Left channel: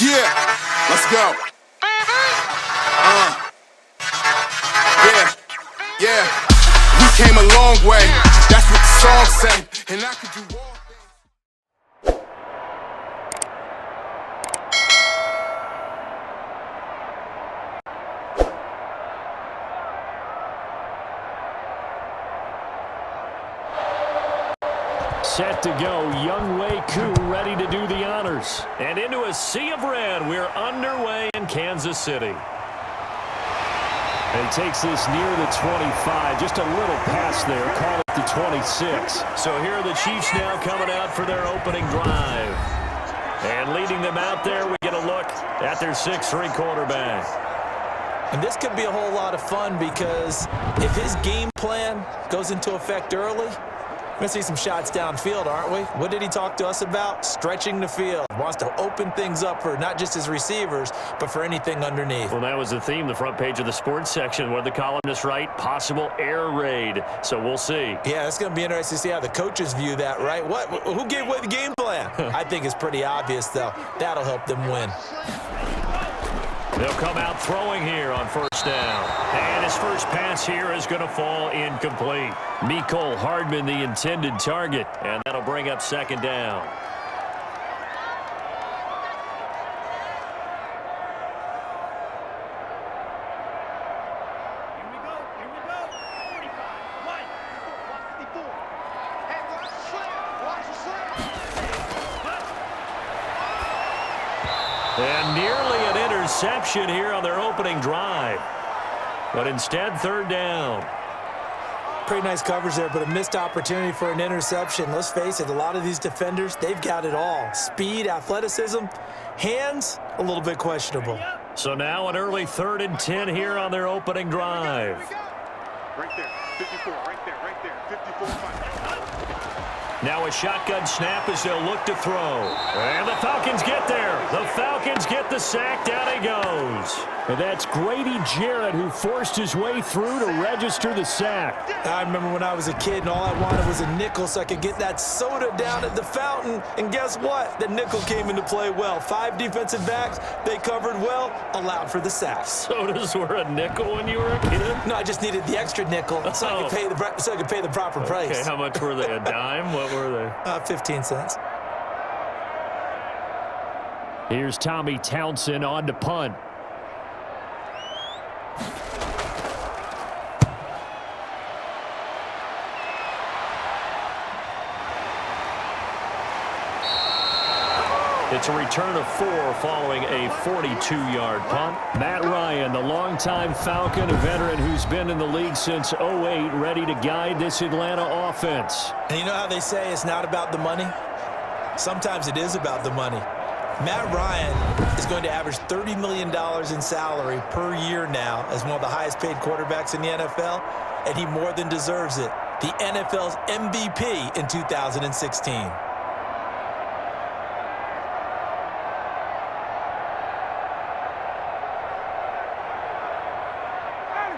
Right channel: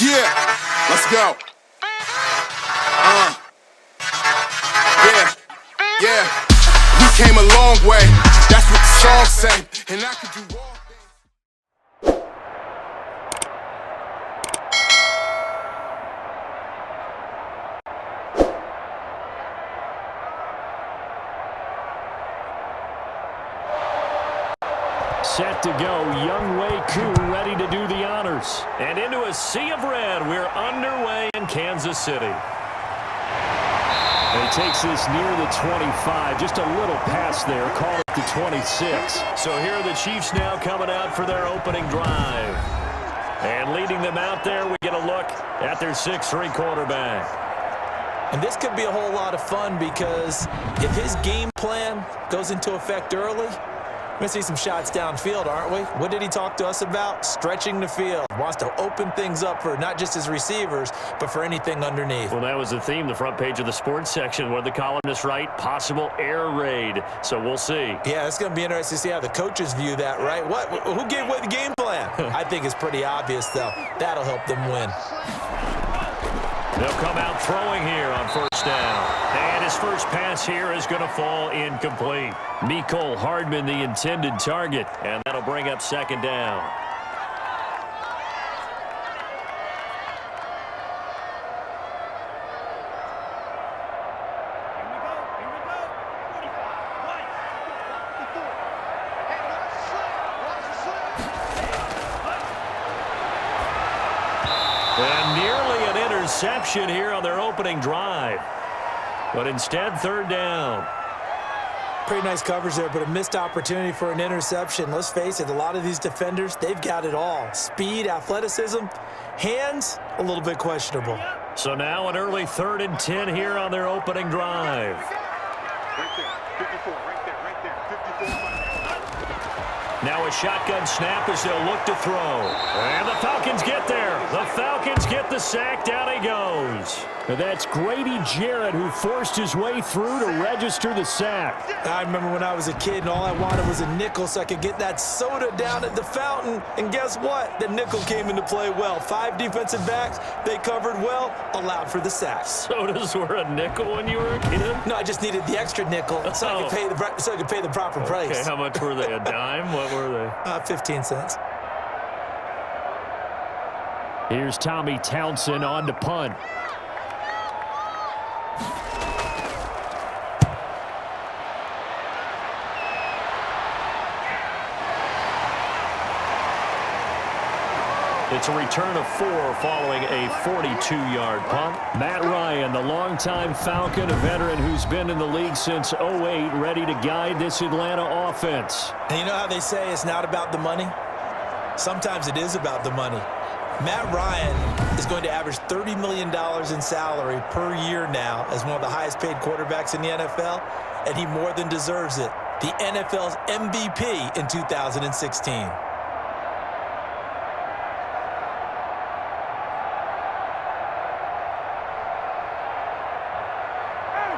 Yeah, let's go. Yeah. We came a long way. That's what the song say. And I could do all things. Set to go, Young Wei Koo ready to do the honors. And into a sea of red, we're underway in Kansas City. And he takes this near the 25, just a little past there, call it the 26. So here are the Chiefs now coming out for their opening drive. And leading them out there, we get a look at their 6'3" quarterback. And this could be a whole lot of fun because if his game plan goes into effect early, we're going to see some shots downfield, aren't we? What did he talk to us about? Stretching the field. Wants to open things up for not just his receivers, but for anything underneath. Well, that was the theme, the front page of the sports section, where the columnists write, possible air raid. So we'll see. Yeah, it's going to be interesting to see how the coaches view that, right? Who gave away the game plan? I think it's pretty obvious, though. That'll help them win. They'll come out throwing here on first down. And his first pass here is going to fall incomplete. Mecole Hardman, the intended target. And that'll bring up second down. Here we go. 45, 1, 54. Hey, watch the slant. Watch the slant. And nearly an interception here on their opening drive. But instead, third down. Pretty nice coverage there, but a missed opportunity for an interception. Let's face it, a lot of these defenders, they've got it all. Speed, athleticism, hands, a little bit questionable. So now an early 3rd and 10 here on their opening drive. Right there. 54. Right there. 54. Now a shotgun snap as they'll look to throw. And the Falcons get there. The Falcons get the sack. Down he goes. And that's Grady Jarrett who forced his way through to register the sack. I remember when I was a kid and all I wanted was a nickel so I could get that soda down at the fountain. And guess what? The nickel came into play well. 5 defensive backs, they covered well, allowed for the sack. Sodas were a nickel when you were a kid? No, I just needed the extra nickel so I could pay the proper price. Okay, how much were they? A dime? What were they? 15 cents. Here's Tommy Townsend on to punt. It's a return of 4 following a 42-yard punt. Matt Ryan, the longtime Falcon, a veteran who's been in the league since '08, ready to guide this Atlanta offense. And you know how they say it's not about the money? Sometimes it is about the money. Matt Ryan is going to average $30 million in salary per year now as one of the highest paid quarterbacks in the NFL, and he more than deserves it. The NFL's MVP in 2016.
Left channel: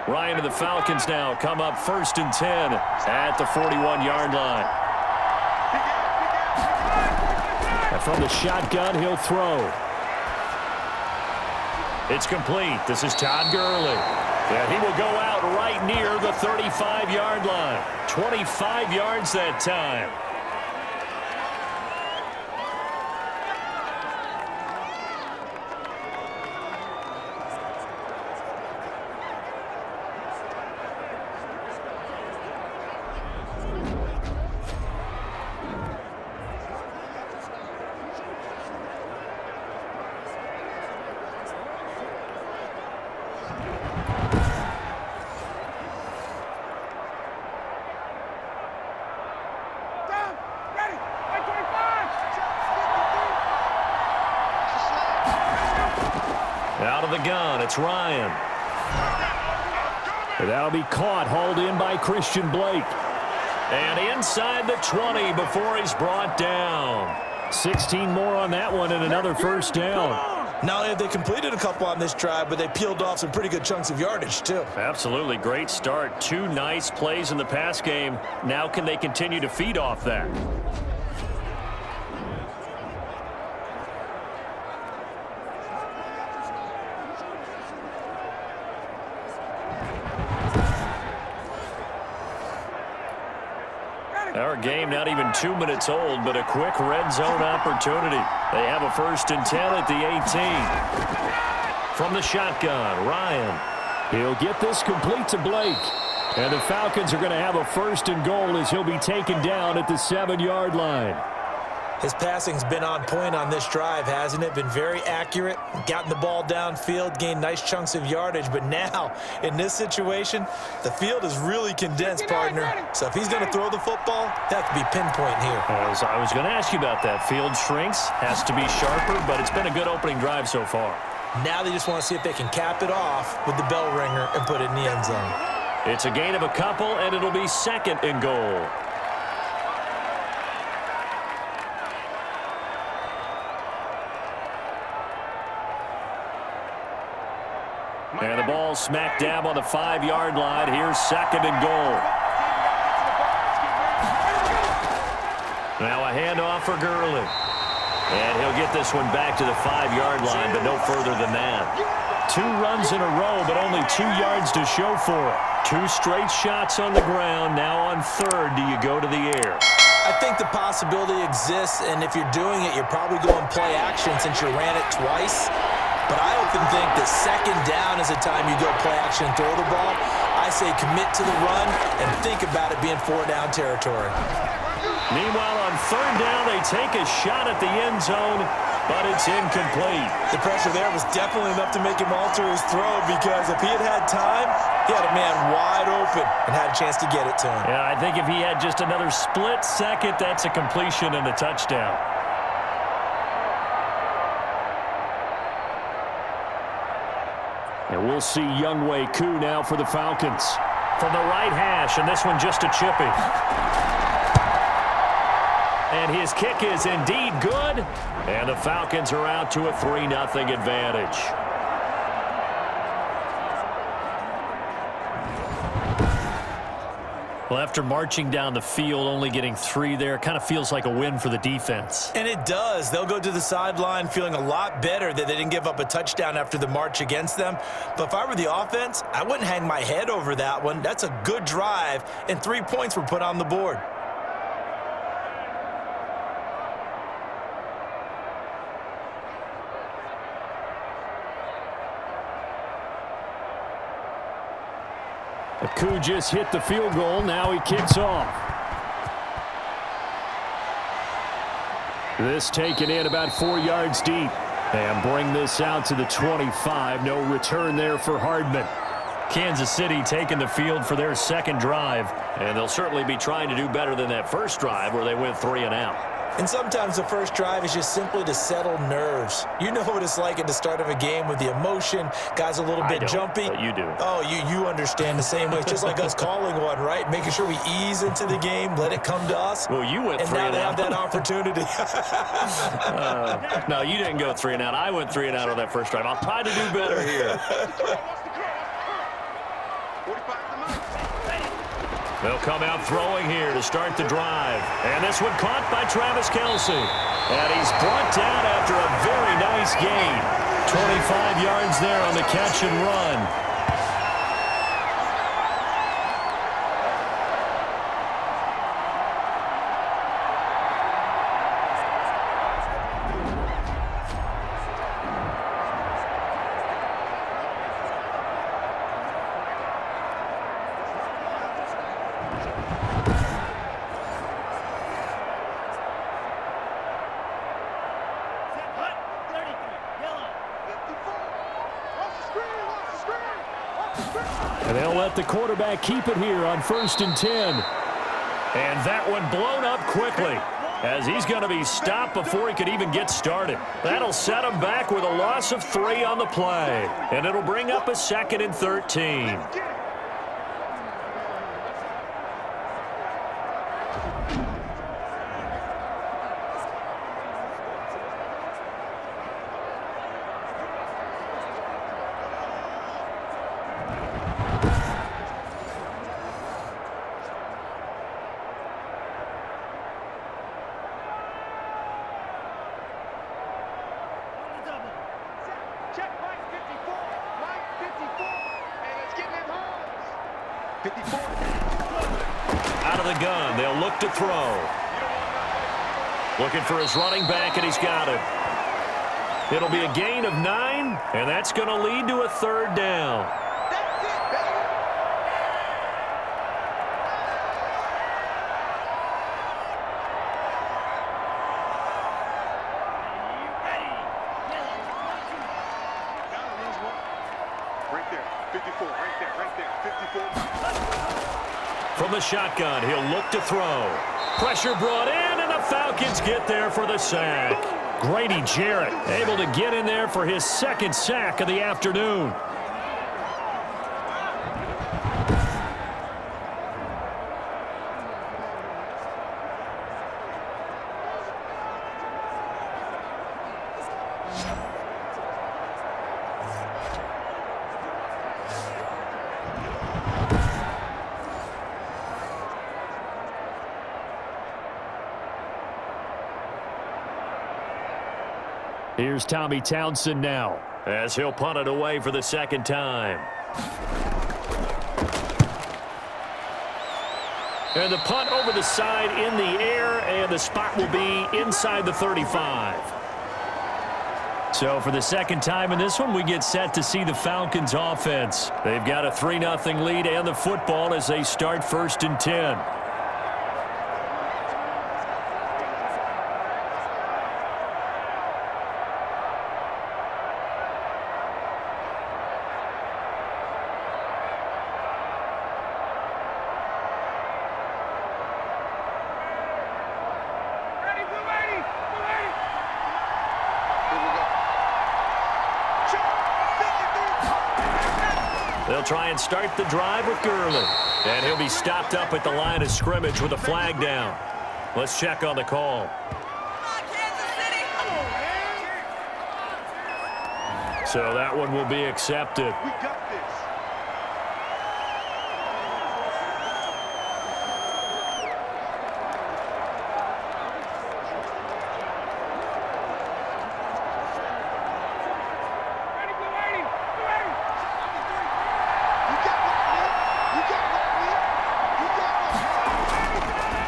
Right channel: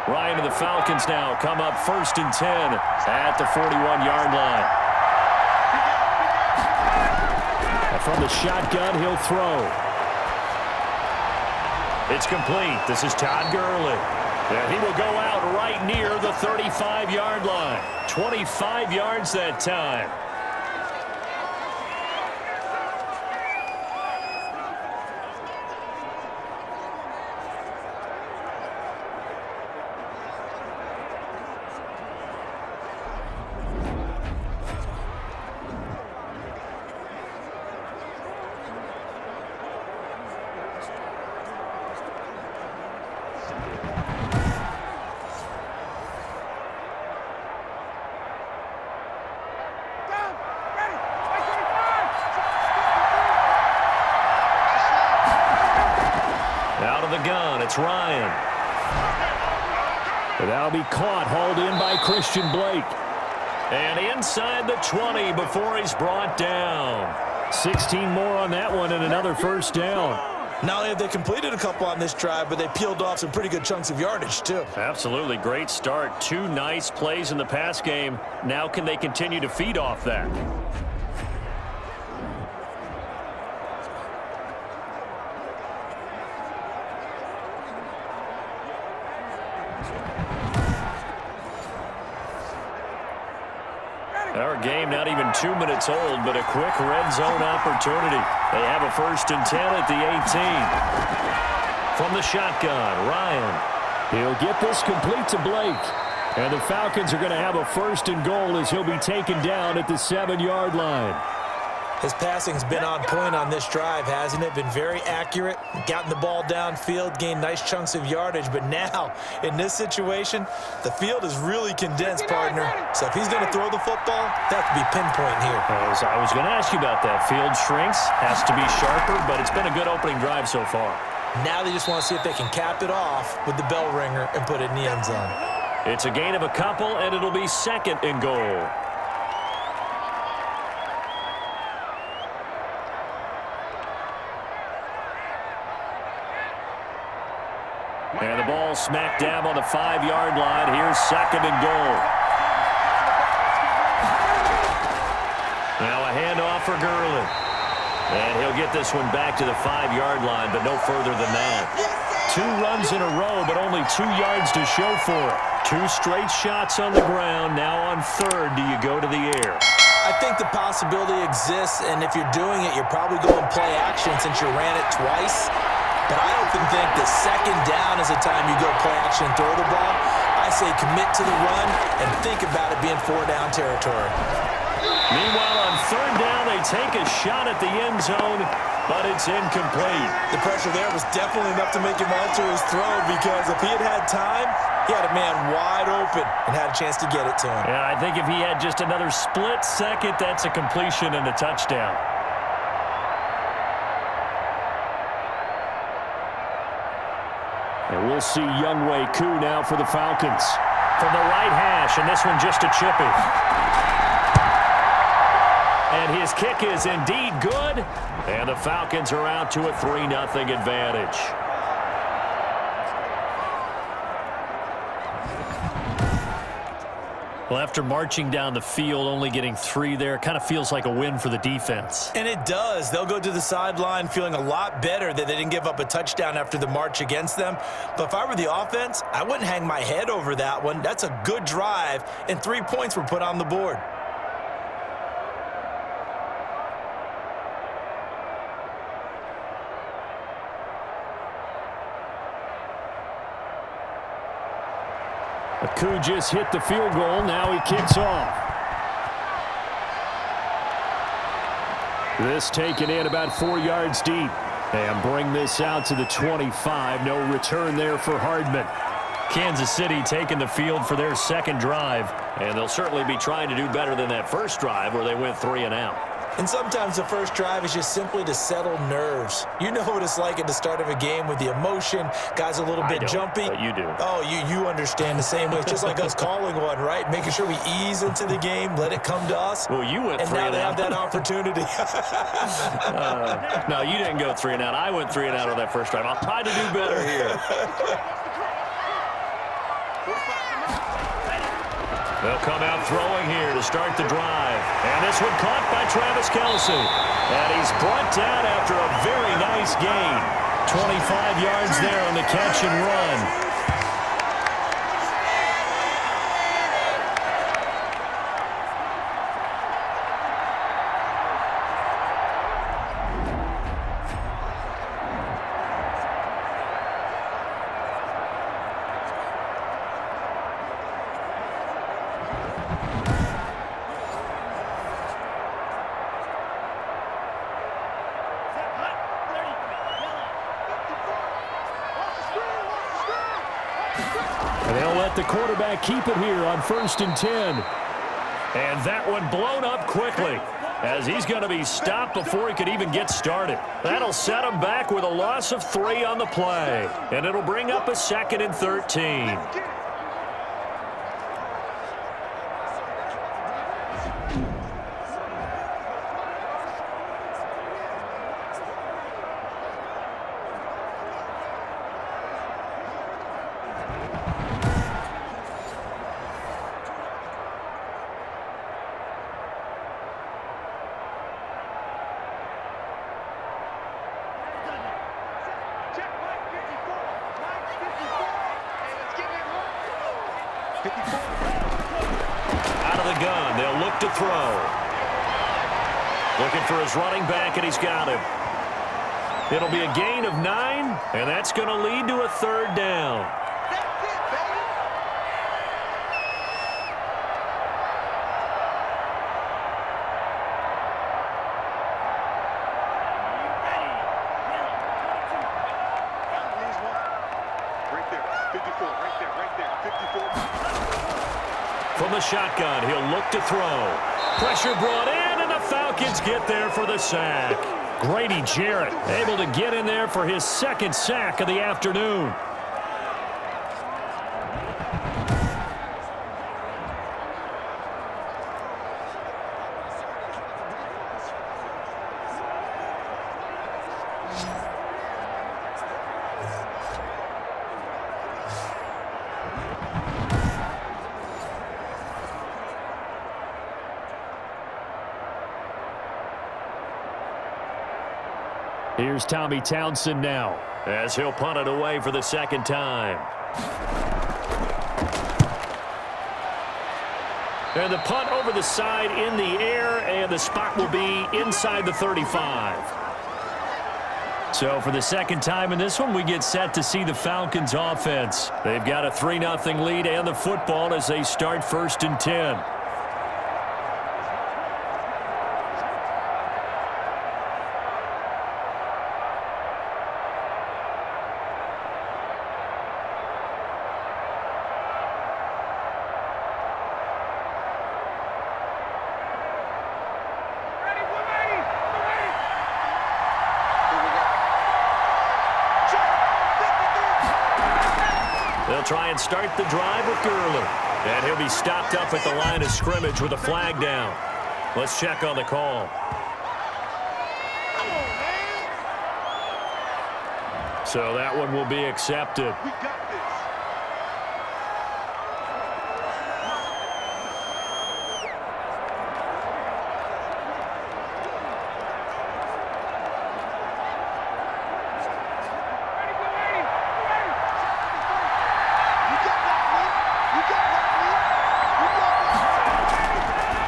Ryan and the Falcons now come up 1st and 10 at the 41-yard line. And from the shotgun, he'll throw. It's complete. This is Todd Gurley. And he will go out right near the 35-yard line. 25 yards that time. Out of the gun, it's Ryan. And that'll be caught, hauled in by Christian Blake. And inside the 20 before he's brought down. 16 more on that one and another first down. Not only have they completed a couple on this drive, but they peeled off some pretty good chunks of yardage, too. Absolutely. Great start. 2 nice plays in the pass game. Now can they continue to feed off that? Our game not even 2 minutes old, but a quick red zone opportunity. They have a 1st and 10 at the 18. From the shotgun, Ryan. He'll get this complete to Blake. And the Falcons are going to have a 1st and goal as he'll be taken down at the 7-yard line. His passing's been on point on this drive, hasn't it? Been very accurate, gotten the ball downfield, gained nice chunks of yardage. But now, in this situation, the field is really condensed, partner. So if he's going to throw the football, they have to be pinpoint here. As I was going to ask you about that. Field shrinks, has to be sharper, but it's been a good opening drive so far. Now they just want to see if they can cap it off with the bell ringer and put it in the end zone. It's a gain of a couple, and it'll be 2nd and goal. And the ball smack dab on the 5-yard line. Here's 2nd and goal. Now a handoff for Gurley. And he'll get this one back to the 5-yard line, but no further than that. 2 runs in a row, but only 2 yards to show for it. 2 straight shots on the ground. Now on 3rd, do you go to the air? I think the possibility exists, and if you're doing it, you're probably going play action since you ran it twice. But I often think that 2nd down is the time you go play action and throw the ball. I say commit to the run and think about it being 4-down territory. Meanwhile, on 3rd down, they take a shot at the end zone, but it's incomplete. The pressure there was definitely enough to make him alter his throw, because if he had time, he had a man wide open and had a chance to get it to him. Yeah, I think if he had just another split second, that's a completion and a touchdown. And we'll see Younghoe Koo now for the Falcons. From the right hash, and this one just a chippy. And his kick is indeed good. And the Falcons are out to a 3-0 advantage. Well, after marching down the field, only getting 3 there, kind of feels like a win for the defense. And it does. They'll go to the sideline feeling a lot better that they didn't give up a touchdown after the march against them. But if I were the offense, I wouldn't hang my head over that one. That's a good drive, and 3 points were put on the board. Koo just hit the field goal. Now he kicks off. This taken in about 4 yards deep. And bring this out to the 25. No return there for Hardman. Kansas City taking the field for their 2nd drive. And they'll certainly be trying to do better than that first drive where they went 3 and out. And sometimes the first drive is just simply to settle nerves. You know what it's like at the start of a game with the emotion. Guys a little bit jumpy. But you do. Oh, you understand the same way. It's just like us calling one, right? Making sure we ease into the game, let it come to us. Well, you went 3 and out. And now they have that opportunity. No, you didn't go 3 and out. I went 3 and out on that first drive. I'll try to do better here. They'll come out throwing here to start the drive. And this one caught by Travis Kelce. And he's brought down after a very nice gain. 25 yards there on the catch and run. And they'll let the quarterback keep it here on 1st and 10. And that one blown up quickly as he's going to be stopped before he could even get started. That'll set him back with a loss of 3 on the play. And it'll bring up a 2nd and 13. Check Mike 54. Mike 54. And it's getting it home. 54. Out of the gun, they'll look to throw. Looking for his running back, and he's got him. It'll be a gain of 9, and that's going to lead to a 3rd down. That's it, baby. Ready. Yellow, 22. Down to lose one. Right there, 54, right there, 54. From the shotgun, he'll look to throw. Pressure brought in, and the Falcons get there for the sack. Grady Jarrett able to get in there for his 2nd sack of the afternoon. Here's Tommy Townsend now, as he'll punt it away for the 2nd time. And the punt over the side in the air, and the spot will be inside the 35. So for the 2nd time in this one, we get set to see the Falcons offense. They've got a 3-0 lead and the football as they start 1st and 10. They'll try and start the drive with Gurley. And he'll be stopped up at the line of scrimmage with a flag down. Let's check on the call. So that one will be accepted. We got this.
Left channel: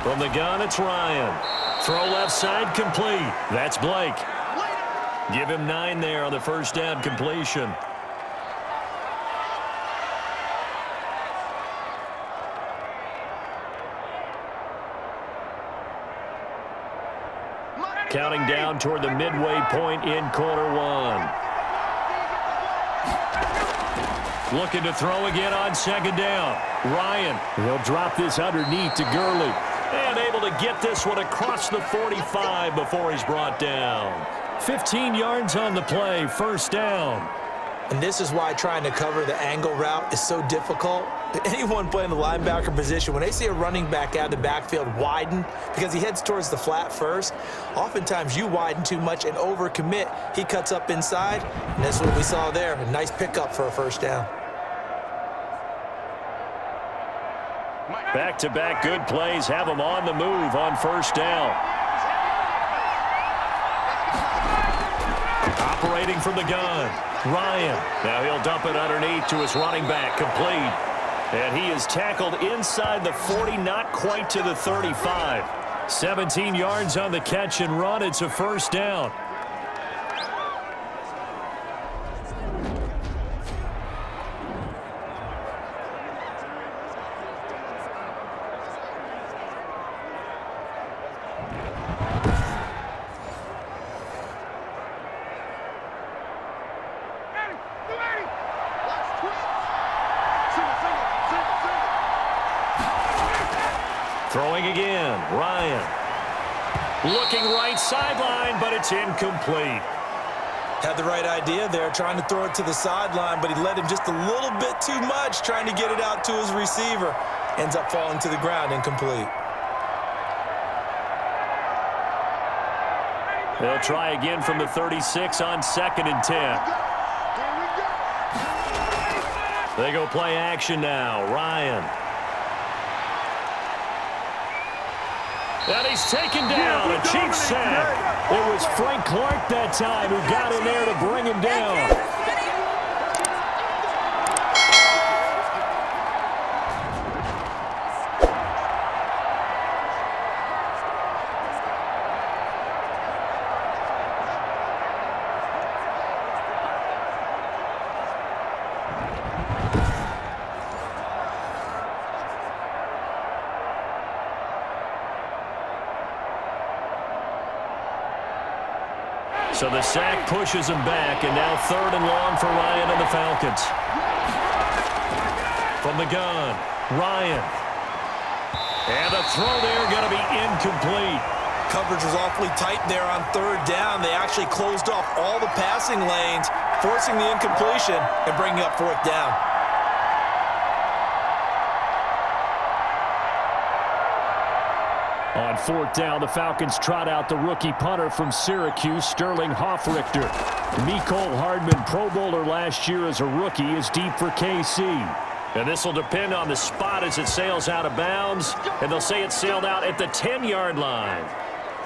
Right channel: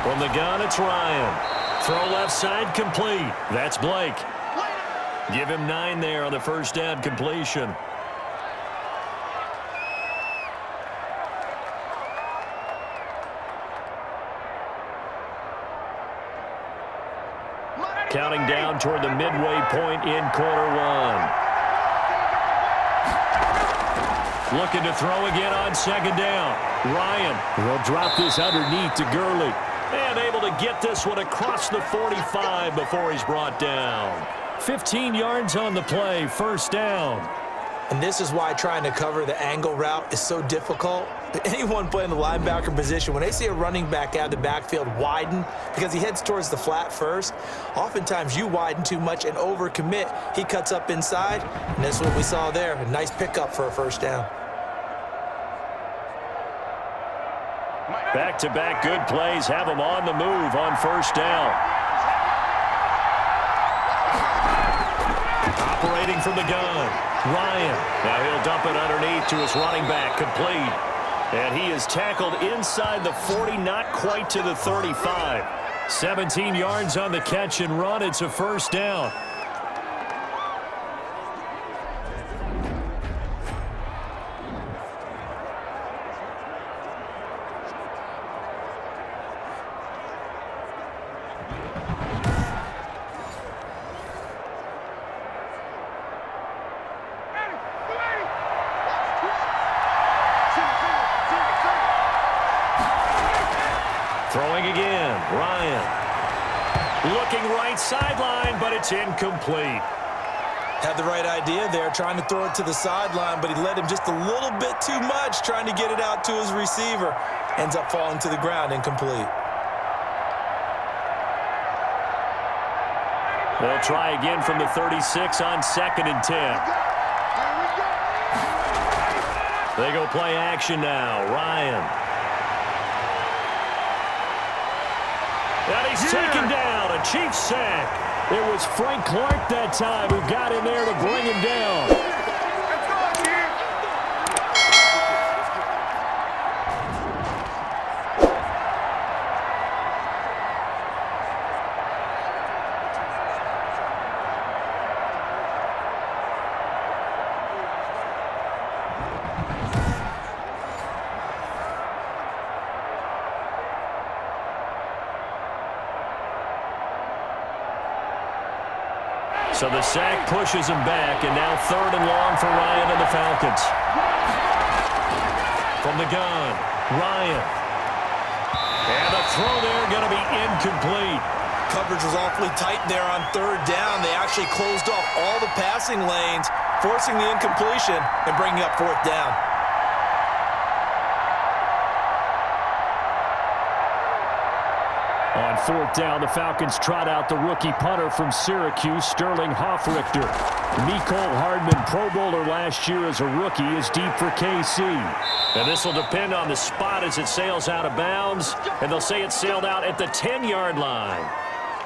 From the gun, it's Ryan. Throw left side, complete. That's Blake. Give him 9 there on the 1st down completion. Counting down toward the midway point in quarter 1. Looking to throw again on 2nd down. Ryan, he'll drop this underneath to Gurley. And able to get this one across the 45 before he's brought down. 15 yards on the play, 1st down. And this is why trying to cover the angle route is so difficult. Anyone playing the linebacker position, when they see a running back out of the backfield widen because he heads towards the flat first, oftentimes you widen too much and overcommit. He cuts up inside, and that's what we saw there. A nice pickup for a 1st down. Back-to-back good plays have him on the move on 1st down. Operating from the gun, Ryan. Now he'll dump it underneath to his running back, complete. And he is tackled inside the 40, not quite to the 35. 17 yards on the catch and run. It's a 1st down. Throwing again, Ryan. Looking right sideline, but it's incomplete. Had the right idea there, trying to throw it to the sideline, but he led him just a little bit too much, trying to get it out to his receiver. Ends up falling to the ground, incomplete. They'll try again from the 36 on 2nd and 10. They go play action now, Ryan. And he's taken down, a Chiefs sack. It was Frank Clark that time who got in there to bring him down. So the sack pushes him back, and now 3rd and long for Ryan and the Falcons. From the gun, Ryan. And the throw there going to be incomplete. Coverage was awfully tight there on 3rd down. They actually closed off all the passing lanes, forcing the incompletion and bringing up 4th down. On 4th down, the Falcons trot out the rookie punter from Syracuse, Sterling Hoffrichter. Mecole Hardman, Pro Bowler last year as a rookie, is deep for KC. And this will depend on the spot as it sails out of bounds, and they'll say it sailed out at the 10-yard line.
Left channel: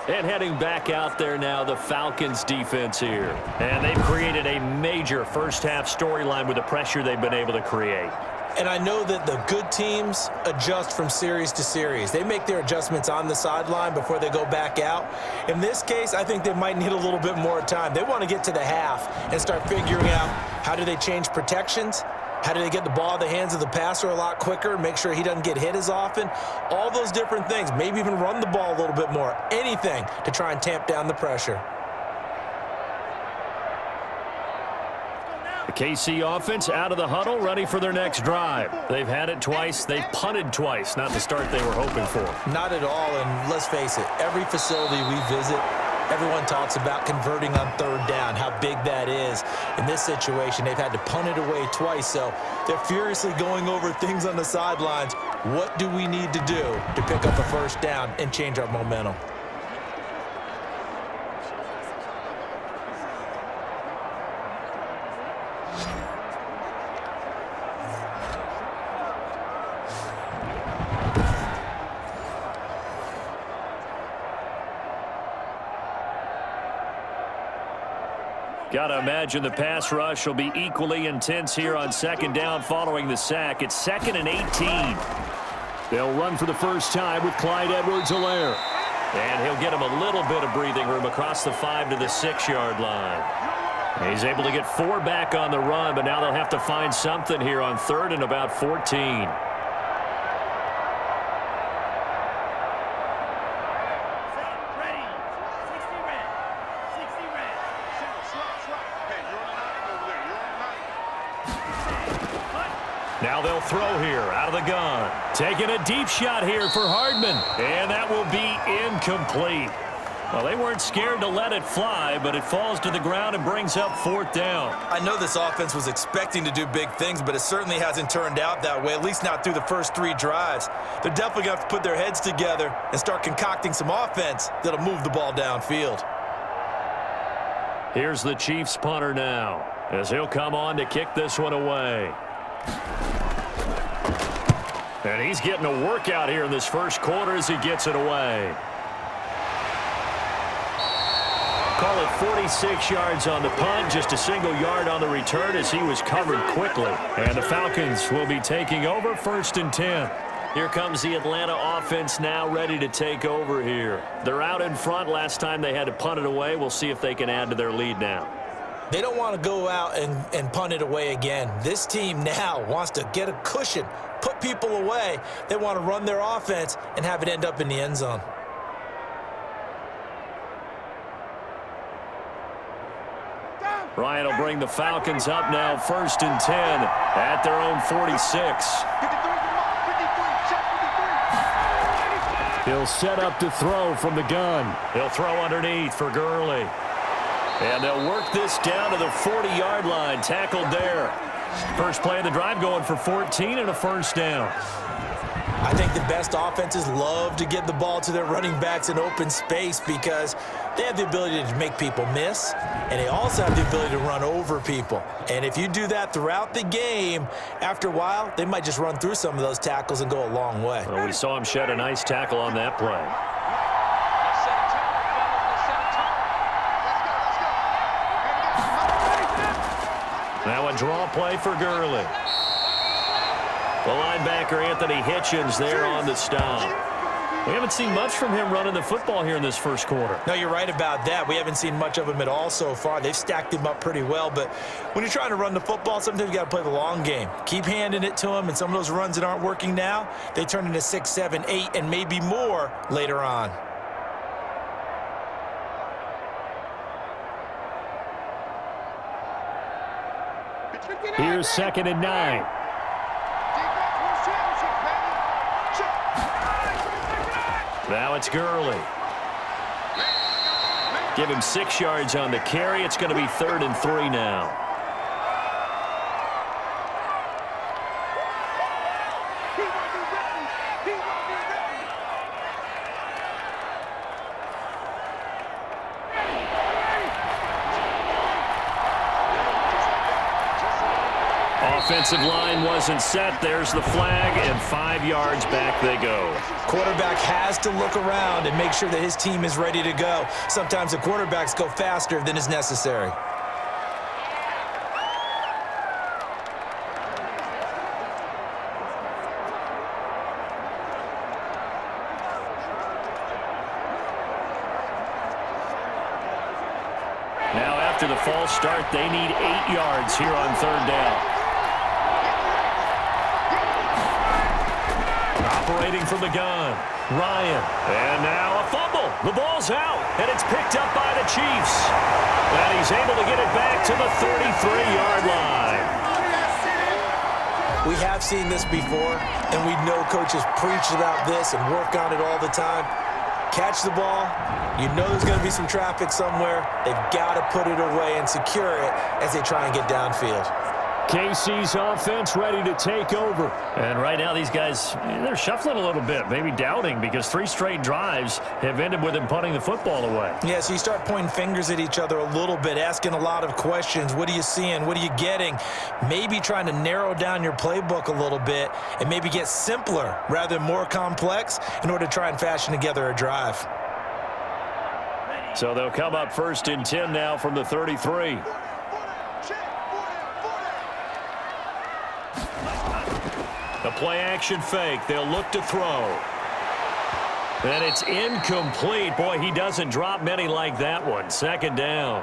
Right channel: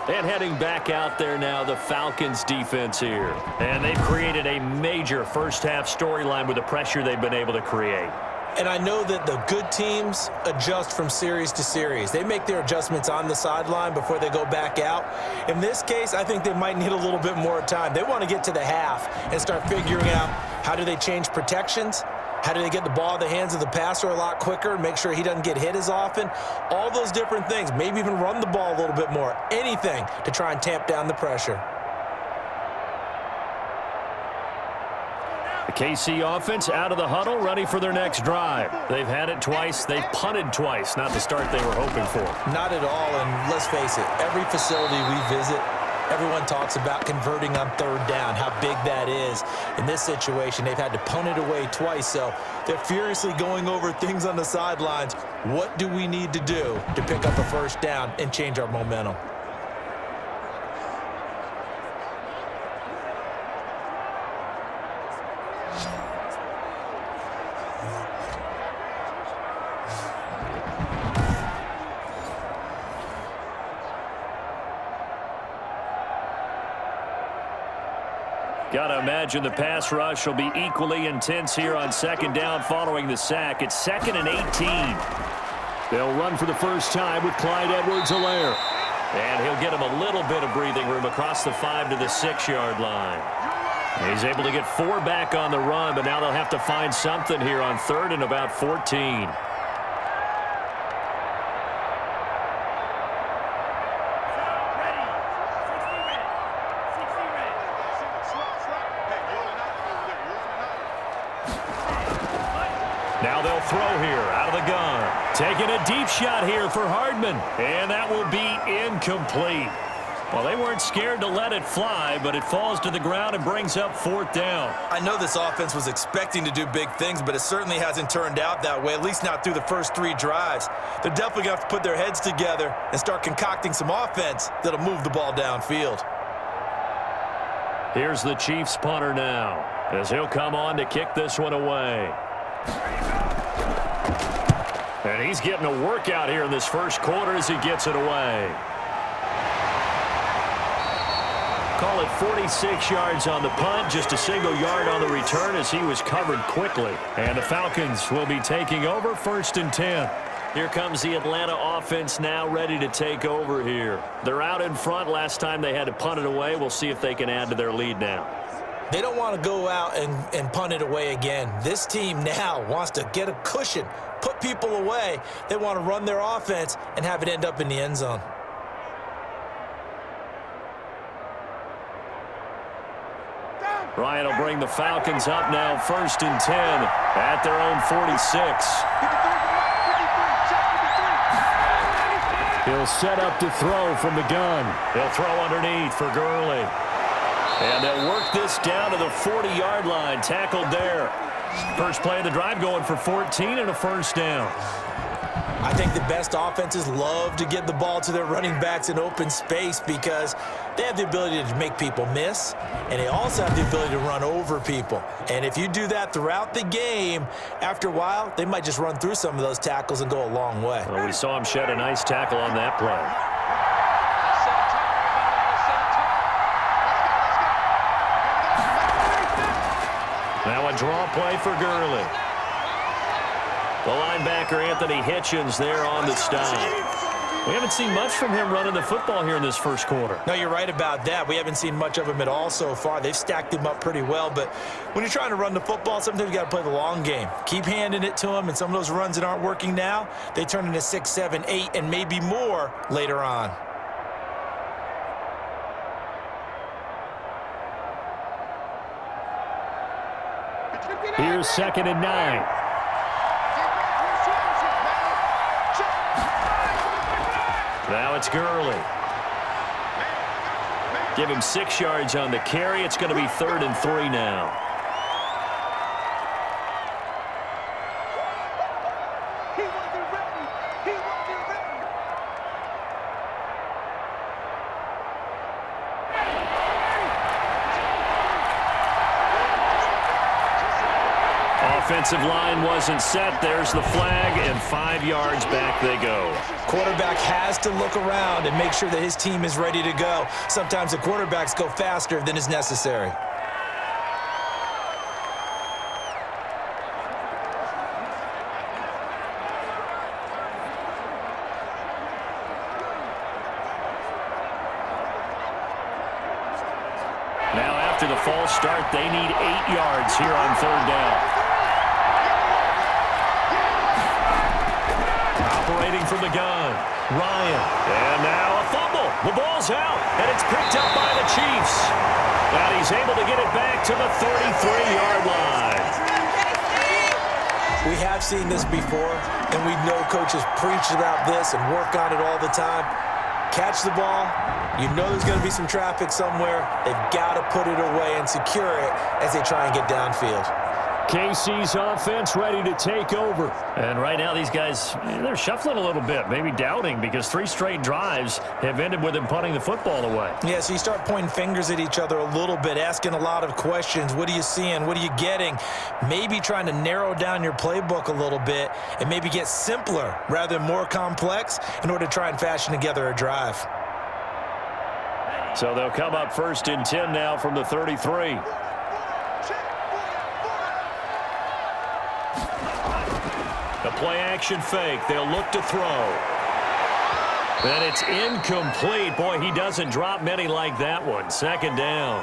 And heading back out there now, the Falcons defense here. And they've created a major first-half storyline with the pressure they've been able to create. And I know that the good teams adjust from series to series. They make their adjustments on the sideline before they go back out. In this case, I think they might need a little bit more time. They want to get to the half and start figuring out how do they change protections, how do they get the ball in the hands of the passer a lot quicker, make sure he doesn't get hit as often, all those different things. Maybe even run the ball a little bit more, anything to try and tamp down the pressure. The KC offense out of the huddle, ready for their next drive. They've had it twice. They've punted twice. Not the start they were hoping for. Not at all, and let's face it, every facility we visit, everyone talks about converting on 3rd down, how big that is. In this situation, they've had to punt it away twice, so they're furiously going over things on the sidelines. What do we need to do to pick up a 1st down and change our momentum? Got to imagine the pass rush will be equally intense here on 2nd down following the sack. It's 2nd and 18. They'll run for the first time with Clyde Edwards-Helaire. And he'll get him a little bit of breathing room across the 5 to the 6-yard line. He's able to get 4 back on the run, but now they'll have to find something here on 3rd and about 14. Now they'll throw here out of the gun. Taking a deep shot here for Hardman. And that will be incomplete. Well, they weren't scared to let it fly, but it falls to the ground and brings up 4th down. I know this offense was expecting to do big things, but it certainly hasn't turned out that way, at least not through the first 3 drives. They're definitely going to have to put their heads together and start concocting some offense that'll move the ball downfield. Here's the Chiefs punter now, as he'll come on to kick this one away. And he's getting a workout here in this first quarter as he gets it away. Call it 46 yards on the punt, just a single yard on the return as he was covered quickly. And the Falcons will be taking over 1st and 10. Here comes the Atlanta offense now ready to take over here. They're out in front. Last time they had to punt it away. We'll see if they can add to their lead now. They don't want to go out and punt it away again. This team now wants to get a cushion, put people away. They want to run their offense and have it end up in the end zone. Ryan will bring the Falcons up now 1st and 10 at their own 46. He'll set up to throw from the gun. He'll throw underneath for Gurley. And they'll work this down to the 40-yard line, tackled there. First play of the drive going for 14 and a 1st down. I think the best offenses love to get the ball to their running backs in open space because they have the ability to make people miss, and they also have the ability to run over people. And if you do that throughout the game, after a while, they might just run through some of those tackles and go a long way. Well, we saw him shed a nice tackle on that play. Now a draw play for Gurley. The linebacker, Anthony Hitchens, there on the stop. We haven't seen much from him running the football here in this first quarter. No, you're right about that. We haven't seen much of him at all so far. They've stacked him up pretty well, but when you're trying to run the football, sometimes you got to play the long game. Keep handing it to him, and some of those runs that aren't working now, they turn into 6, 7, 8, and maybe more later on. Here's 2nd and 9. Now it's Gurley. Give him 6 yards on the carry. It's going to be 3rd and 3 now. Offensive line wasn't set. There's the flag, and 5 yards back they go. Quarterback has to look around and make sure that his team is ready to go. Sometimes the quarterbacks go faster than is necessary. Now after the false start, they need 8 yards here on 3rd down. Operating from the gun, Ryan. And now a fumble. The ball's out, and it's picked up by the Chiefs. And he's able to get it back to the 33-yard line. We have seen this before, and we know coaches preach about this and work on it all the time. Catch the ball. You know there's going to be some traffic somewhere. They've got to put it away and secure it as they try and get downfield. KC's offense ready to take over. And right now these guys, they're shuffling a little bit, maybe doubting, because 3 straight drives have ended with them punting the football away. Yeah, so you start pointing fingers at each other a little bit, asking a lot of questions. What are you seeing? What are you getting? Maybe trying to narrow down your playbook a little bit and maybe get simpler rather than more complex in order to try and fashion together a drive. So they'll come up 1st and 10 now from the 33. The play-action fake. They'll look to throw. And it's incomplete. Boy, he doesn't drop many like that one. 2nd down.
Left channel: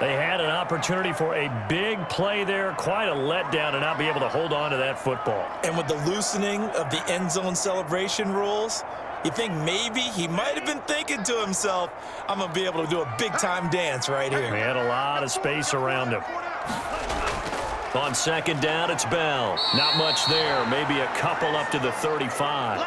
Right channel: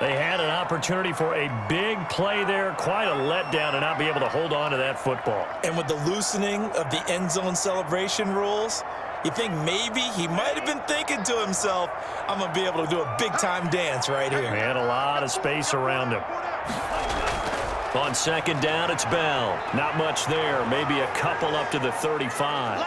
They had an opportunity for a big play there. Quite a letdown to not be able to hold on to that football. And with the loosening of the end zone celebration rules, you think maybe he might have been thinking to himself, I'm going to be able to do a big-time dance right here. They had a lot of space around him. On 2nd down, it's Bell. Not much there. Maybe a couple up to the 35.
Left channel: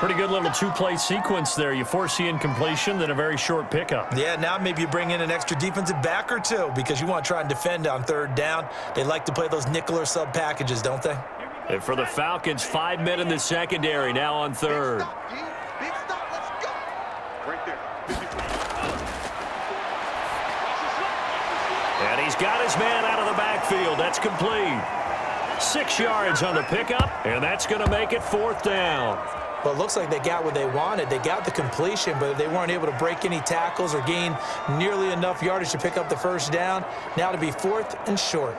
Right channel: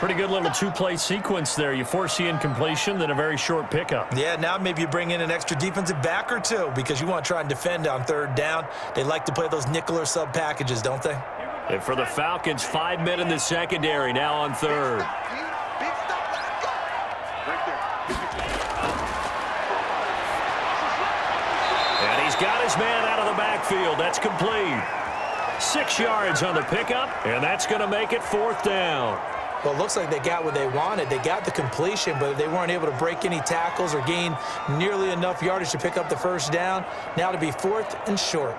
Pretty good little 2-play sequence there. You force the incompletion, then a very short pickup. Yeah, now maybe you bring in an extra defensive back or 2 because you want to try and defend on 3rd down. They like to play those nickel or sub packages, don't they? And for the Falcons, 5 men in the secondary now on 3rd. Big stop, let's go. Right there. And he's got his man out of the backfield. That's complete. 6 yards on the pickup, and that's going to make it 4th down. Well, it looks like they got what they wanted. They got the completion, but they weren't able to break any tackles or gain nearly enough yardage to pick up the 1st down. Now to be 4th and short.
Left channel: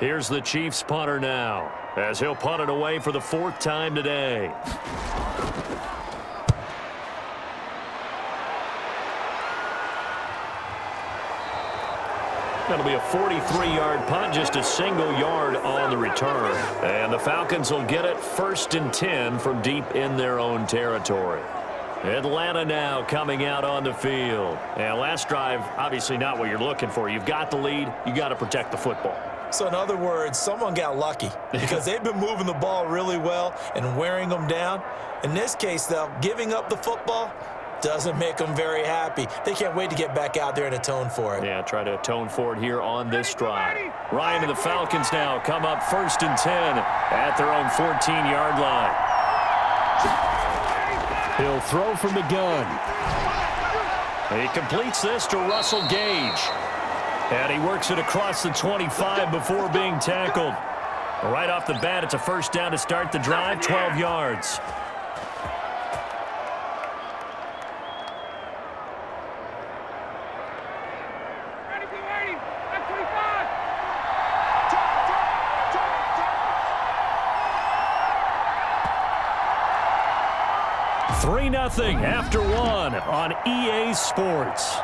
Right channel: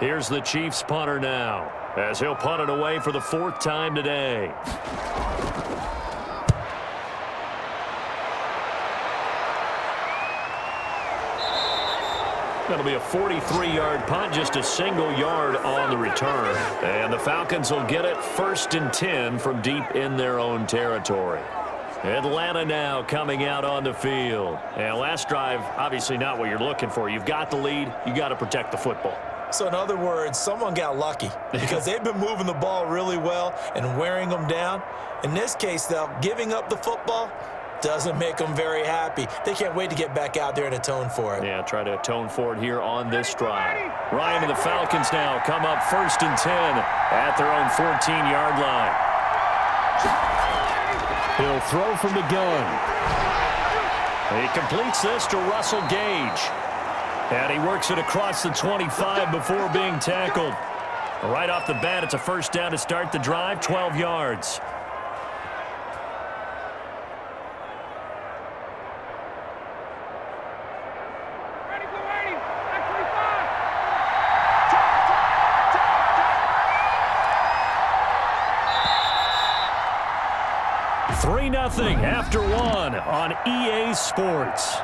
Here's the Chiefs punter now, as he'll punt it away for the 4th time today. That'll be a 43-yard punt, just a single yard on the return. And the Falcons will get it 1st and 10 from deep in their own territory. Atlanta now coming out on the field. And last drive, obviously not what you're looking for. You've got the lead. You got to protect the football. So in other words, someone got lucky because they've been moving the ball really well and wearing them down. In this case, though, giving up the football doesn't make them very happy. They can't wait to get back out there and atone for it. Yeah, try to atone for it here on this drive. Ryan and the Falcons now come up 1st and 10 at their own 14-yard line. He'll throw from the gun. He completes this to Russell Gage. And he works it across the 25 before being tackled. Right off the bat, it's a 1st down to start the drive, 12 yards. Ready, blue 80, back 25. 3-0 2-0 after one on EA Sports.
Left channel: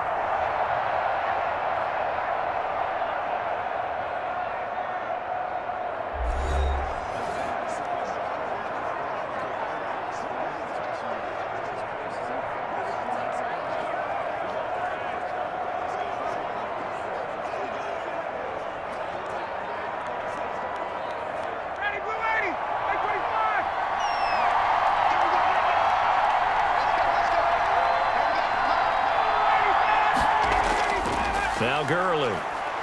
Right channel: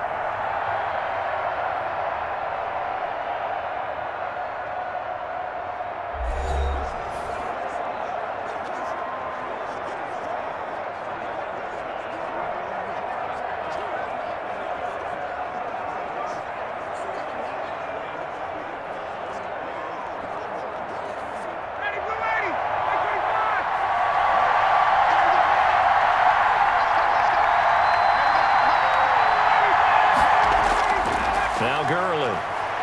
Now Gurley,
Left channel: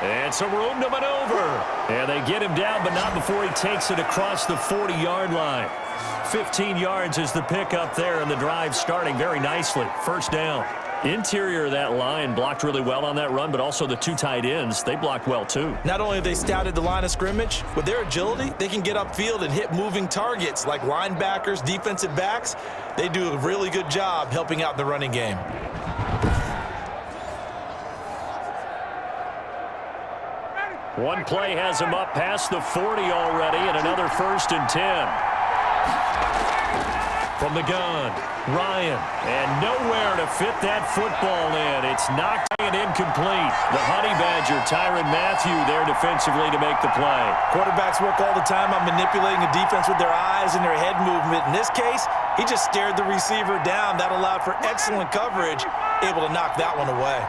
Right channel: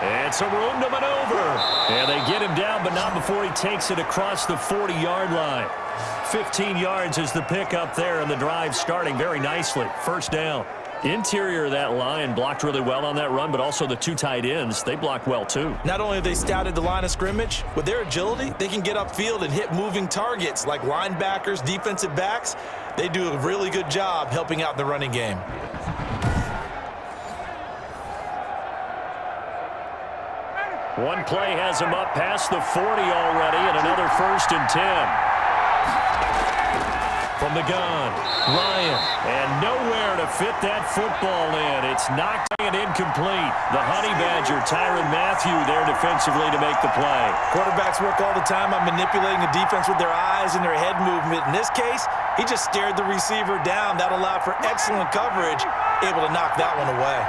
and some room to maneuver. And they get him down, but not before he takes it across the 40-yard line. 15 yards is the pickup there, and the drive starting very nicely. First down. Interior of that line blocked really well on that run, but also the two tight ends, they blocked well too. Not only have they scouted the line of scrimmage, with their agility, they can get upfield and hit moving targets like linebackers, defensive backs. They do a really good job helping out in the running game. One play has him up past the 40 already, and another 1st and 10. From the gun, Ryan, and nowhere to fit that football in. It's knocked and incomplete. The Honey Badger, Tyrann Mathieu, there defensively to make the play. Quarterbacks work all the time on manipulating a defense with their eyes and their head movement. In this case, he just stared the receiver down. That allowed for excellent coverage, able to knock that one away.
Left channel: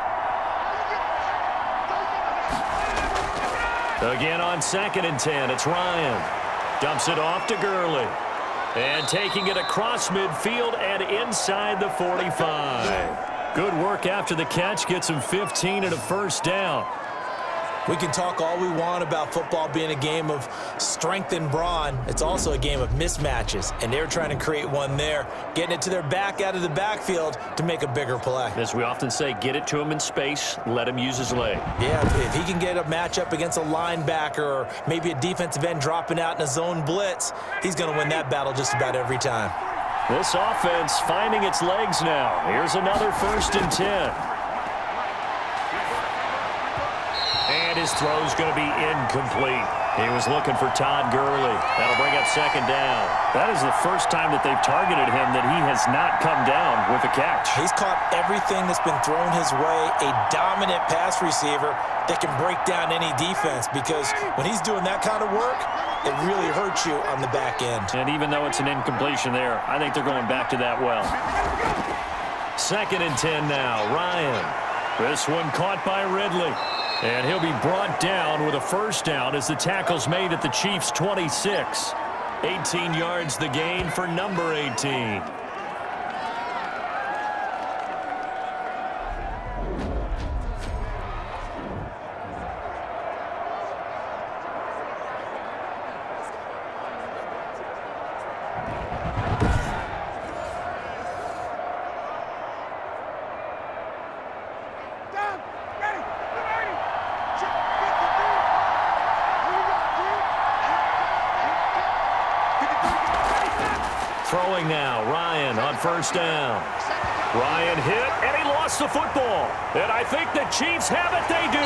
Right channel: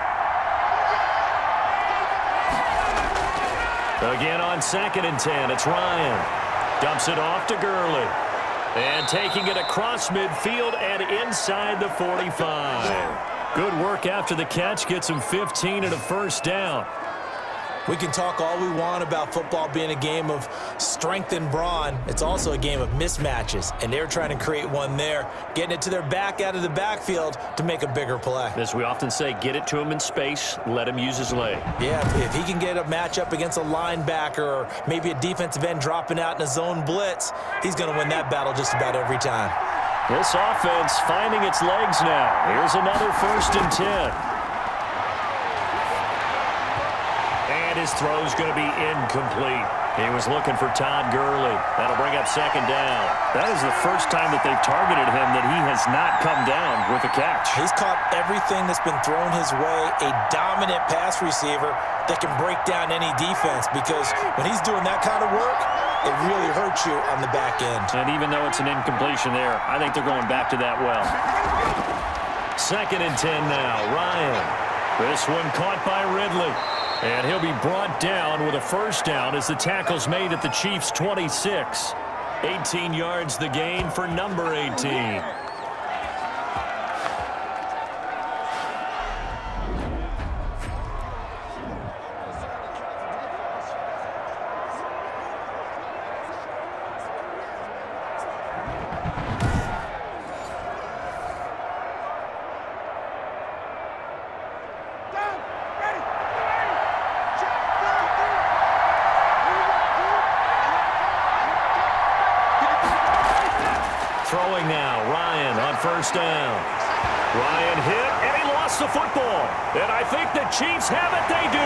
Again on 2nd and 10, it's Ryan. Dumps it off to Gurley. And taking it across midfield and inside the 45. Good work after the catch. Gets him 15 and a first down. We can talk all we want about football being a game of strength and brawn. It's also a game of mismatches, and they're trying to create one there, getting it to their back out of the backfield to make a bigger play. As we often say, get it to him in space, let him use his leg. Yeah, if he can get a matchup against a linebacker or maybe a defensive end dropping out in a zone blitz, he's going to win that battle just about every time. This offense finding its legs now. Here's another 1st and 10. And his throw's going to be incomplete. He was looking for Todd Gurley. That'll bring up 2nd down. That is the first time that they've targeted him that he has not come down with a catch. He's caught everything that's been thrown his way. A dominant pass receiver that can break down any defense, because when he's doing that kind of work, it really hurts you on the back end. And even though it's an incompletion there, I think they're going back to that well. 2nd and 10 now. Ryan. This one caught by Ridley. And he'll be brought down with a first down as the tackle's made at the Chiefs' 26. 18 yards the gain for number 18. Throwing now, Ryan on first down. Ryan hit, and he lost the football. And I think the Chiefs have it. They do.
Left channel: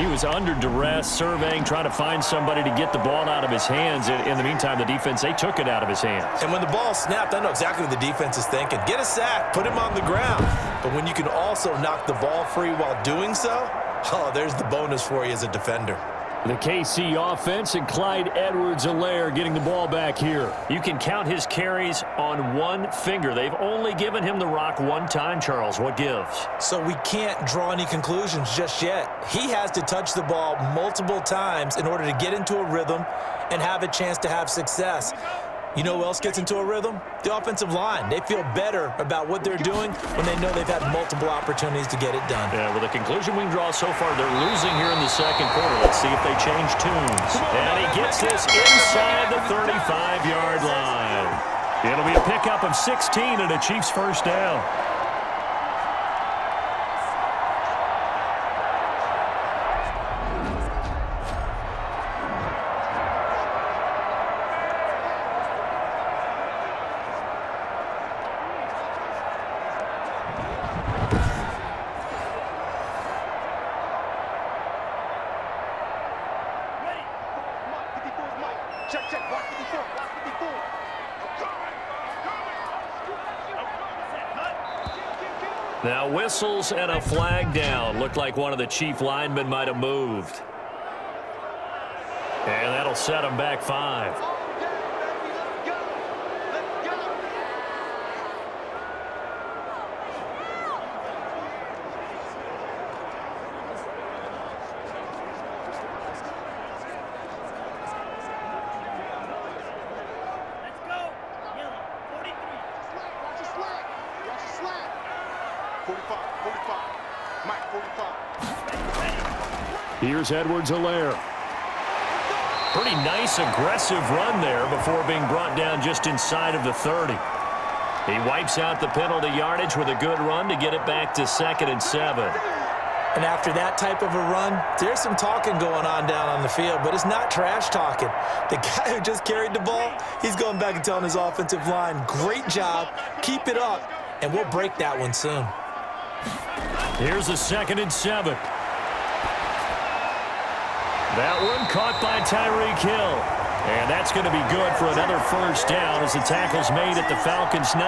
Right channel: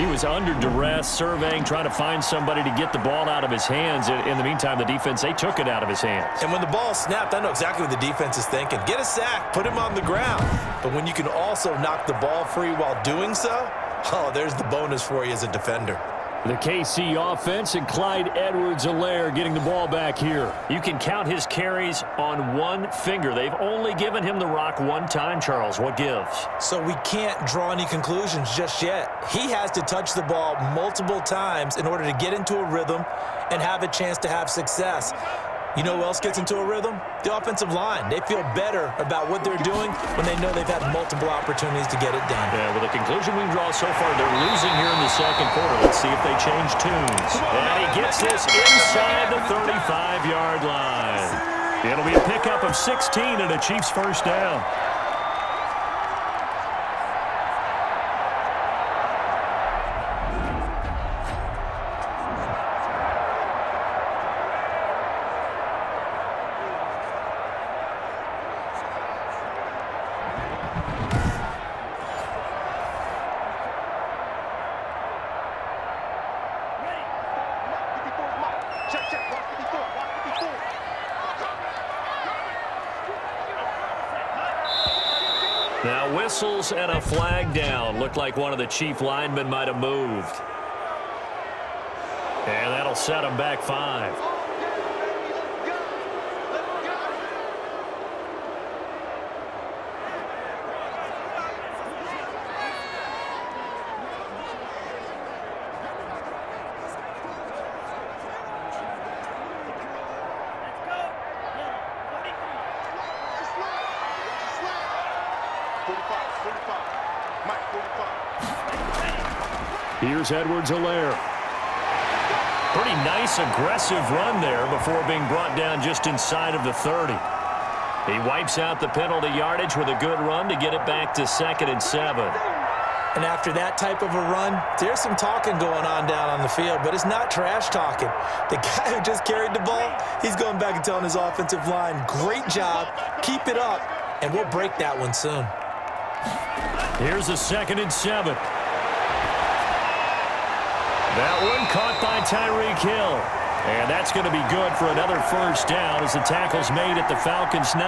He was under duress, surveying, trying to find somebody to get the ball out of his hands. In the meantime, the defense, they took it out of his hands. And when the ball snapped, I know exactly what the defense is thinking. Get a sack, put him on the ground. But when you can also knock the ball free while doing so, oh, there's the bonus for you as a defender. The KC offense and Clyde Edwards-Helaire getting the ball back here. You can count his carries on one finger. They've only given him the rock one time, Charles. What gives? So we can't draw any conclusions just yet. He has to touch the ball multiple times in order to get into a rhythm and have a chance to have success. You know who else gets into a rhythm? The offensive line. They feel better about what they're doing when they know they've had multiple opportunities to get it done. Yeah, well, the conclusion we can draw so far, they're losing here in the second quarter. Let's see if they change tunes. And he gets this inside the 35-yard line. It'll be a pickup of 16 and a Chiefs first down. Check, watch 54. Now whistles and a flag down. Looked like one of the chief linemen might have moved. And that'll set him back 5. Here's Edwards-Helaire. Pretty nice, aggressive run there before being brought down just inside of the 30. He wipes out the penalty yardage with a good run to get it back to 2nd and 7. And after that type of a run, there's some talking going on down on the field, but it's not trash talking. The guy who just carried the ball, he's going back and telling his offensive line, great job, keep it up, and we'll break that one soon. Here's a 2nd and 7. That one caught by Tyreek Hill. And that's going to be good for another first down as the tackle's made at the Falcons' 19.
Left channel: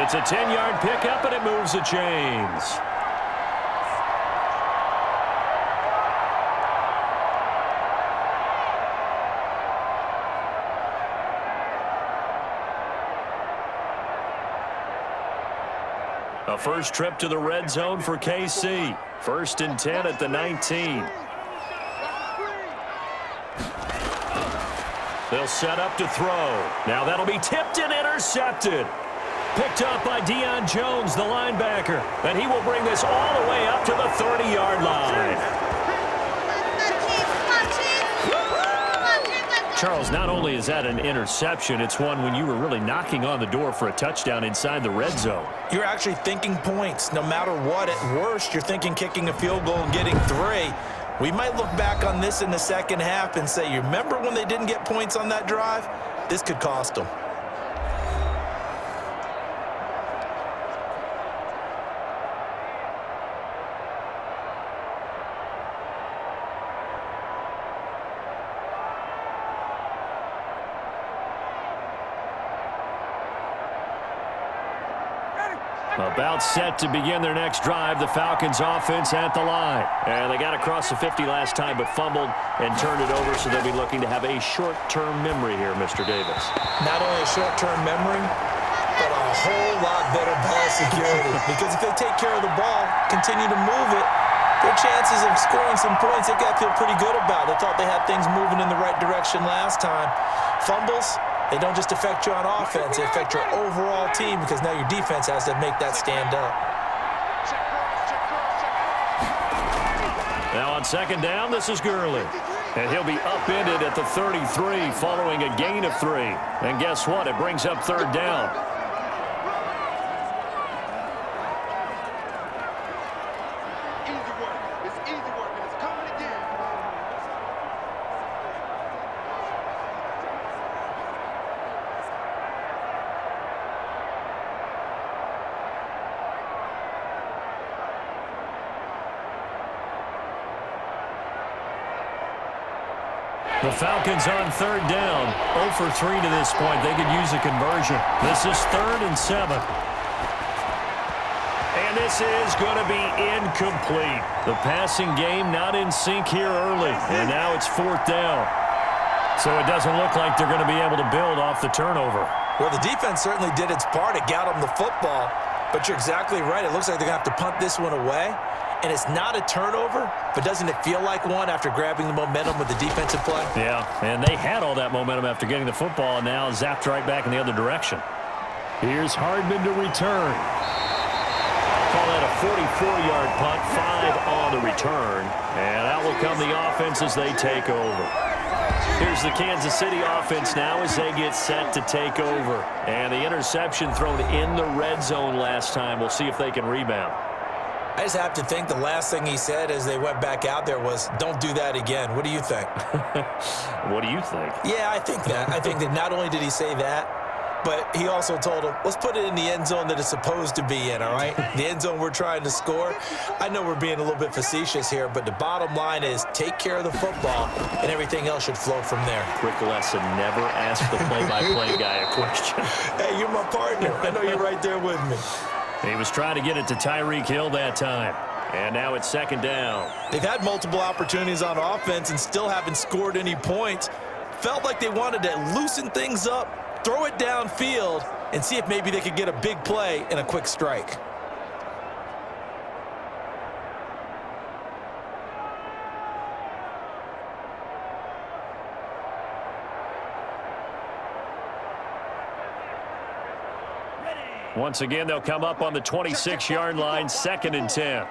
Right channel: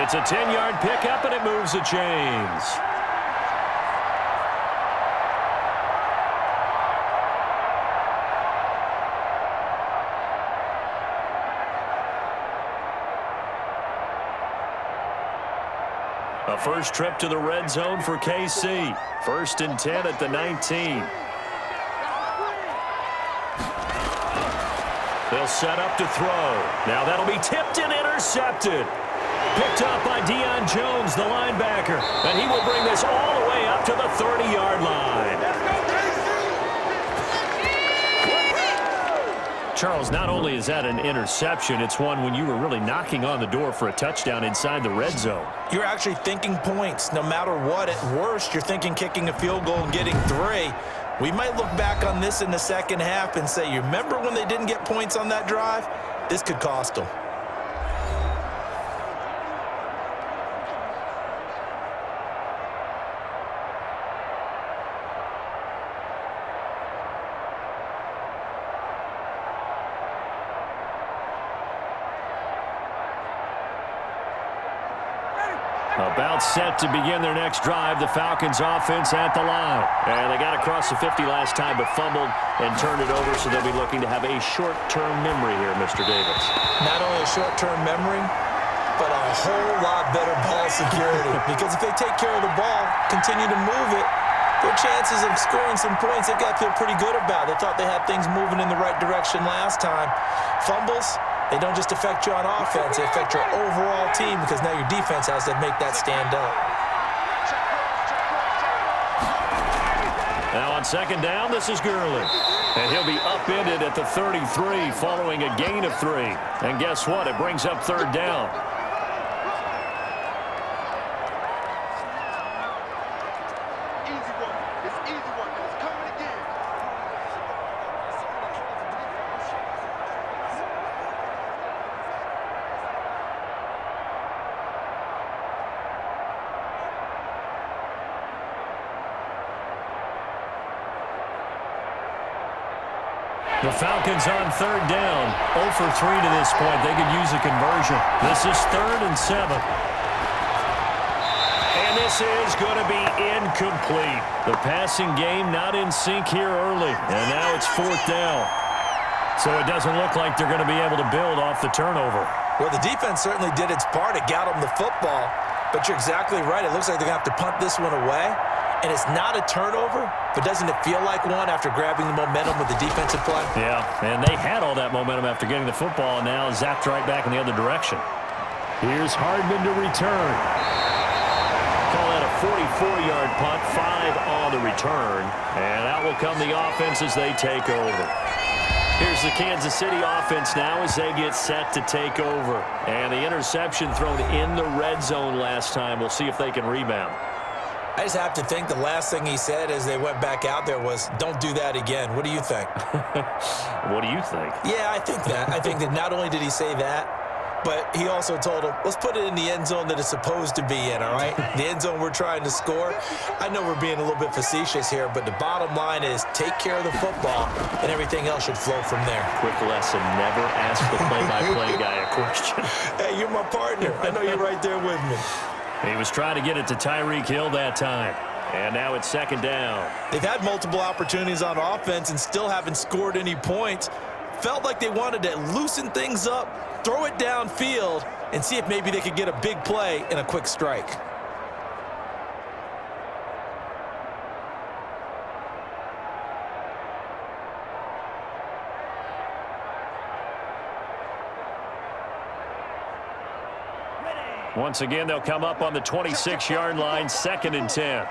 It's a 10-yard pickup, and it moves the chains. A first trip to the red zone for KC. 1st and 10 at the 19. They'll set up to throw. Now that'll be tipped and intercepted. Picked up by Deion Jones, the linebacker. And he will bring this all the way up to the 30-yard line. Charles, not only is that an interception, it's one when you were really knocking on the door for a touchdown inside the red zone. You're actually thinking points. No matter what, at worst, you're thinking kicking a field goal and getting 3. We might look back on this in the second half and say, you remember when they didn't get points on that drive? This could cost them. About set to begin their next drive, the Falcons offense at the line. And they got across the 50 last time but fumbled and turned it over, so they'll be looking to have a short-term memory here, Mr. Davis. Not only a short-term memory, but a whole lot better ball security. Because if they take care of the ball, continue to move it, their chances of scoring some points, they've got to feel pretty good about. They thought they had things moving in the right direction last time. Fumbles, they don't just affect you on offense, they affect your overall team because now your defense has to make that stand up. Now on 2nd down, this is Gurley. And he'll be upended at the 33 following a gain of 3. And guess what? It brings up 3rd down. Easy work. It's easy work, and it's coming again. The Falcons on 3rd down. 0 for 3 to this point. They could use a conversion. This is 3rd and 7. And this is going to be incomplete. The passing game not in sync here early. And now it's 4th down. So it doesn't look like they're going to be able to build off the turnover. Well, the defense certainly did its part. It got them the football. But you're exactly right. It looks like they're going to have to punt this one away. And it's not a turnover, but doesn't it feel like one after grabbing the momentum with the defensive play? Yeah, and they had all that momentum after getting the football and now zapped right back in the other direction. Here's Hardman to return. Call that a 44-yard punt, 5 on the return. And out will come the offense as they take over. Here's the Kansas City offense now as they get set to take over. And the interception thrown in the red zone last time. We'll see if they can rebound. I just have to think the last thing he said as they went back out there was, don't do that again. What do you think? What do you think? Yeah, I think that. I think that not only did he say that, but he also told him, let's put it in the end zone that it's supposed to be in, all right? The end zone we're trying to score. I know we're being a little bit facetious here, but the bottom line is take care of the football, and everything else should flow from there. Quick lesson, never ask the play-by-play guy a question. Hey, you're my partner. I know you're right there with me. He was trying to get it to Tyreek Hill that time. And now it's second down. They've had multiple opportunities on offense and still haven't scored any points. Felt like they wanted to loosen things up, throw it downfield, and see if maybe they could get a big play and a quick strike. Once again, they'll come up on the 26-yard line, 2nd and 10.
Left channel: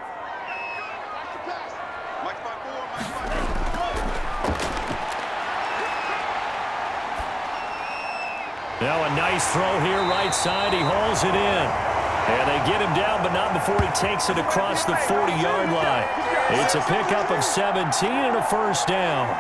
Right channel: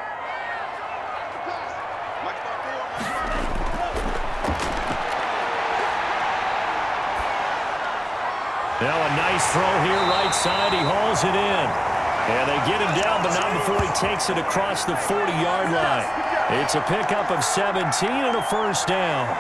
Now a nice throw here, right side. He hauls it in. And they get him down, but not before he takes it across the 40-yard line. It's a pickup of 17 and a first down.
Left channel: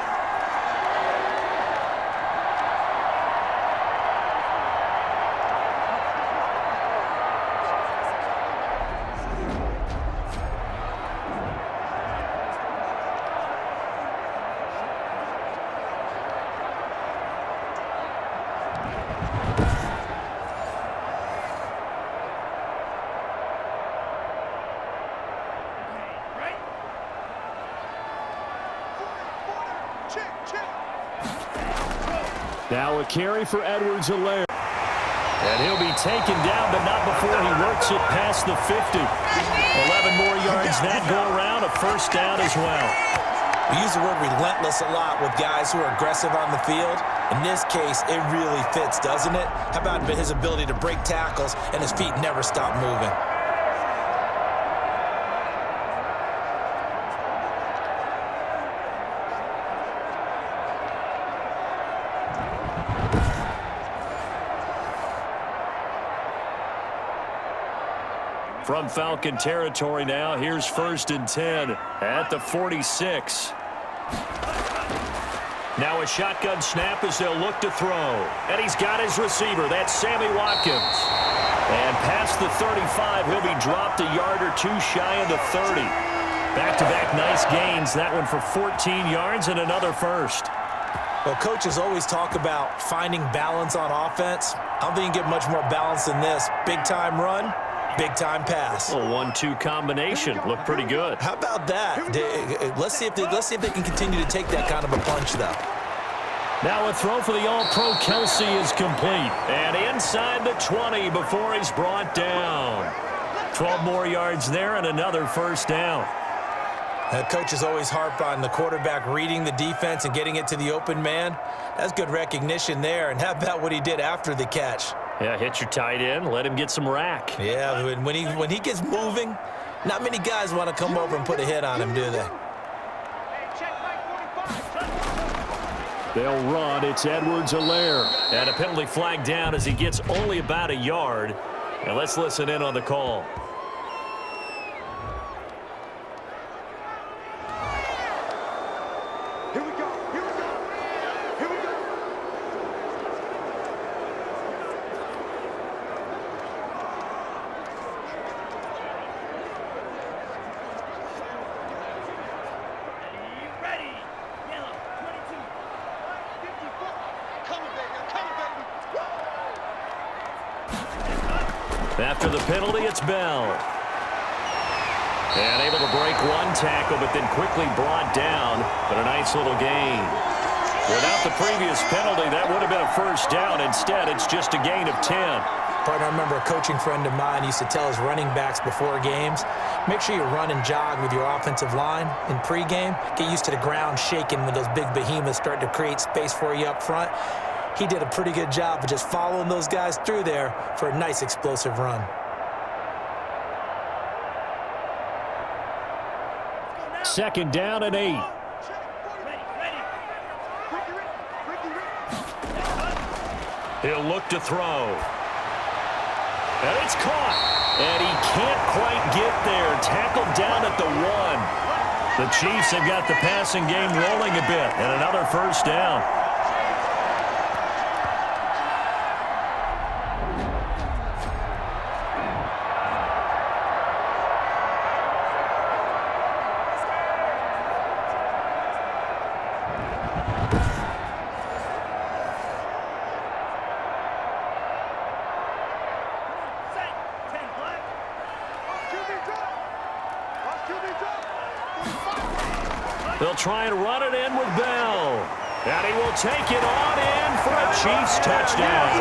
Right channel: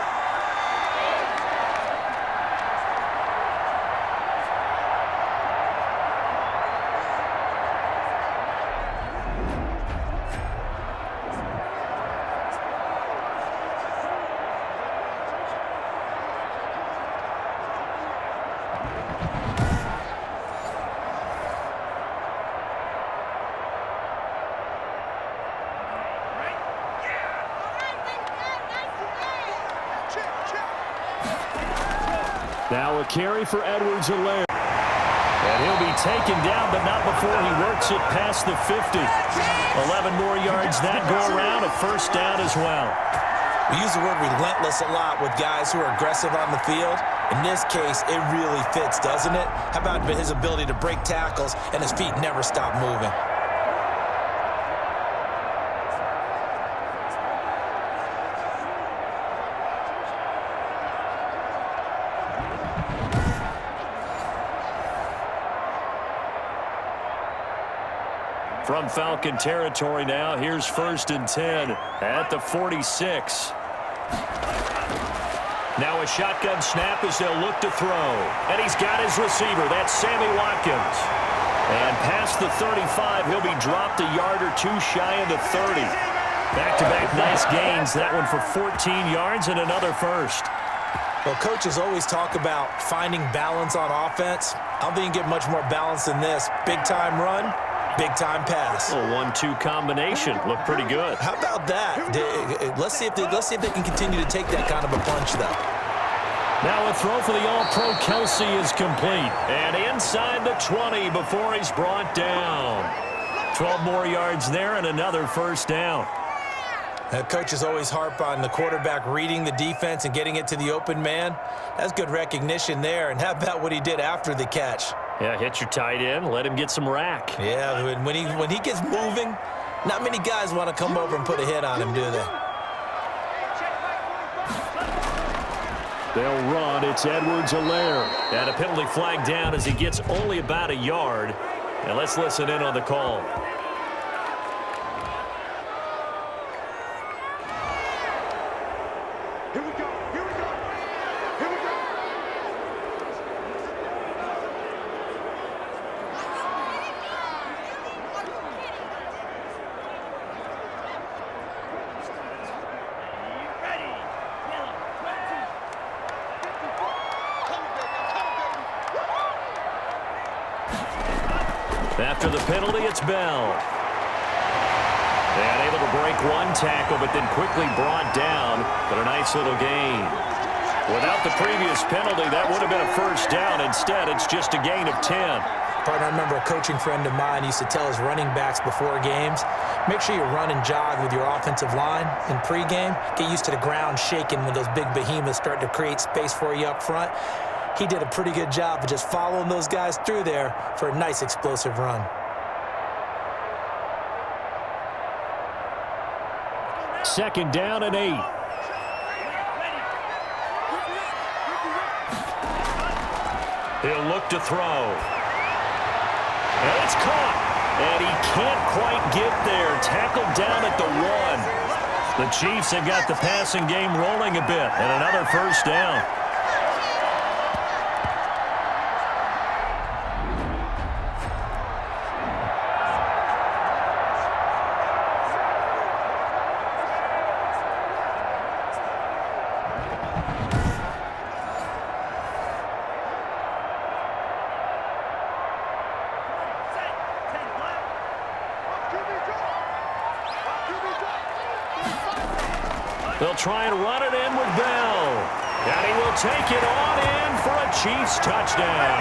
Now a carry for Edwards-Helaire. And he'll be taken down, but not before he works it past the 50. 11 more yards that go around, a first down as well. We use the word relentless a lot with guys who are aggressive on the field. In this case, it really fits, doesn't it? How about his ability to break tackles and his feet never stop moving? From Falcon territory now, here's 1st and 10 at the 46. Now a shotgun snap as they'll look to throw. And he's got his receiver. That's Sammy Watkins. And past the 35, he'll be dropped a yard or two shy of the 30. Back-to-back nice gains. That one for 14 yards and another first. Well, coaches always talk about finding balance on offense. I don't think you can get much more balance than this. Big-time run. Big-time pass. A 1-2 combination. Looked pretty good. How about that? Let's see if they can continue to take that kind of a punch, though. Now a throw for the All-Pro Kelsey is complete. And inside the 20 before he's brought down. 12 more yards there and another first down. Coaches always harp on the quarterback reading the defense and getting it to the open man. That's good recognition there. And how about what he did after the catch? Yeah, hit your tight end, let him get some rack. Yeah, when he gets moving, not many guys want to come over and put a hit on him, do they? They'll run. It's Edwards-Helaire. And a penalty flag down as he gets only about a yard. And let's listen in on the call. Here we go. Here we go. Here we go. Ready. Yellow. 22. 54. Coming, baby. I'm coming, baby. After the penalty, it's Bell. And able to break one tackle, but then quickly brought down. But a nice little gain. Without the previous penalty, that would have been a first down. Instead, it's just a gain of 10. Partner, I remember a coaching friend of mine used to tell his running backs before games, make sure you run and jog with your offensive line in pregame. Get used to the ground shaking when those big behemoths start to create space for you up front. He did a pretty good job of just following those guys through there for a nice explosive run. Second down and 8. He'll look to throw. And it's caught. And he can't quite get there. Tackled down at the 1. The Chiefs have got the passing game rolling a bit. And another first down. They'll try and run it in with Bell. And he will take it on in for a Chiefs touchdown.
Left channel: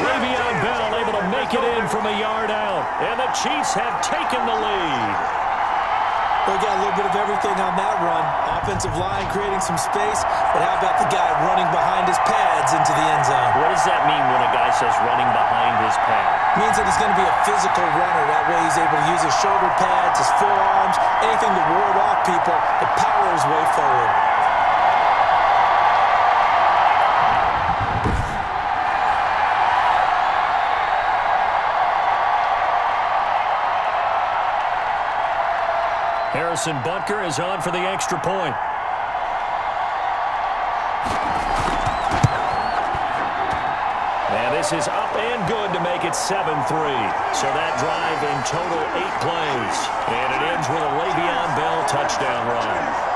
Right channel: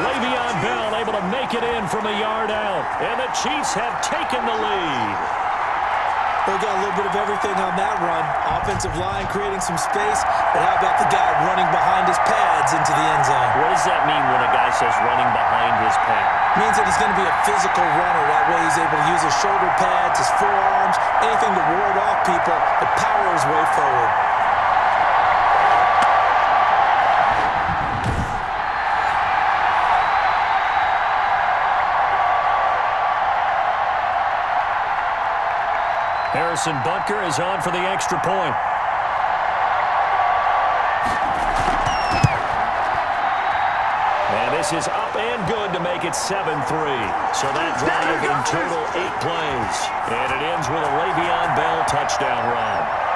Le'Veon Bell able to make it in from a yard out. And the Chiefs have taken the lead. We got a little bit of everything on that run. Offensive line creating some space, but how about the guy running behind his pads into the end zone? What does that mean when a guy says running behind his pad? Means that he's going to be a physical runner. That way he's able to use his shoulder pads, his forearms, anything to ward off people, to power his way forward. Harrison Butker is on for the extra point. And this is up and good to make it 7-3. So that drive in total 8 plays. And it ends with a Le'Veon Bell touchdown run.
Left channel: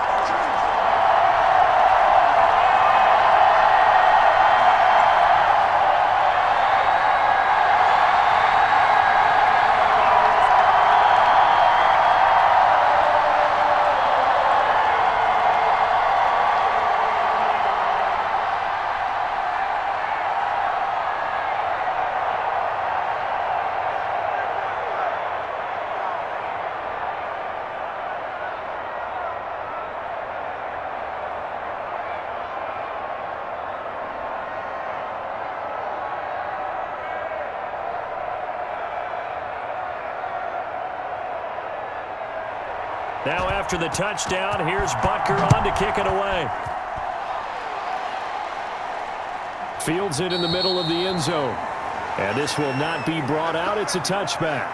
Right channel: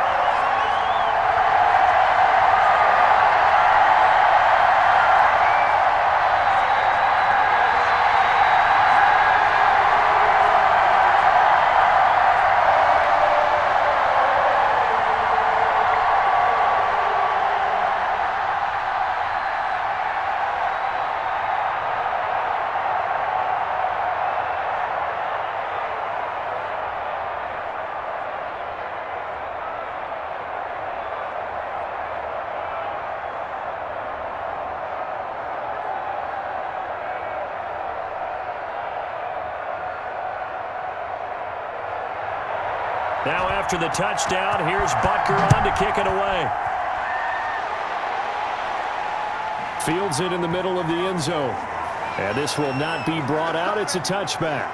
Now after the touchdown, here's Butker on to kick it away. Fields it in the middle of the end zone. And this will not be brought out. It's a touchback.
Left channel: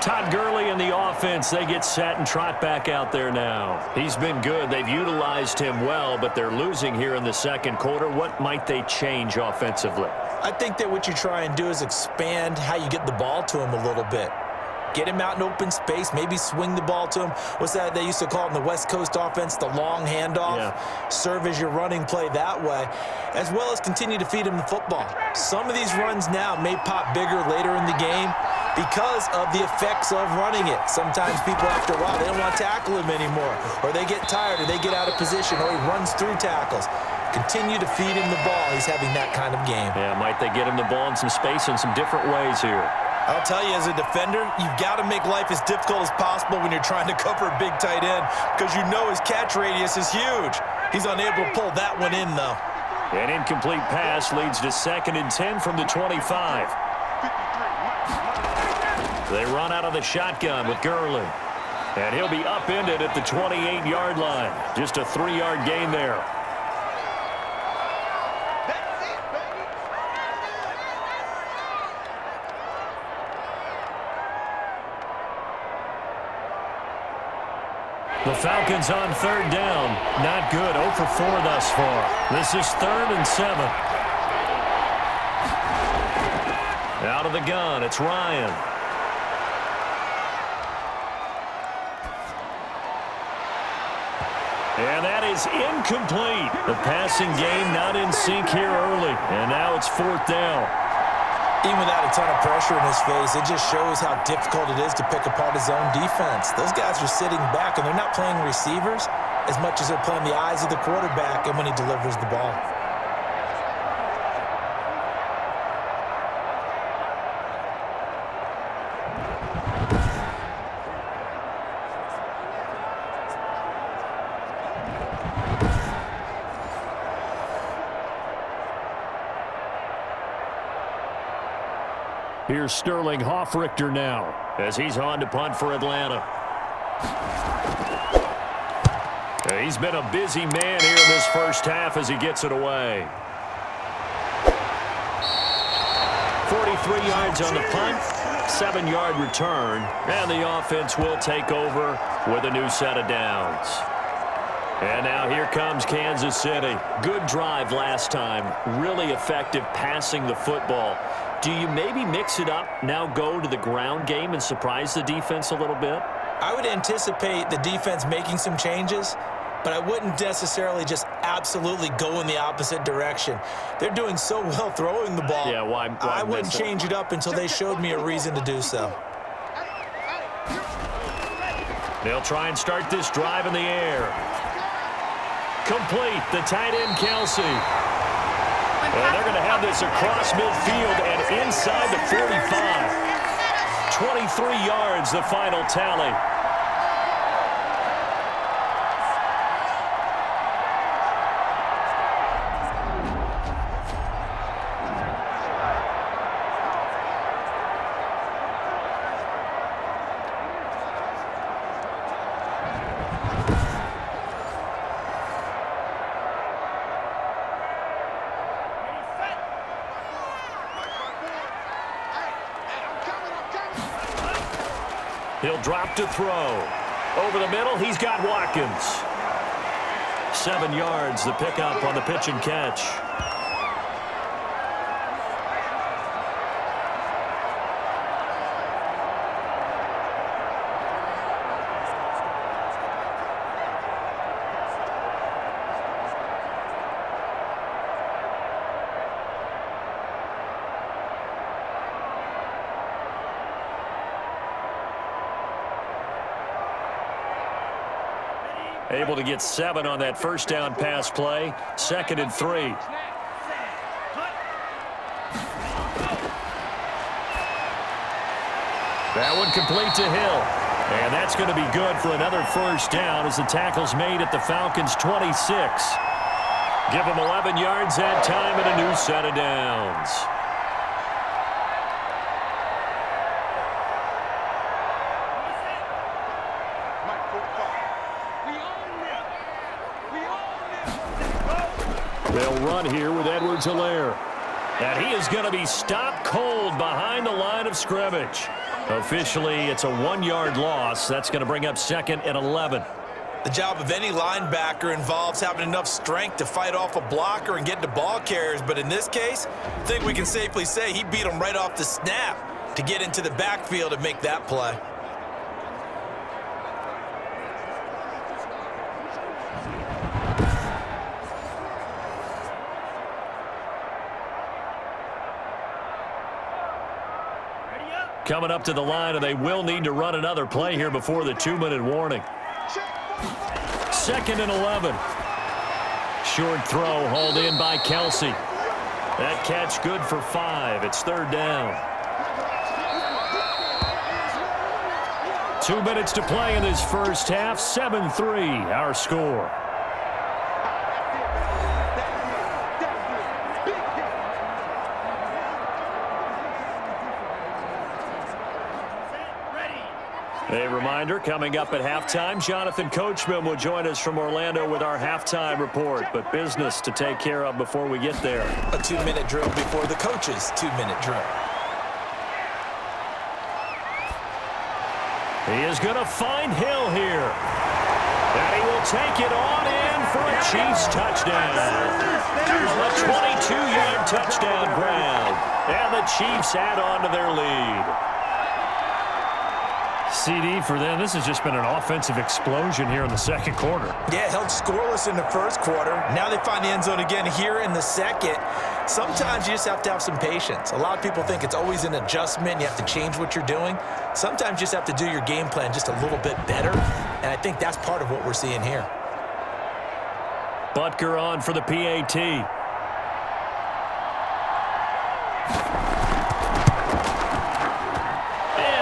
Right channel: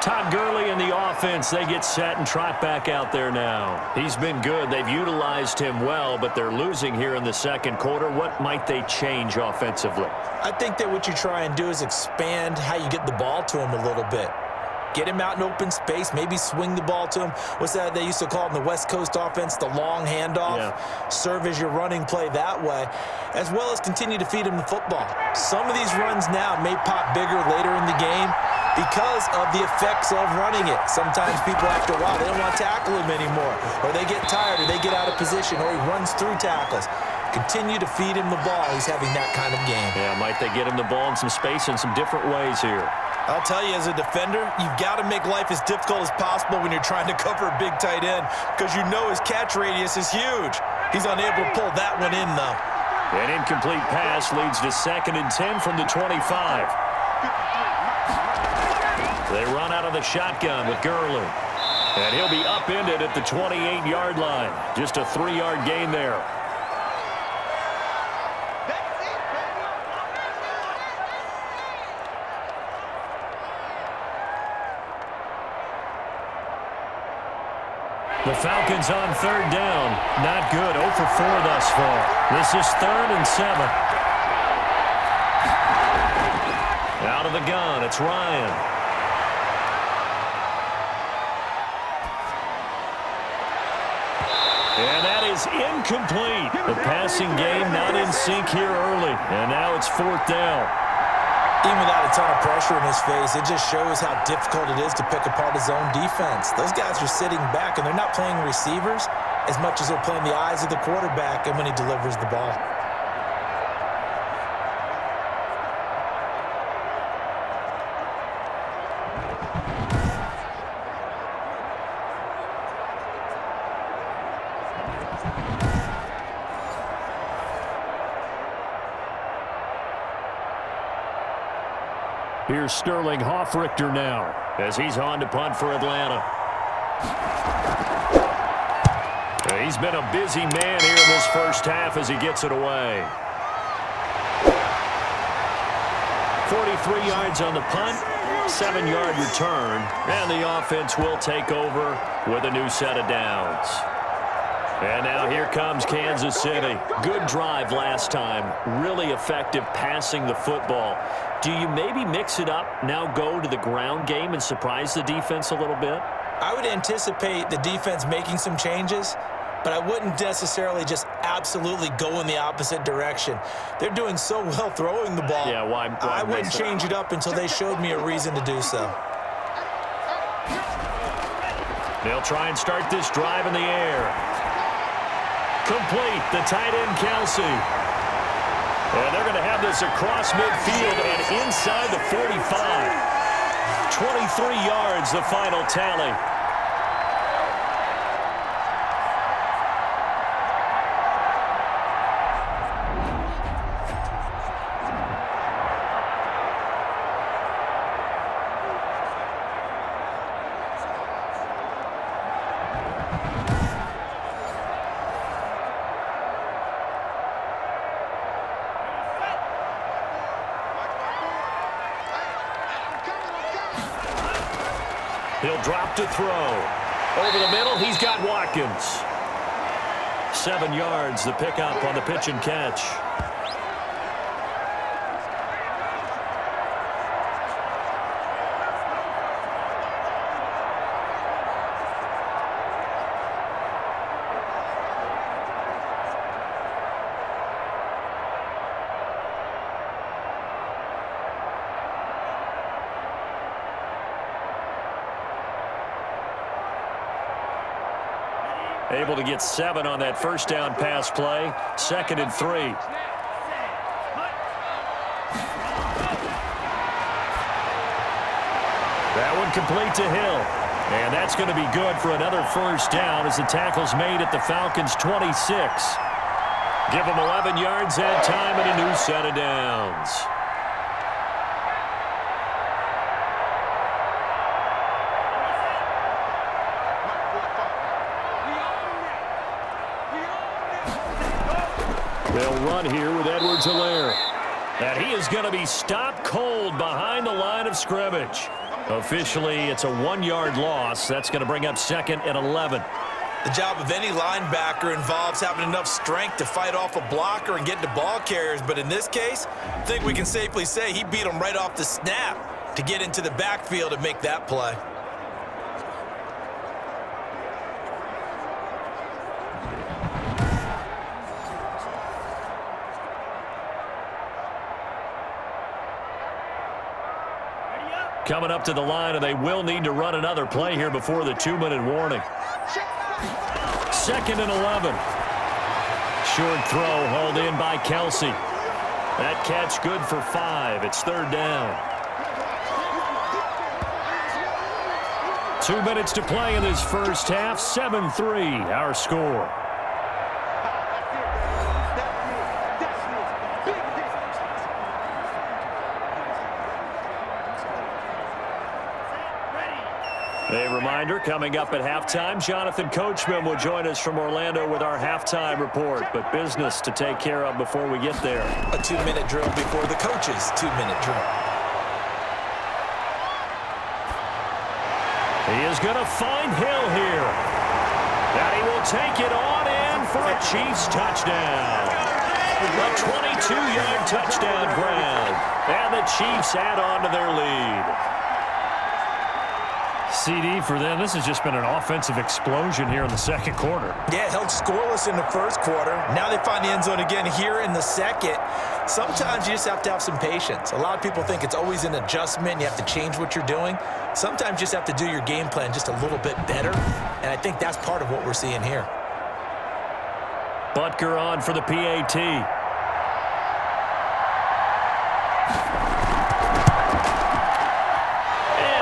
Todd Gurley and the offense, they get set and trot back out there now. He's been good. They've utilized him well, but they're losing here in the second quarter. What might they change offensively? I think that what you try and do is expand how you get the ball to him a little bit. Get him out in open space, maybe swing the ball to him. What's that they used to call it in the West Coast offense, the long handoff? Yeah. Serve as your running play that way, as well as continue to feed him the football. Some of these runs now may pop bigger later in the game because of the effects of running it. Sometimes people, after a while, they don't want to tackle him anymore, or they get tired, or they get out of position, or he runs through tackles. Continue to feed him the ball. He's having that kind of game. Yeah, might they get him the ball in some space in some different ways here? I'll tell you, as a defender, you've got to make life as difficult as possible when you're trying to cover a big tight end because you know his catch radius is huge. He's unable to pull that one in, though. An incomplete pass leads to 2nd and 10 from the 25. They run out of the shotgun with Gurley. And he'll be upended at the 28-yard line. Just a 3-yard gain there. The Falcons on 3rd down. Not good. 0 for 4 thus far. This is 3rd and 7. Out of the gun, it's Ryan. And that is incomplete. The passing game not in sync here early. And now it's 4th down. Even without a ton of pressure in his face, it just shows how difficult it is to pick apart his own defense. Those guys are sitting back, and they're not playing receivers as much as they're playing the eyes of the quarterback and when he delivers the ball. Here's Sterling Hoffrichter now as he's on to punt for Atlanta. He's been a busy man here in this first half as he gets it away. 43 yards on the punt, 7-yard return, and the offense will take over with a new set of downs. And now here comes Kansas City. Good drive last time. Really effective passing the football. Do you maybe mix it up, now go to the ground game and surprise the defense a little bit? I would anticipate the defense making some changes, but I wouldn't necessarily just absolutely go in the opposite direction. They're doing so well throwing the ball. Yeah, why I wouldn't change it up until they showed me a reason to do so. They'll try and start this drive in the air. Complete, the tight end Kelsey. And they're going to have this across midfield and inside the 45. 23 yards, the final tally. He'll drop to throw. Over the middle, he's got Watkins. 7 yards, the pickup on the pitch and catch. Able to get 7 on that first down pass play. 2nd and 3. That one complete to Hill. And that's going to be good for another first down as the tackle's made at the Falcons' 26. Give them 11 yards that time and a new set of downs. They'll run here with Edwards-Helaire. And he is going to be stopped cold behind the line of scrimmage. Officially, it's a 1-yard loss. That's going to bring up 2nd and 11. The job of any linebacker involves having enough strength to fight off a blocker and get to ball carriers. But in this case, I think we can safely say he beat him right off the snap to get into the backfield and make that play. Coming up to the line, and they will need to run another play here before the 2-minute warning. 2nd and 11. Short throw hauled in by Kelsey. That catch good for 5. It's 3rd down. 2 minutes to play in this first half. 7-3, our score. A reminder, coming up at halftime, Jonathan Coachman will join us from Orlando with our halftime report, but business to take care of before we get there. A 2-minute drill before the coach's 2-minute drill. He is going to find Hill here. And he will take it on in for a Chiefs touchdown. A 22-yard touchdown grab. And the Chiefs add on to their lead. CD for them. This has just been an offensive explosion here in the second quarter. Yeah, held scoreless in the first quarter. Now they find the end zone again here in the second. Sometimes you just have to have some patience. A lot of people think it's always an adjustment. You have to change what you're doing. Sometimes you just have to do your game plan just a little bit better. And I think that's part of what we're seeing here. Butker on for the PAT.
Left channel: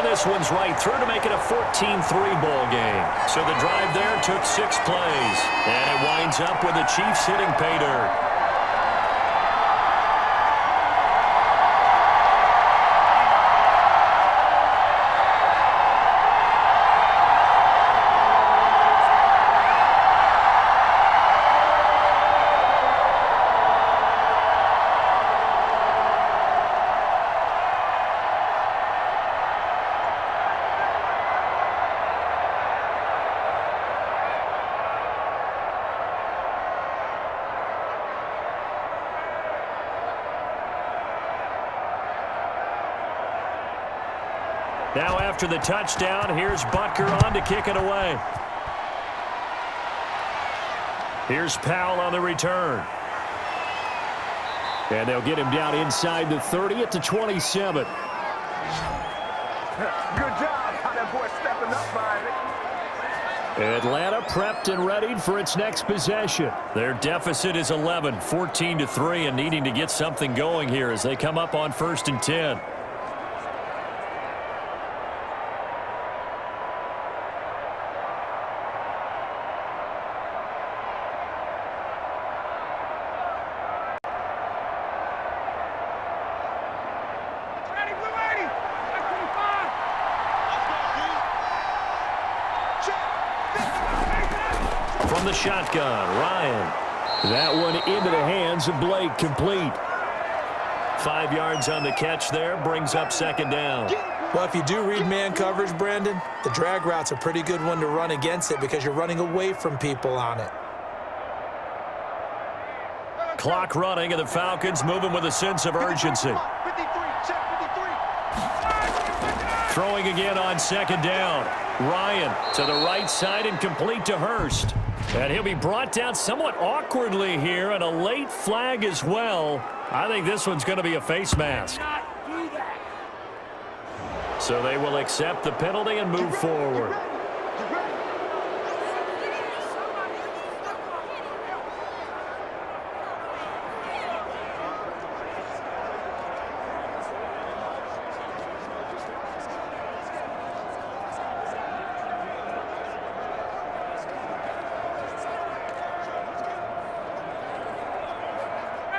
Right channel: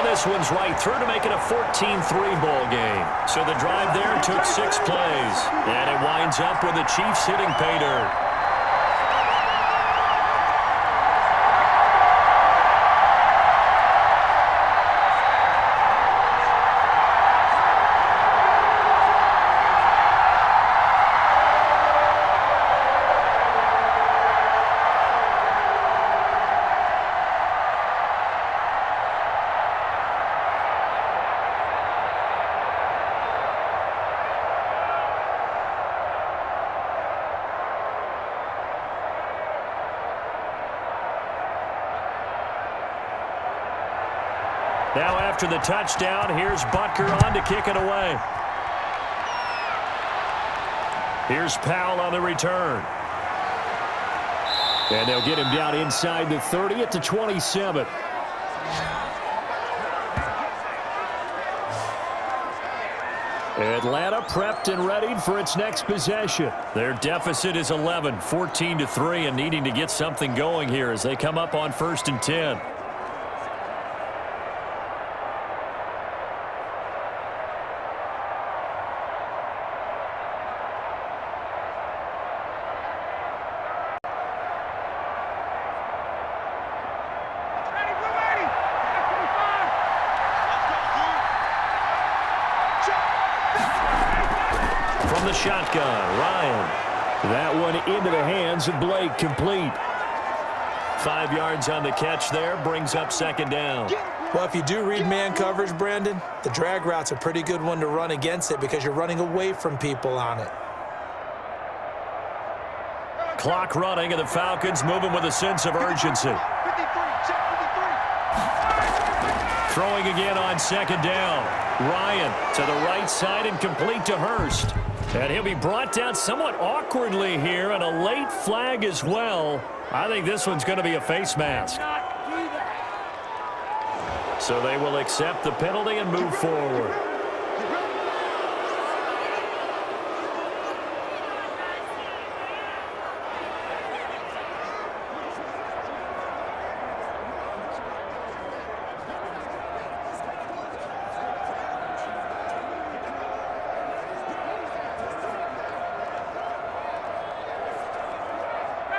This one's right through to make it a 14-3 ball game. So the drive there took 6 plays. And it winds up with the Chiefs hitting pay dirt. Now after the touchdown, here's Butker on to kick it away. Here's Powell on the return. And they'll get him down inside the 30 at the 27. Atlanta prepped and readied for its next possession. Their deficit is 11, 14-3, and needing to get something going here as they come up on 1st and 10. From the shotgun, Ryan. That one into the hands of Blake, complete. 5 yards on the catch there, brings up 2nd down. Well, if you do read man coverage, Brandon, the drag route's a pretty good one to run against it because you're running away from people on it. Clock running, and the Falcons moving with a sense of urgency. 53, check 53. Throwing again on 2nd down. Ryan to the right side and complete to Hurst. And he'll be brought down somewhat awkwardly here, and a late flag as well. I think this one's going to be a face mask. So they will accept the penalty and move forward.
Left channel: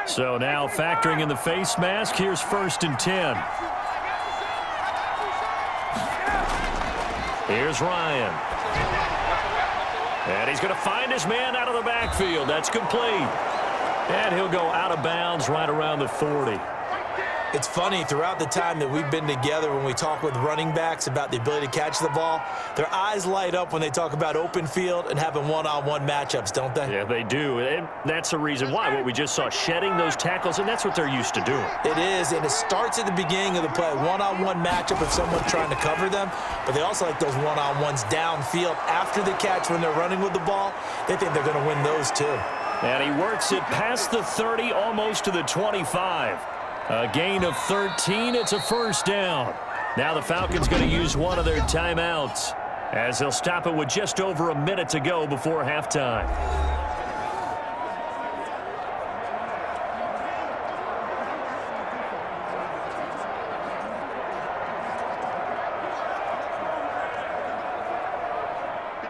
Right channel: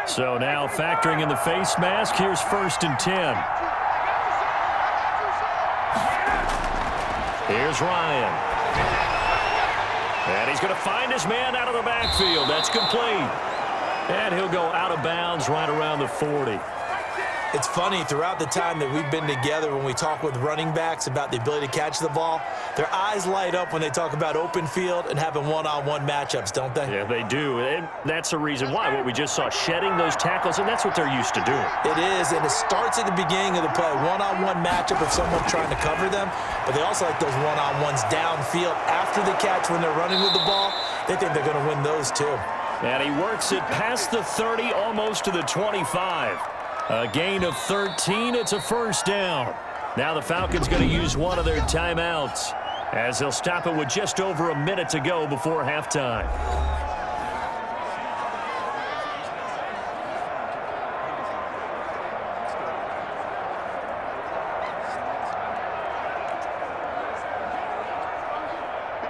So now factoring in the face mask, here's 1st and 10. Here's Ryan. And he's going to find his man out of the backfield. That's complete. And he'll go out of bounds right around the 40. It's funny, throughout the time that we've been together, when we talk with running backs about the ability to catch the ball, their eyes light up when they talk about open field and having one-on-one matchups, don't they? Yeah, they do. And that's the reason why. What we just saw, shedding those tackles, and that's what they're used to doing. It is, and it starts at the beginning of the play. One-on-one matchup of someone trying to cover them, but they also like those one-on-ones downfield after the catch when they're running with the ball. They think they're going to win those too. And he works it past the 30, almost to the 25. A gain of 13. It's a 1st down. Now the Falcons going to use one of their timeouts as they'll stop it with just over a minute to go before halftime.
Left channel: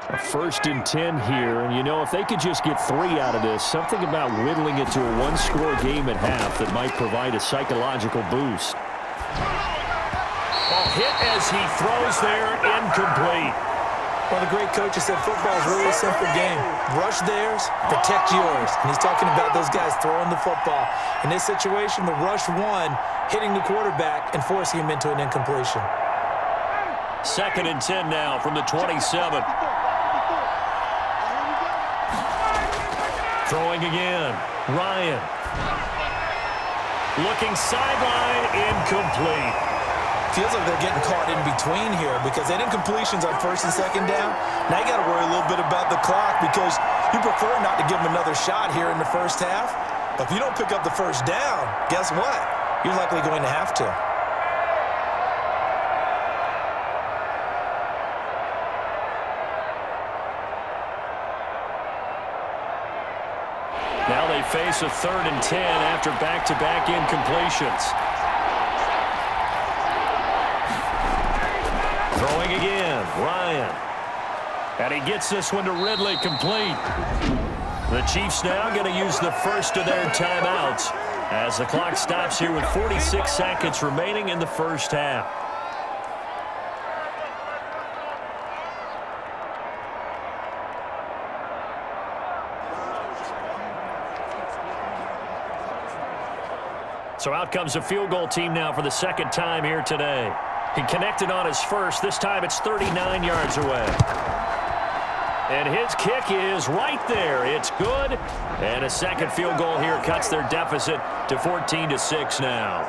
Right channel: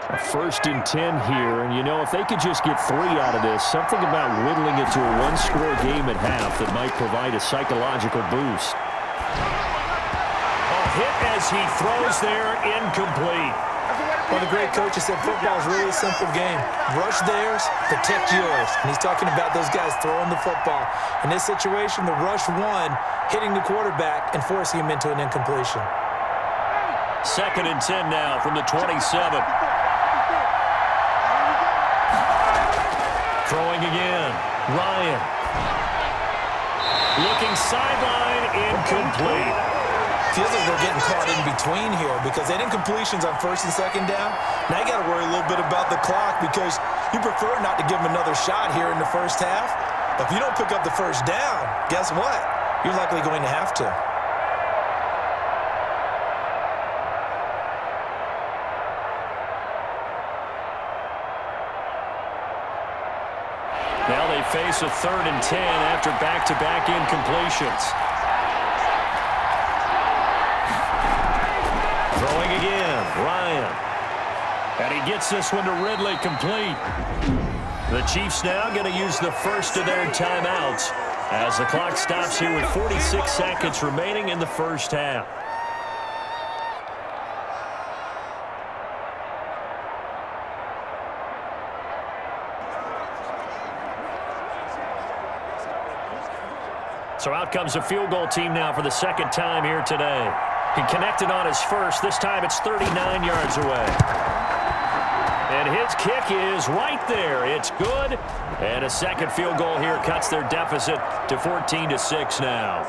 A 1st and 10 here, and you know, if they could just get 3 out of this, something about whittling it to a one-score game at half that might provide a psychological boost. Oh, hit as he throws there, incomplete. Well, the great coach has said football is really a simple game. Rush theirs, protect yours. And he's talking about those guys throwing the football. In this situation, the rush one, hitting the quarterback and forcing him into an incompletion. 2nd and 10 now from the 27. Throwing again. Ryan. Looking sideline, incomplete. Feels like they're getting caught in between here because they didn't completions on 1st and 2nd down. Now you got to worry a little bit about the clock because you prefer not to give them another shot here in the 1st half. But if you don't pick up the 1st down, guess what? You're likely going to have to. Now they face a 3rd and 10 after back-to-back incompletions. Throwing again, Ryan. And he gets this one to Ridley, complete. The Chiefs now going to use the 1st of their timeouts as the clock stops here with 46 seconds remaining in the 1st half. So out comes a field goal team now for the 2nd time here today. He connected on his first. This time it's 39 yards away. And his kick is right there. It's good. And a 2nd field goal here cuts their deficit to 14-6 now.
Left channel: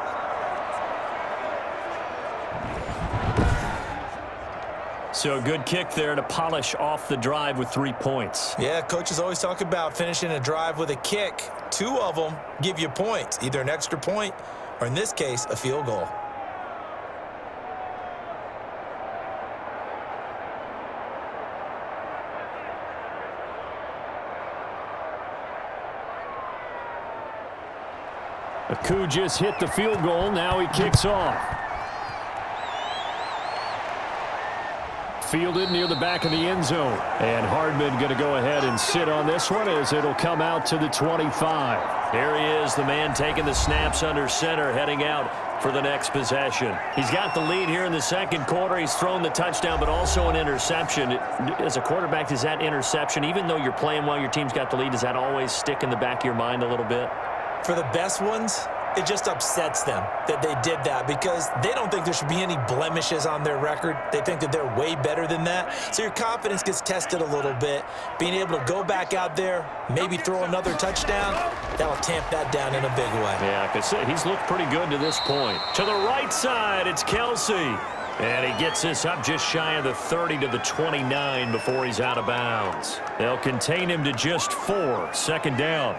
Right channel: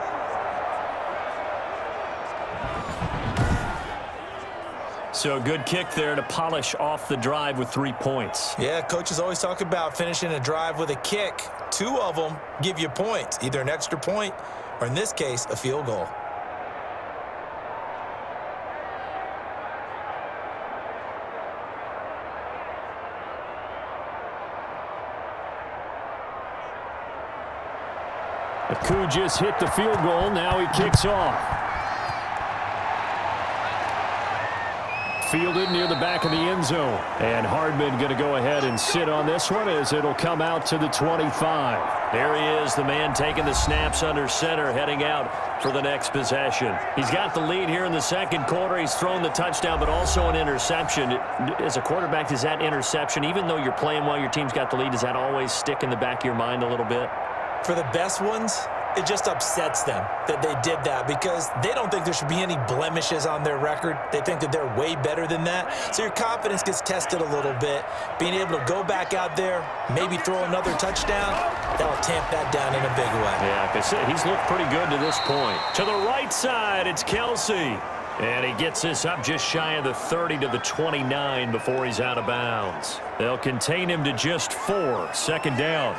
So a good kick there to polish off the drive with 3 points. Yeah, coaches always talk about finishing a drive with a kick. 2 of them give you points, either an extra point or, in this case, a field goal. Aku just hit the field goal. Now he kicks off. Fielded near the back of the end zone. And Hardman going to go ahead and sit on this one as it'll come out to the 25. There he is, the man taking the snaps under center, heading out for the next possession. He's got the lead here in the second quarter. He's thrown the touchdown, but also an interception. As a quarterback, does that interception, even though you're playing while your team's got the lead, does that always stick in the back of your mind a little bit? For the best ones, it just upsets them that they did that because they don't think there should be any blemishes on their record. They think that they're way better than that. So your confidence gets tested a little bit. Being able to go back out there, maybe throw another touchdown, that'll tamp that down in a big way. Yeah, because he's looked pretty good to this point. To the right side, it's Kelsey. And he gets this up just shy of the 30 to the 29 before he's out of bounds. They'll contain him to just 4. Second down.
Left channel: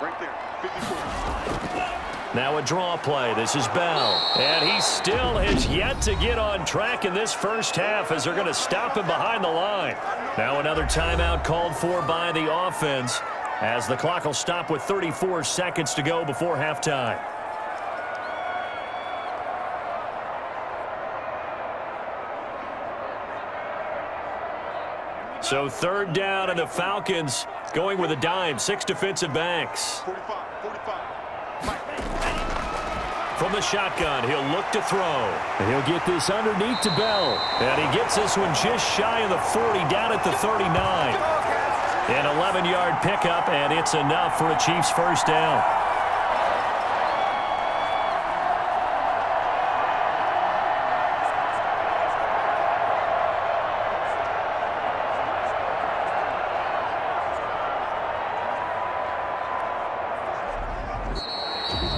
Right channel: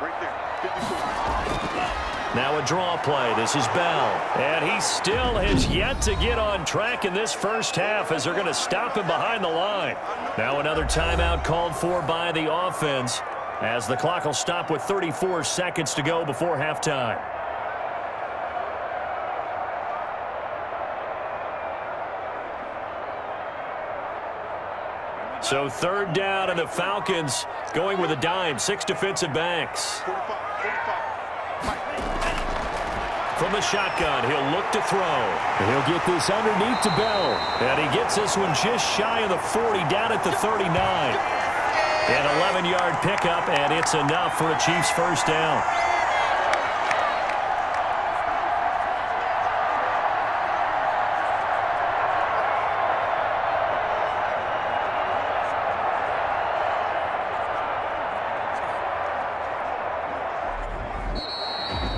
Right there, 54. Now a draw play. This is Bell. And he still has yet to get on track in this first half as they're going to stop him behind the line. Now another timeout called for by the offense as the clock will stop with 34 seconds to go before halftime. So third down, and the Falcons going with a dime. 6 defensive backs. 45. From the shotgun, he'll look to throw. And he'll get this underneath to Bell. And he gets this one just shy of the 40, down at the 39. An 11-yard pickup, and it's enough for a Chiefs first down.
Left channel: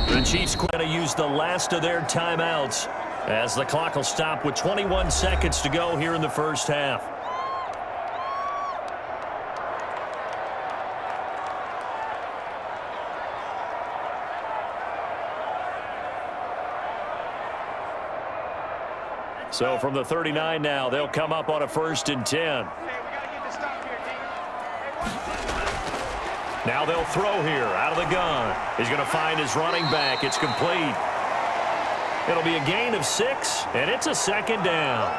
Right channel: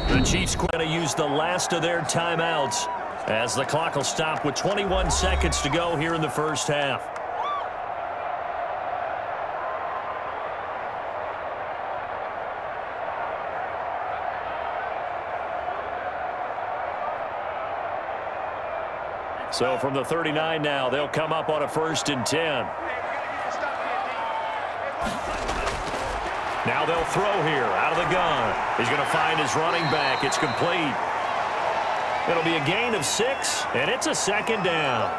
The Chiefs going to use the last of their timeouts as the clock will stop with 21 seconds to go here in the first half. So from the 39 now, they'll come up on a 1st and 10. Now they'll throw here out of the gun. He's going to find his running back. It's complete. It'll be a gain of 6, and it's a second down.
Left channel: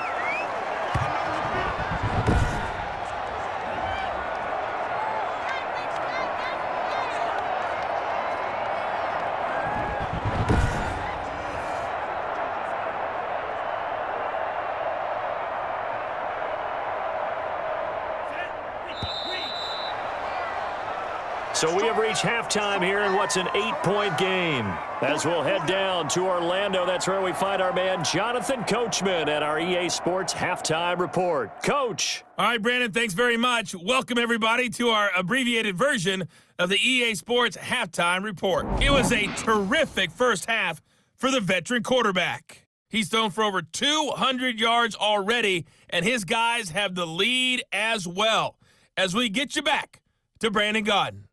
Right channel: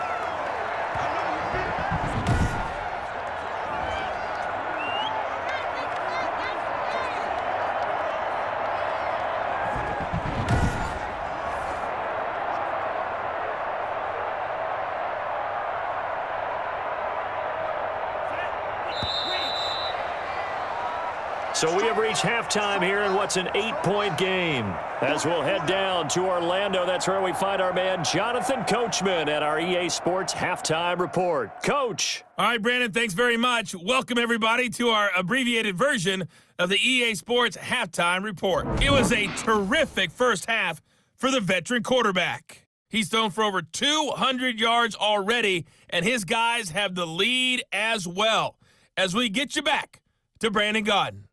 So we have reached halftime here in what's an 8-point game. As we'll head down to Orlando, that's where we find our man Jonathan Coachman at our EA Sports Halftime Report. Coach. All right, Brandon, thanks very much. Welcome, everybody, to our abbreviated version of the EA Sports Halftime Report. It was a terrific first half for the veteran quarterback. He's thrown for over 200 yards already, and his guys have the lead as well. As we get you back to Brandon Gaudin.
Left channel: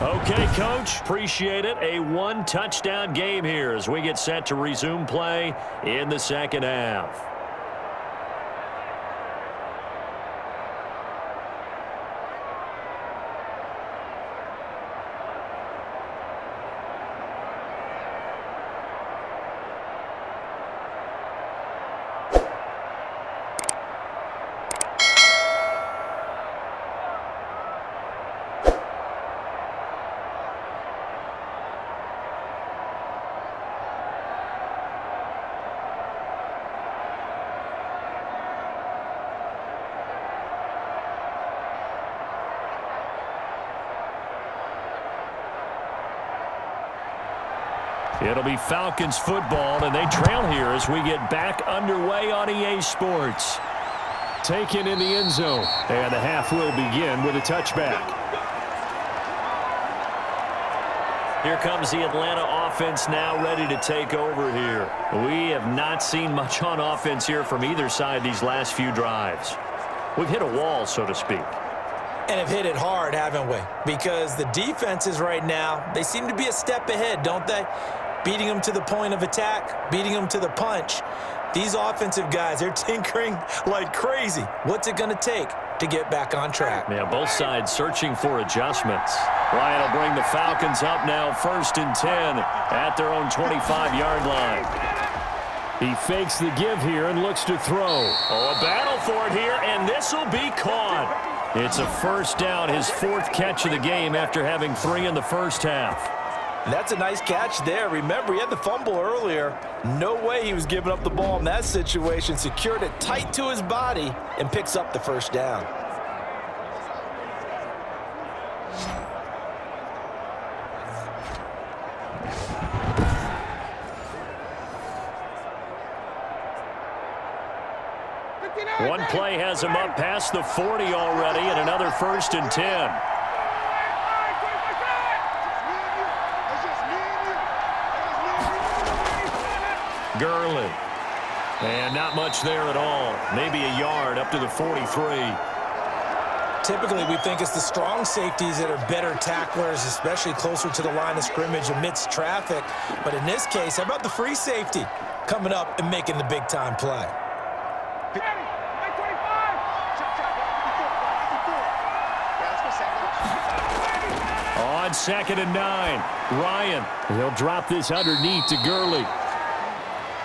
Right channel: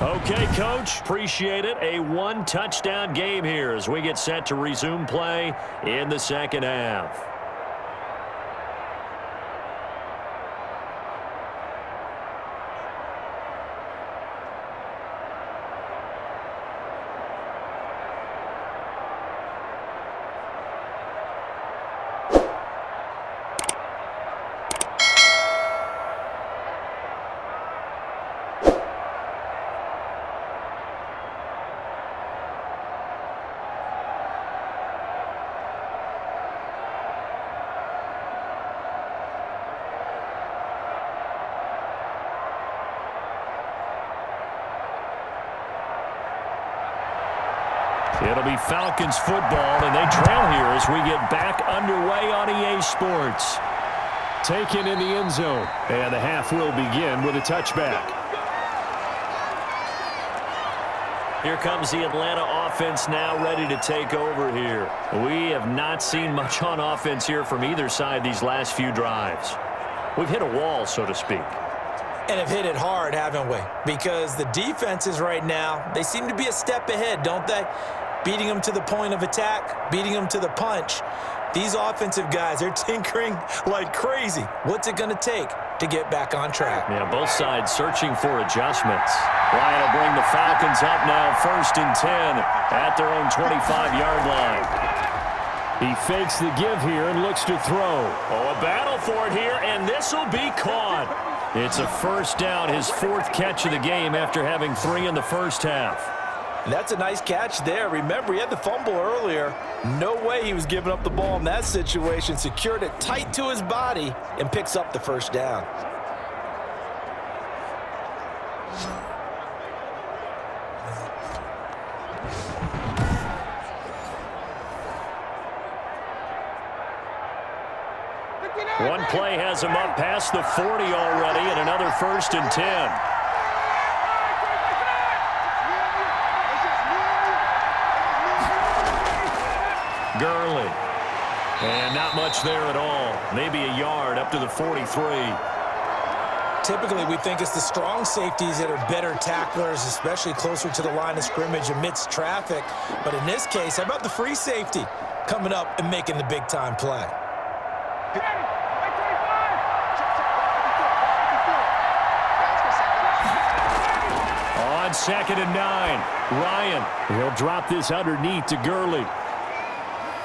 Okay, Coach, appreciate it. A 1-touchdown game here as we get set to resume play in the second half. It'll be Falcons football, and they trail here as we get back underway on EA Sports. Taken in the end zone, and the half will begin with a touchback. Here comes the Atlanta offense now ready to take over here. We have not seen much on offense here from either side these last few drives. We've hit a wall, so to speak. And have hit it hard, haven't we? Because the defenses right now, they seem to be a step ahead, don't they? Beating them to the point of attack, beating them to the punch. These offensive guys, they're tinkering like crazy. What's it going to take to get back on track? Yeah, both sides searching for adjustments. Ryan will bring the Falcons up now 1st and 10 at their own 25-yard line. He fakes the give here and looks to throw. Oh, a battle for it here, and this will be caught. It's a first down, his 4th catch of the game after having 3 in the first half. That's a nice catch there. Remember, he had the fumble earlier. No way he was giving up the ball in that situation. Secured it tight to his body and picks up the first down. One play has him up past the 40 already, and another 1st and 10. Gurley. And not much there at all. Maybe a yard up to the 43. Typically, we think it's the strong safeties that are better tacklers, especially closer to the line of scrimmage amidst traffic. But in this case, how about the free safety coming up and making the big-time play? On 2nd and 9, Ryan. He'll drop this underneath to Gurley.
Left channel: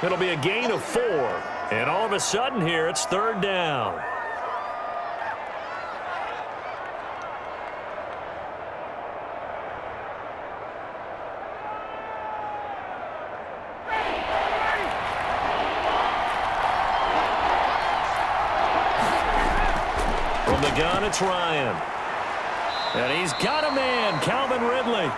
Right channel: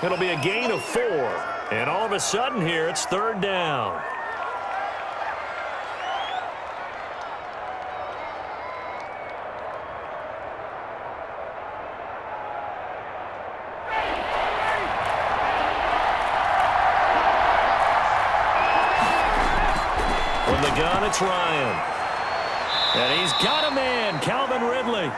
It'll be a gain of 4. And all of a sudden here, it's 3rd down. From the gun, it's Ryan. And he's got a man, Calvin Ridley.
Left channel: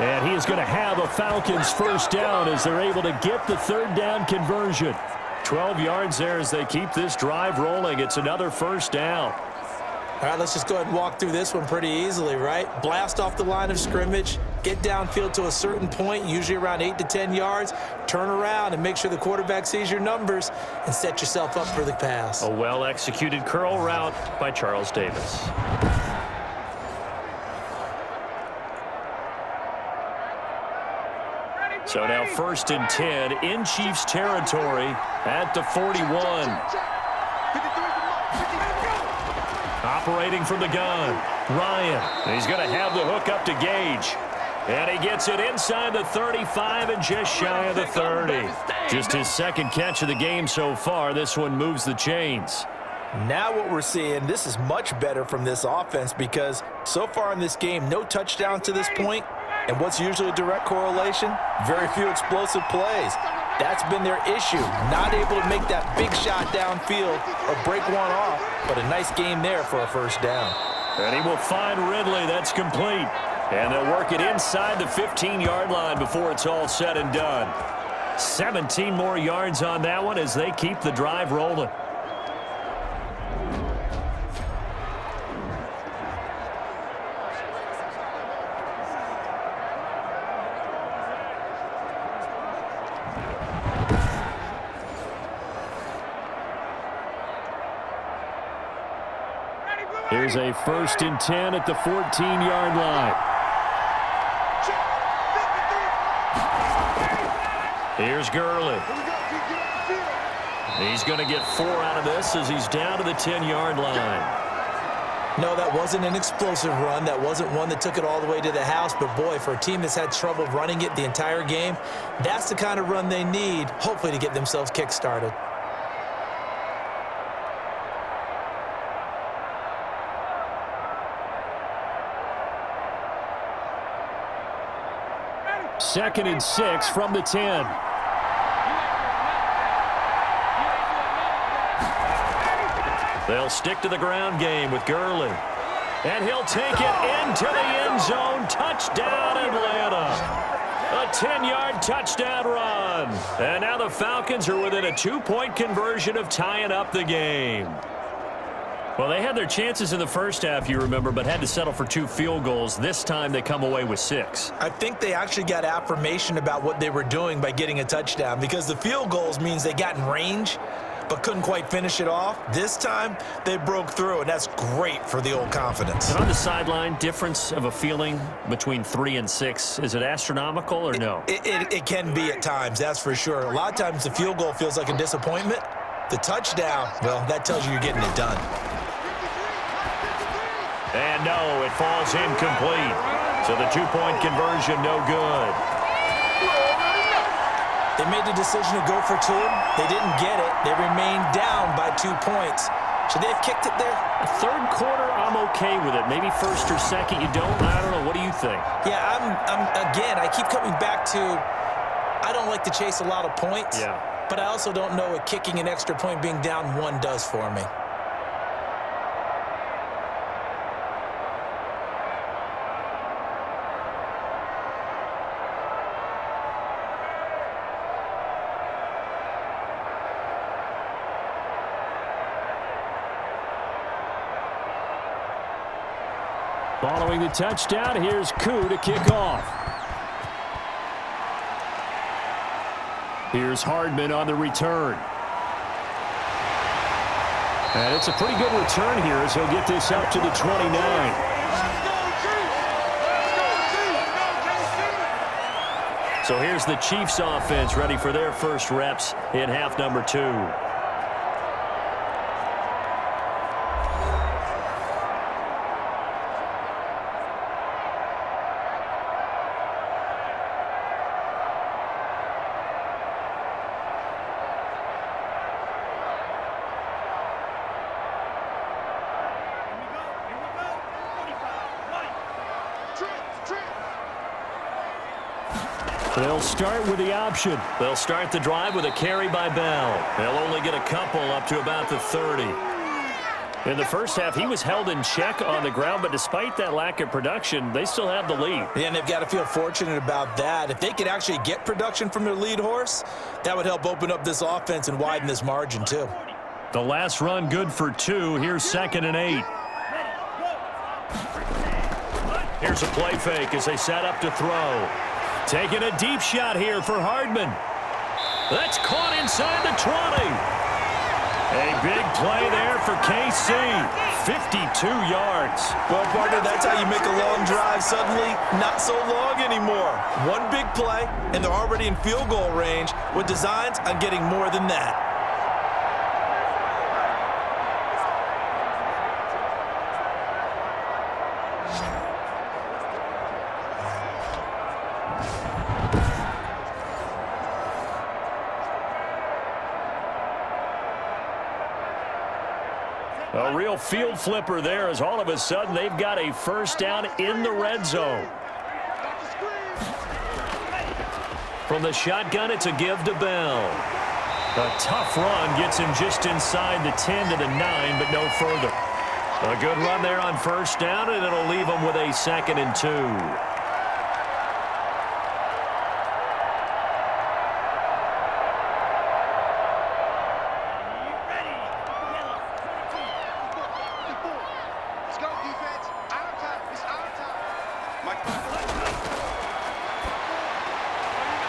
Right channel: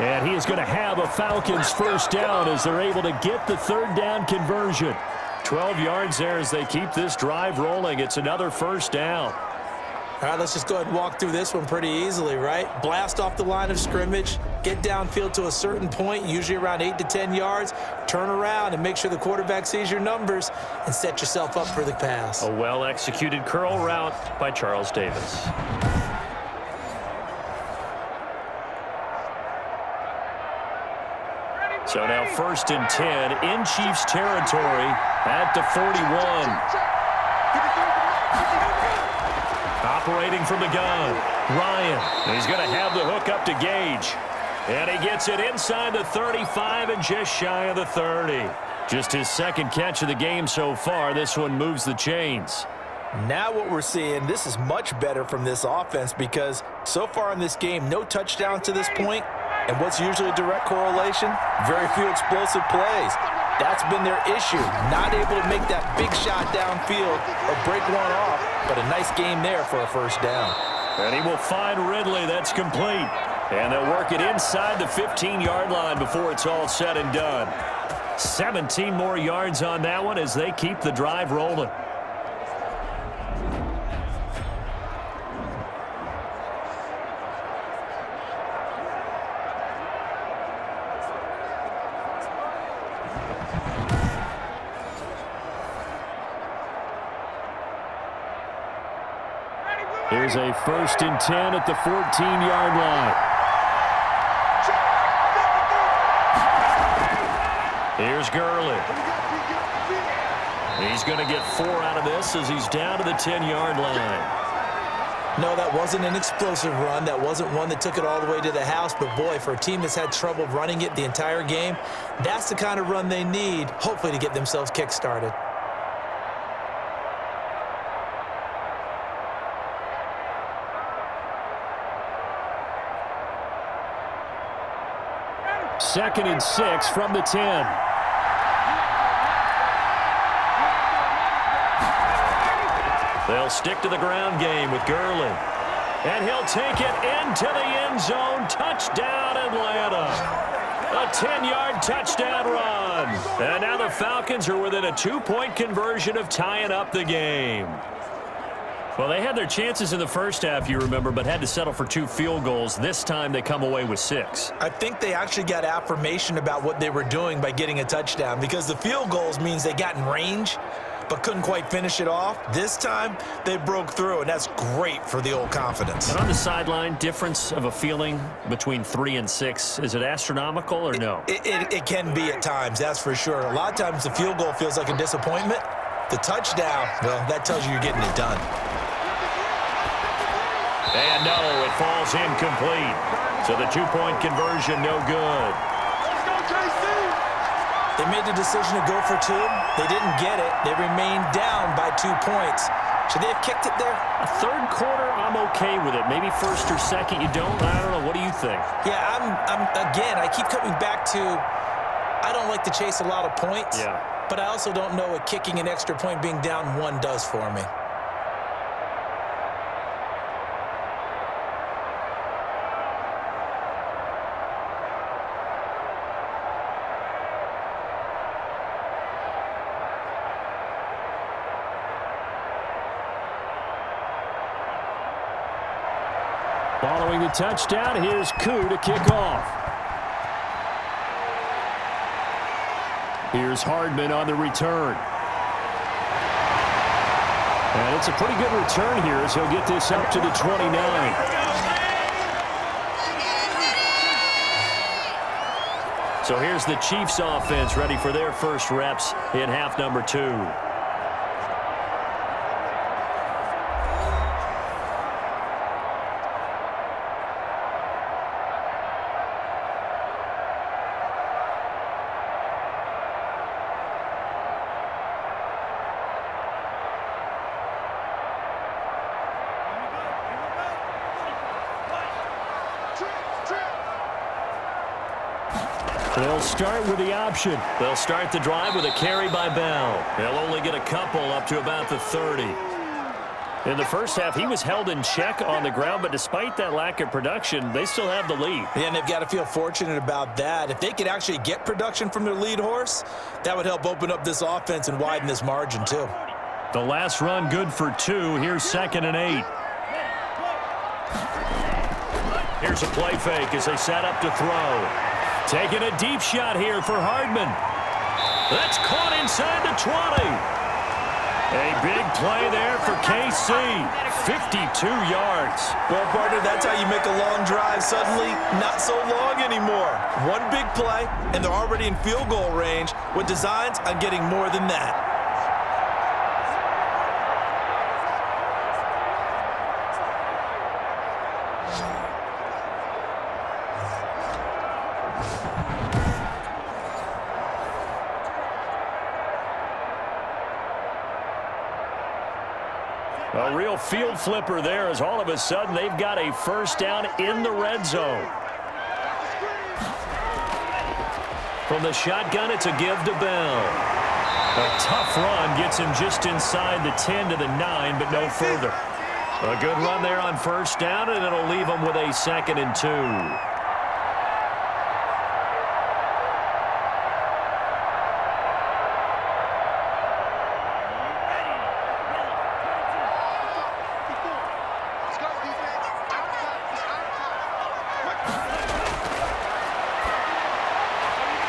And he is going to have a Falcons first down as they're able to get the 3rd down conversion. 12 yards there as they keep this drive rolling. It's another first down. All right, let's just go ahead and walk through this one pretty easily, right? Blast off the line of scrimmage, get downfield to a certain point, usually around 8 to 10 yards, turn around and make sure the quarterback sees your numbers and set yourself up for the pass. A well-executed curl route by Charles Davis. So now 1st and 10 in Chiefs territory at the 41. Operating from the gun, Ryan. He's going to have the hook up to Gage. And he gets it inside the 35 and just shy of the 30. Just his 2nd catch of the game so far. This one moves the chains. Now what we're seeing, this is much better from this offense because so far in this game, no touchdowns to this point. And what's usually a direct correlation? Very few explosive plays. That's been their issue. Not able to make that big shot downfield or break one off, but a nice game there for a first down. And he will find Ridley. That's complete. And they'll work it inside the 15-yard line before it's all said and done. 17 more yards on that one as they keep the drive rolling. Here's a 1st and 10 at the 14-yard line. Here's Gurley. He's going to get 4 out of this as he's down to the 10-yard line. No, that wasn't an explosive run. That wasn't one that took it all the way to the house. But, boy, for a team that's had trouble running it the entire game, that's the kind of run they need, hopefully, to get themselves kick-started. Second and 6 from the 10. They'll stick to the ground game with Gurley. And he'll take it into the end zone. Touchdown, Atlanta. A 10-yard touchdown run. And now the Falcons are within a 2-point conversion of tying up the game. Well, they had their chances in the first half, you remember, but had to settle for 2 field goals. This time they come away with 6. I think they actually got affirmation about what they were doing by getting a touchdown because the field goals means they got in range. but couldn't quite finish it off. This time, they broke through, and that's great for the old confidence. And on the sideline, difference of a feeling between 3 and 6, is it astronomical or no? It can be at times, that's for sure. A lot of times the field goal feels like a disappointment. The touchdown, well, that tells you you're getting it done. And no, it falls incomplete. So the two-point conversion, no good. They made the decision to go for 2. They didn't get it. They remained down by 2 points. Should they have kicked it there? A third quarter, I'm okay with it. Maybe first or second, you don't. I don't know. What do you think? Yeah, again, I keep coming back to I don't like to chase a lot of points. Yeah. But I also don't know what kicking an extra point being down 1 does for me. Following the touchdown, here's Koo to kick off. Here's Hardman on the return. And it's a pretty good return here as he'll get this up to the 29. So here's the Chiefs offense ready for their first reps in half number 2. They'll start with the option. They'll start the drive with a carry by Bell. They'll only get a couple up to about the 30. In the first half, he was held in check on the ground, but despite that lack of production, they still have the lead. Yeah, and they've got to feel fortunate about that. If they could actually get production from their lead horse, that would help open up this offense and widen this margin, too. The last run good for 2. Here's 2nd and 8. Here's a play fake as they set up to throw. Taking a deep shot here for Hardman. That's caught inside the 20. A big play there for KC. 52 yards. Well, partner, that's how you make a long drive suddenly not so long anymore. One big play, and they're already in field goal range with designs on getting more than that. A real field flipper there as all of a sudden they've got a first down in the red zone. From the shotgun, it's a give to Bell. A tough run gets him just inside the 10 to the 9, but no further. A good run there on first down, and it'll leave him with a 2nd and 2.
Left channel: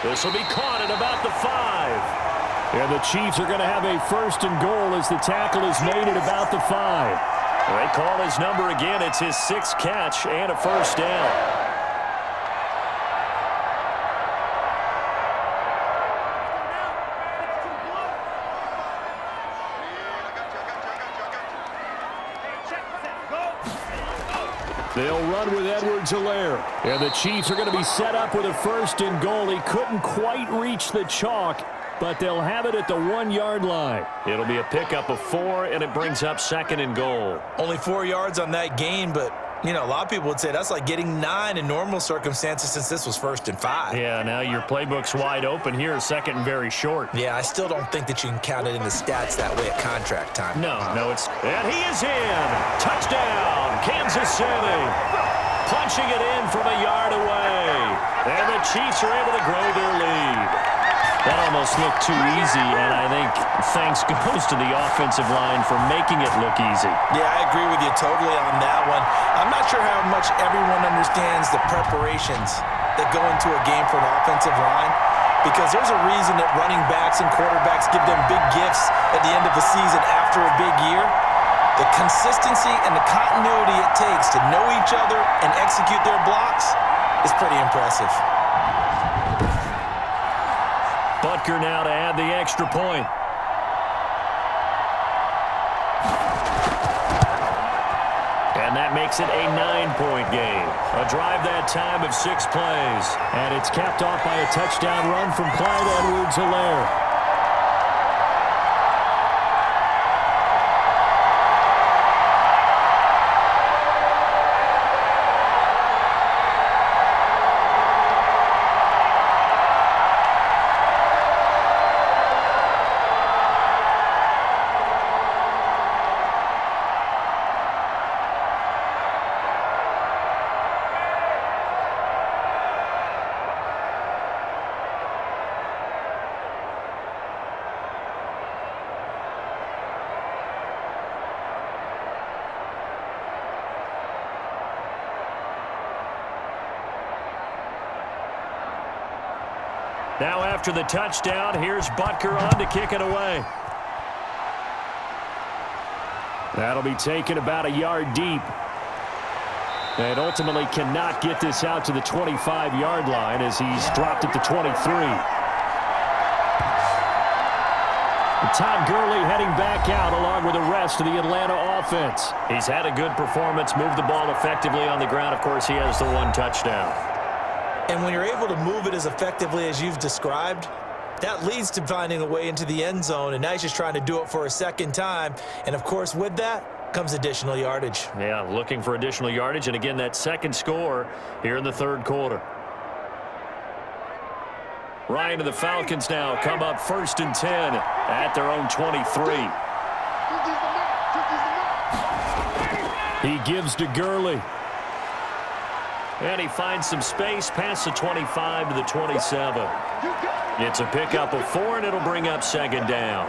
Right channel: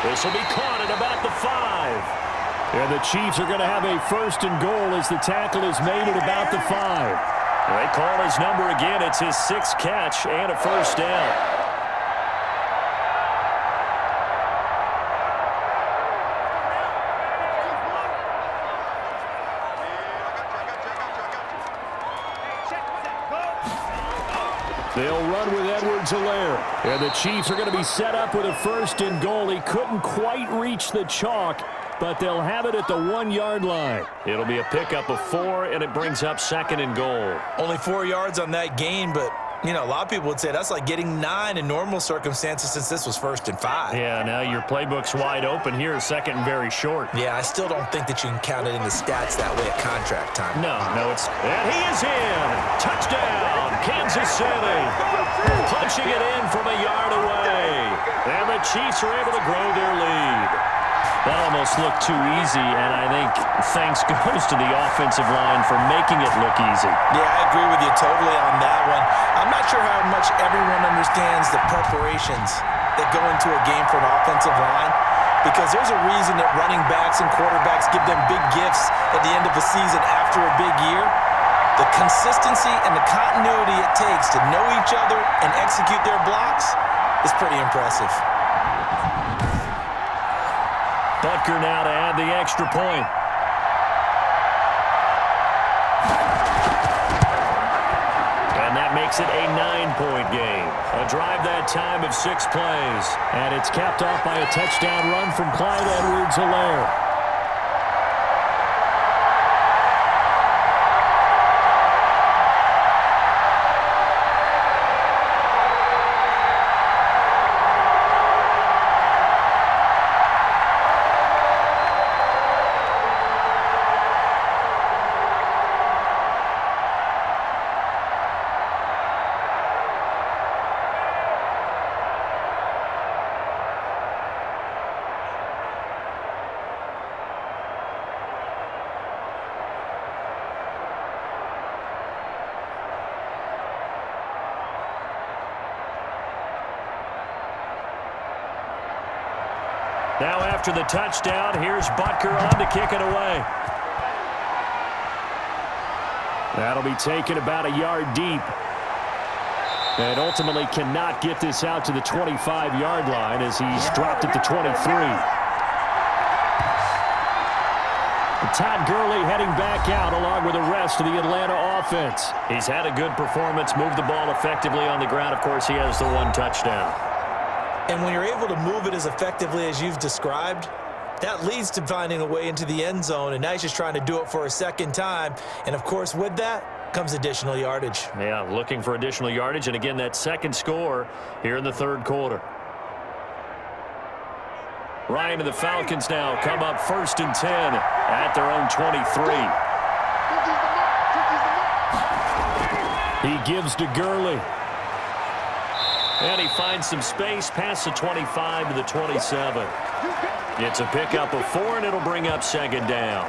This will be caught at about the 5. And the Chiefs are going to have a 1st and goal as the tackle is made at about the 5. They call his number again. It's his 6th catch and a first down. They'll run with Edwards-Helaire. And the Chiefs are going to be set up with a 1st and goal. He couldn't quite reach the chalk, but they'll have it at the 1-yard line. It'll be a pickup of 4, and it brings up 2nd and goal. Only 4 yards on that gain, but, you know, a lot of people would say that's like getting 9 in normal circumstances since this was 1st and 5. Yeah, now your playbook's wide open here, 2nd and very short. Yeah, I still don't think that you can count it in the stats that way at contract time. No, it's... And he is in! Touchdown, Kansas City! Punching it in from a yard away. And the Chiefs are able to grow their lead. That almost looked too easy, and I think thanks goes to the offensive line for making it look easy. Yeah, I agree with you totally on that one. I'm not sure how much everyone understands the preparations that go into a game for an offensive line. because there's a reason that running backs and quarterbacks give them big gifts at the end of a season after a big year. The consistency and the continuity it takes to know each other and execute their blocks is pretty impressive. Butker now to add the extra point. And that makes it a 9-point game. A drive that time of 6 plays. And it's capped off by a touchdown run from Clyde Edwards-Helaire. Now after the touchdown, here's Butker on to kick it away. That'll be taken about a yard deep. And ultimately cannot get this out to the 25-yard line as he's dropped at the 23. Todd Gurley heading back out along with the rest of the Atlanta offense. He's had a good performance, moved the ball effectively on the ground. Of course, he has the 1 touchdown. And when you're able to move it as effectively as you've described, that leads to finding a way into the end zone, and now he's just trying to do it for a second time. And, of course, with that comes additional yardage. Yeah, looking for additional yardage, and again, that second score here in the third quarter. Ryan and the Falcons now come up 1st and 10 at their own 23. He gives to Gurley. And he finds some space past the 25 to the 27. It's a pickup of 4, and it'll bring up 2nd down.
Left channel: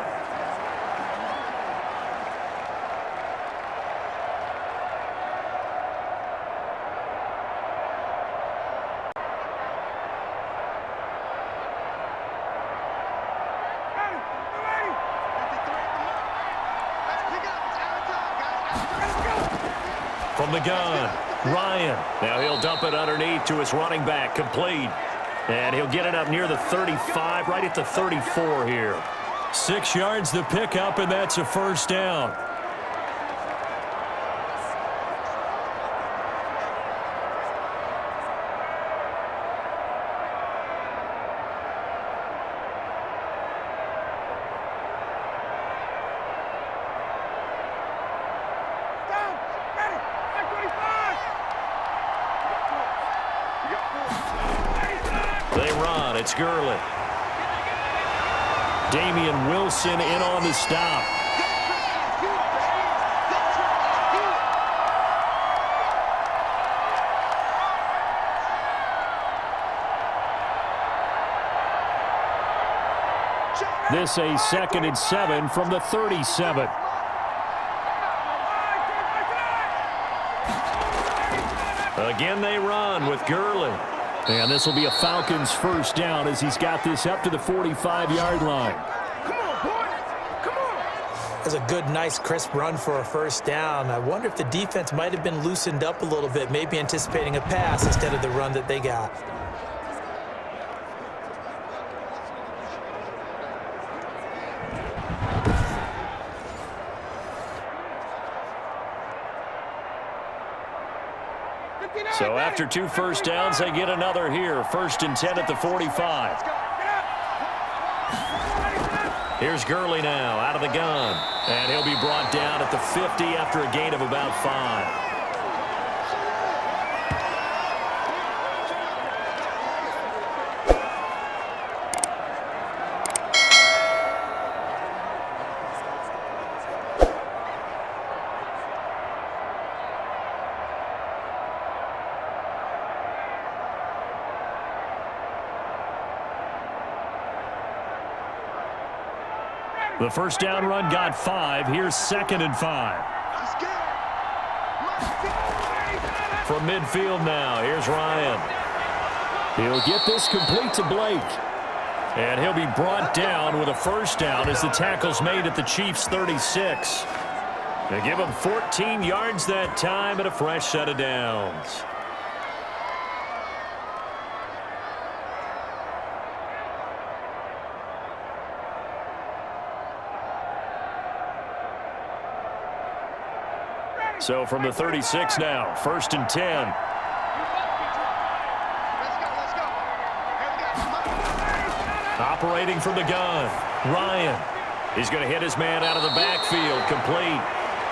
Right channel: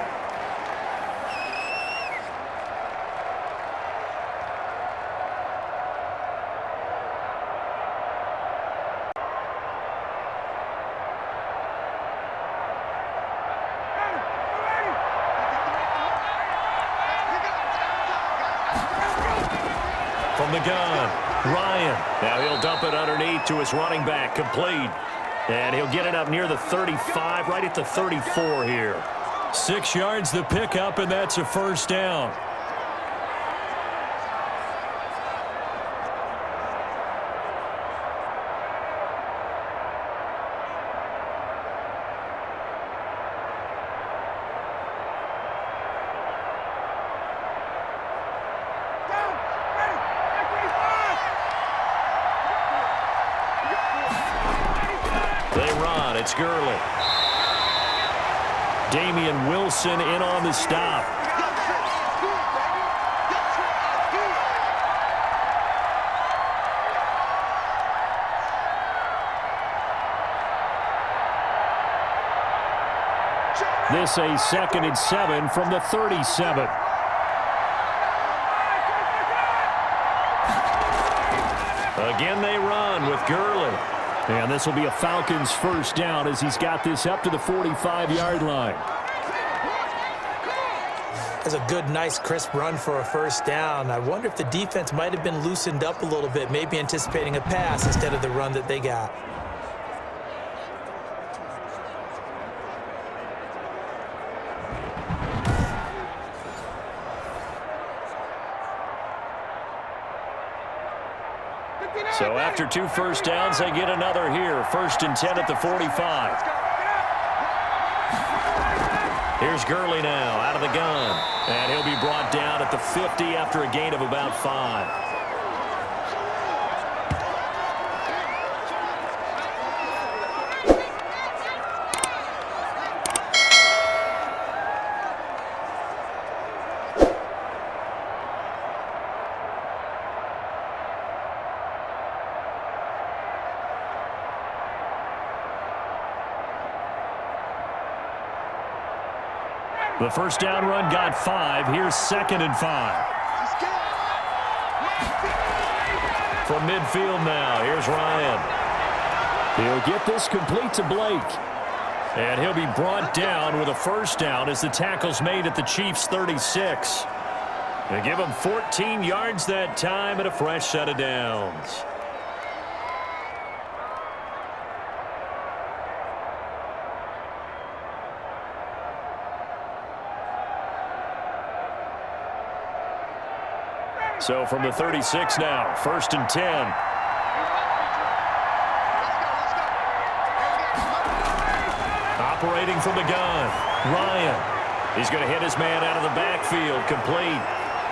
From the gun, Ryan. Now he'll dump it underneath to his running back, complete. And he'll get it up near the 35, right at the 34 here. 6 yards the pickup, and that's a 1st down. They run. It's Gurley. Damian Wilson in on the stop. This a 2nd and 7 from the 37. Again they run with Gurley. And this will be a Falcons 1st down as he's got this up to the 45-yard line. That's a good, nice, crisp run for a 1st down. I wonder if the defense might have been loosened up a little bit, maybe anticipating a pass instead of the run that they got. So after 2 1st downs, they get another here. 1st and 10 at the 45. Here's Gurley now out of the gun. And he'll be brought down at the 50 after a gain of about 5. The 1st down run got 5. Here's 2nd and 5. From midfield now, here's Ryan. He'll get this complete to Blake. And he'll be brought down with a first down as the tackle's made at the Chiefs' 36. They give him 14 yards that time and a fresh set of downs. So from the 36 now, 1st and 10. Operating from the gun, Ryan. He's going to hit his man out of the backfield, complete.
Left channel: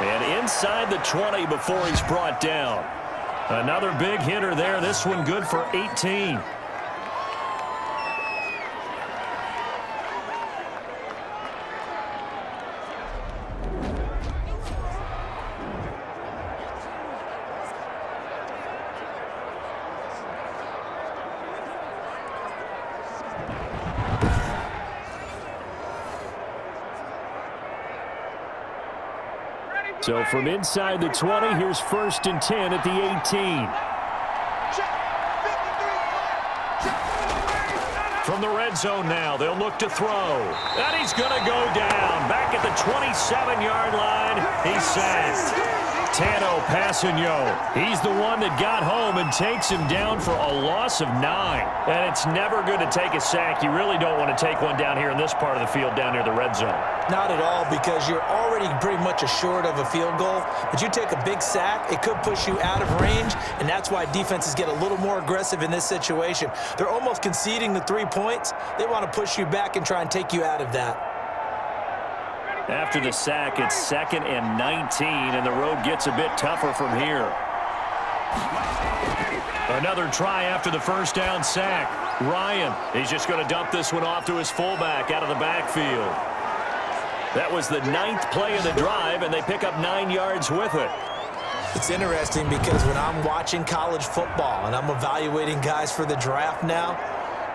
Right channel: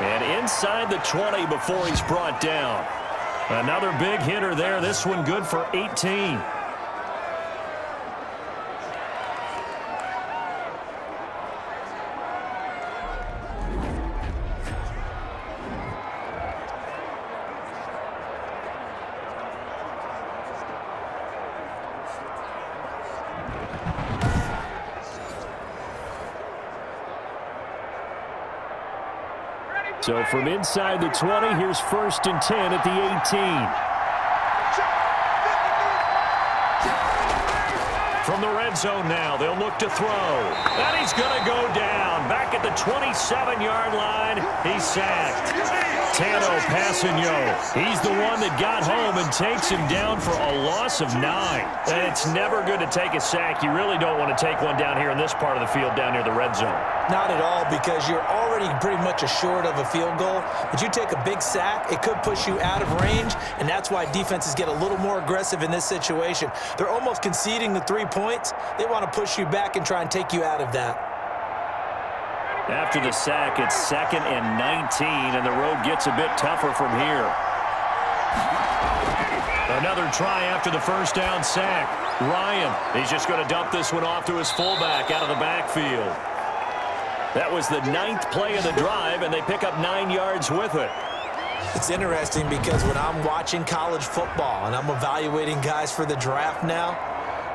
And inside the 20 before he's brought down. Another big hitter there, this one good for 18. So from inside the 20, here's 1st and 10 at the 18. From the red zone now, they'll look to throw. And he's going to go down. Back at the 27-yard line, he's sacked. Tano Passanio, he's the one that got home and takes him down for a loss of 9. And it's never good to take a sack. You really don't want to take one down here in this part of the field down near the red zone. Not at all, because you're already pretty much assured of a field goal. But you take a big sack, it could push you out of range, and that's why defenses get a little more aggressive in this situation. They're almost conceding the 3 points. They want to push you back and try and take you out of that. After the sack, it's 2nd and 19, and the road gets a bit tougher from here. Another try after the first down sack. Ryan, he's just going to dump this one off to his fullback out of the backfield. That was the 9th play of the drive, and they pick up 9 yards with it. It's interesting because when I'm watching college football and I'm evaluating guys for the draft now,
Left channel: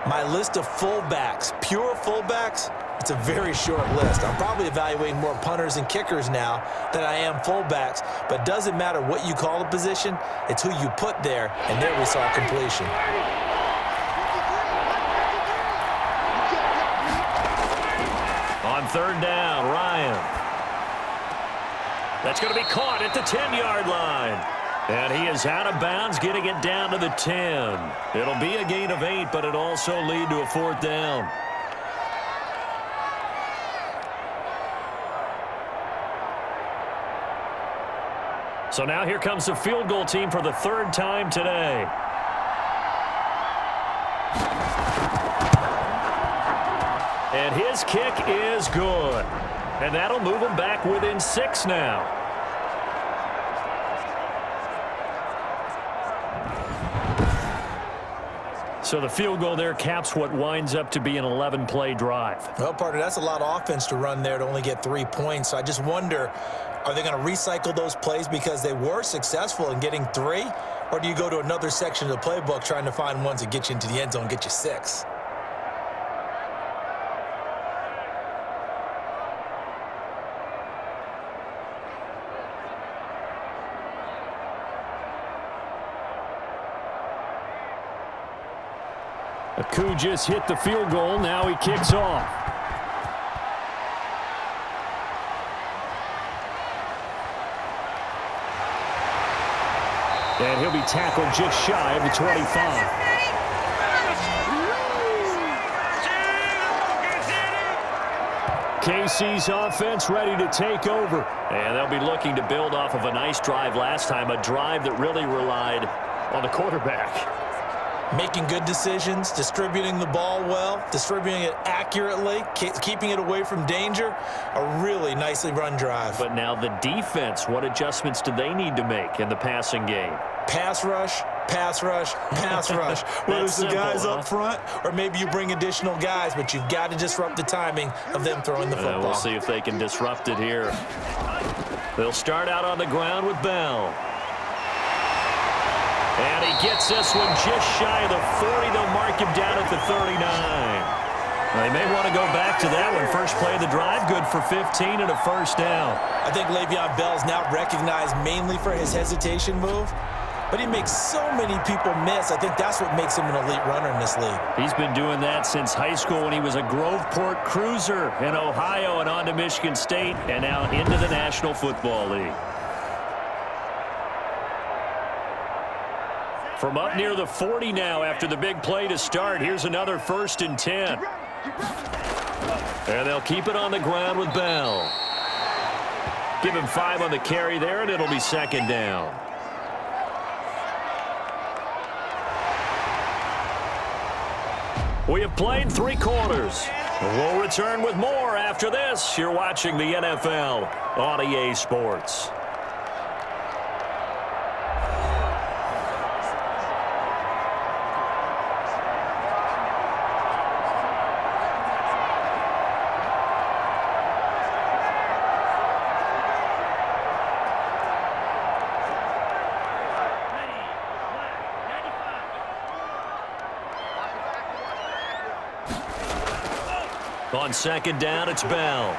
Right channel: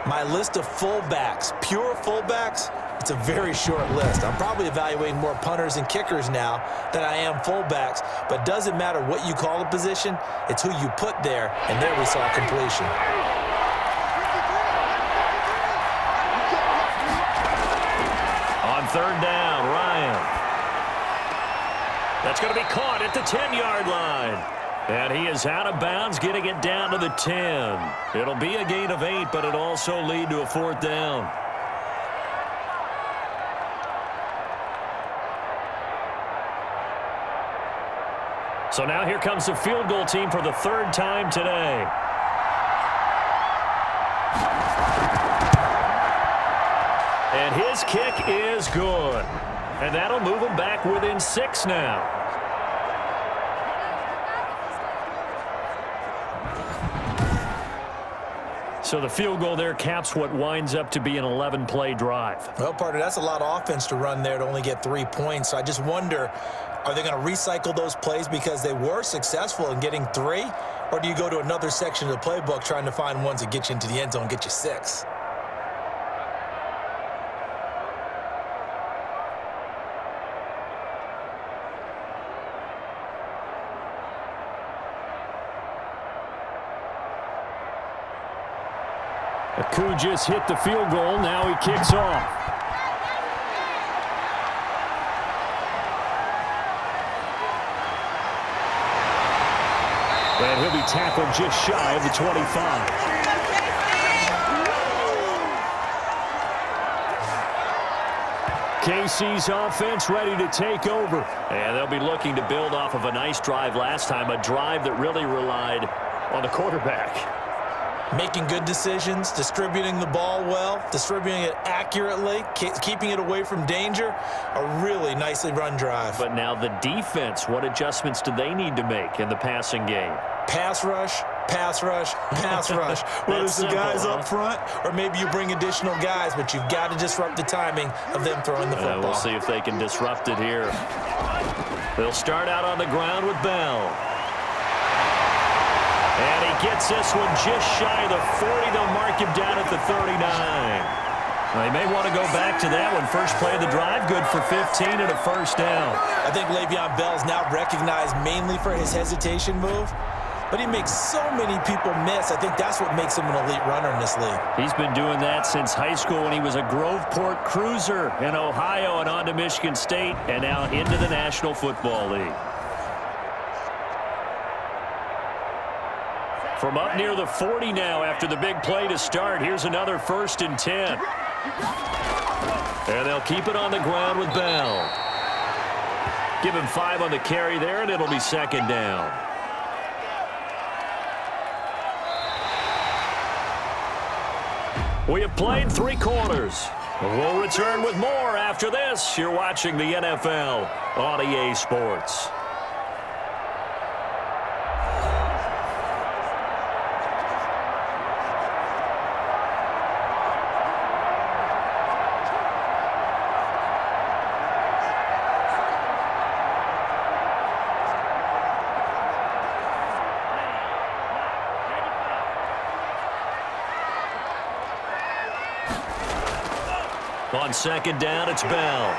my list of fullbacks, pure fullbacks, it's a very short list. I'm probably evaluating more punters and kickers now than I am fullbacks, but it doesn't matter what you call the position, it's who you put there, and there we saw completion. On 3rd down, Ryan. That's going to be caught at the 10-yard line. And he is out of bounds, getting it down to the 10. It'll be a gain of 8, but it'll also lead to a 4th down. So now here comes the field goal team for the 3rd time today. And his kick is good. And that'll move him back within 6 now. So the field goal there caps what winds up to be an 11-play drive. Well, partner, that's a lot of offense to run there to only get 3 points. So I just wonder, are they going to recycle those plays because they were successful in getting 3? Or do you go to another section of the playbook trying to find ones that get you into the end zone and get you 6? Aku just hit the field goal. Now he kicks off. And he'll be tackled just shy of the 25. KC's offense ready to take over. And they'll be looking to build off of a nice drive last time, a drive that really relied on the quarterback. Making good decisions, distributing the ball well, distributing it accurately, keeping it away from danger. A really nicely run drive. But now the defense, what adjustments do they need to make in the passing game? Pass rush, pass rush, pass rush. Whether it's the guys up front or maybe you bring additional guys, but you've got to disrupt the timing of them throwing the football. We'll see if they can disrupt it here. They'll start out on the ground with Bell. And he gets this one just shy of the 40. They'll mark him down at the 39. They may want to go back to that one. First play of the drive, good for 15 and a first down. I think Le'Veon Bell's now recognized mainly for his hesitation move. but he makes so many people miss. I think that's what makes him an elite runner in this league. He's been doing that since high school when he was a Groveport cruiser in Ohio and on to Michigan State and now into the National Football League. From up near the 40 now after the big play to start, here's another 1st and 10. And they'll keep it on the ground with Bell. Give him 5 on the carry there, and it'll be 2nd down. We have played 3 quarters. We'll return with more after this. You're watching the NFL on EA Sports. On 2nd down, it's Bell.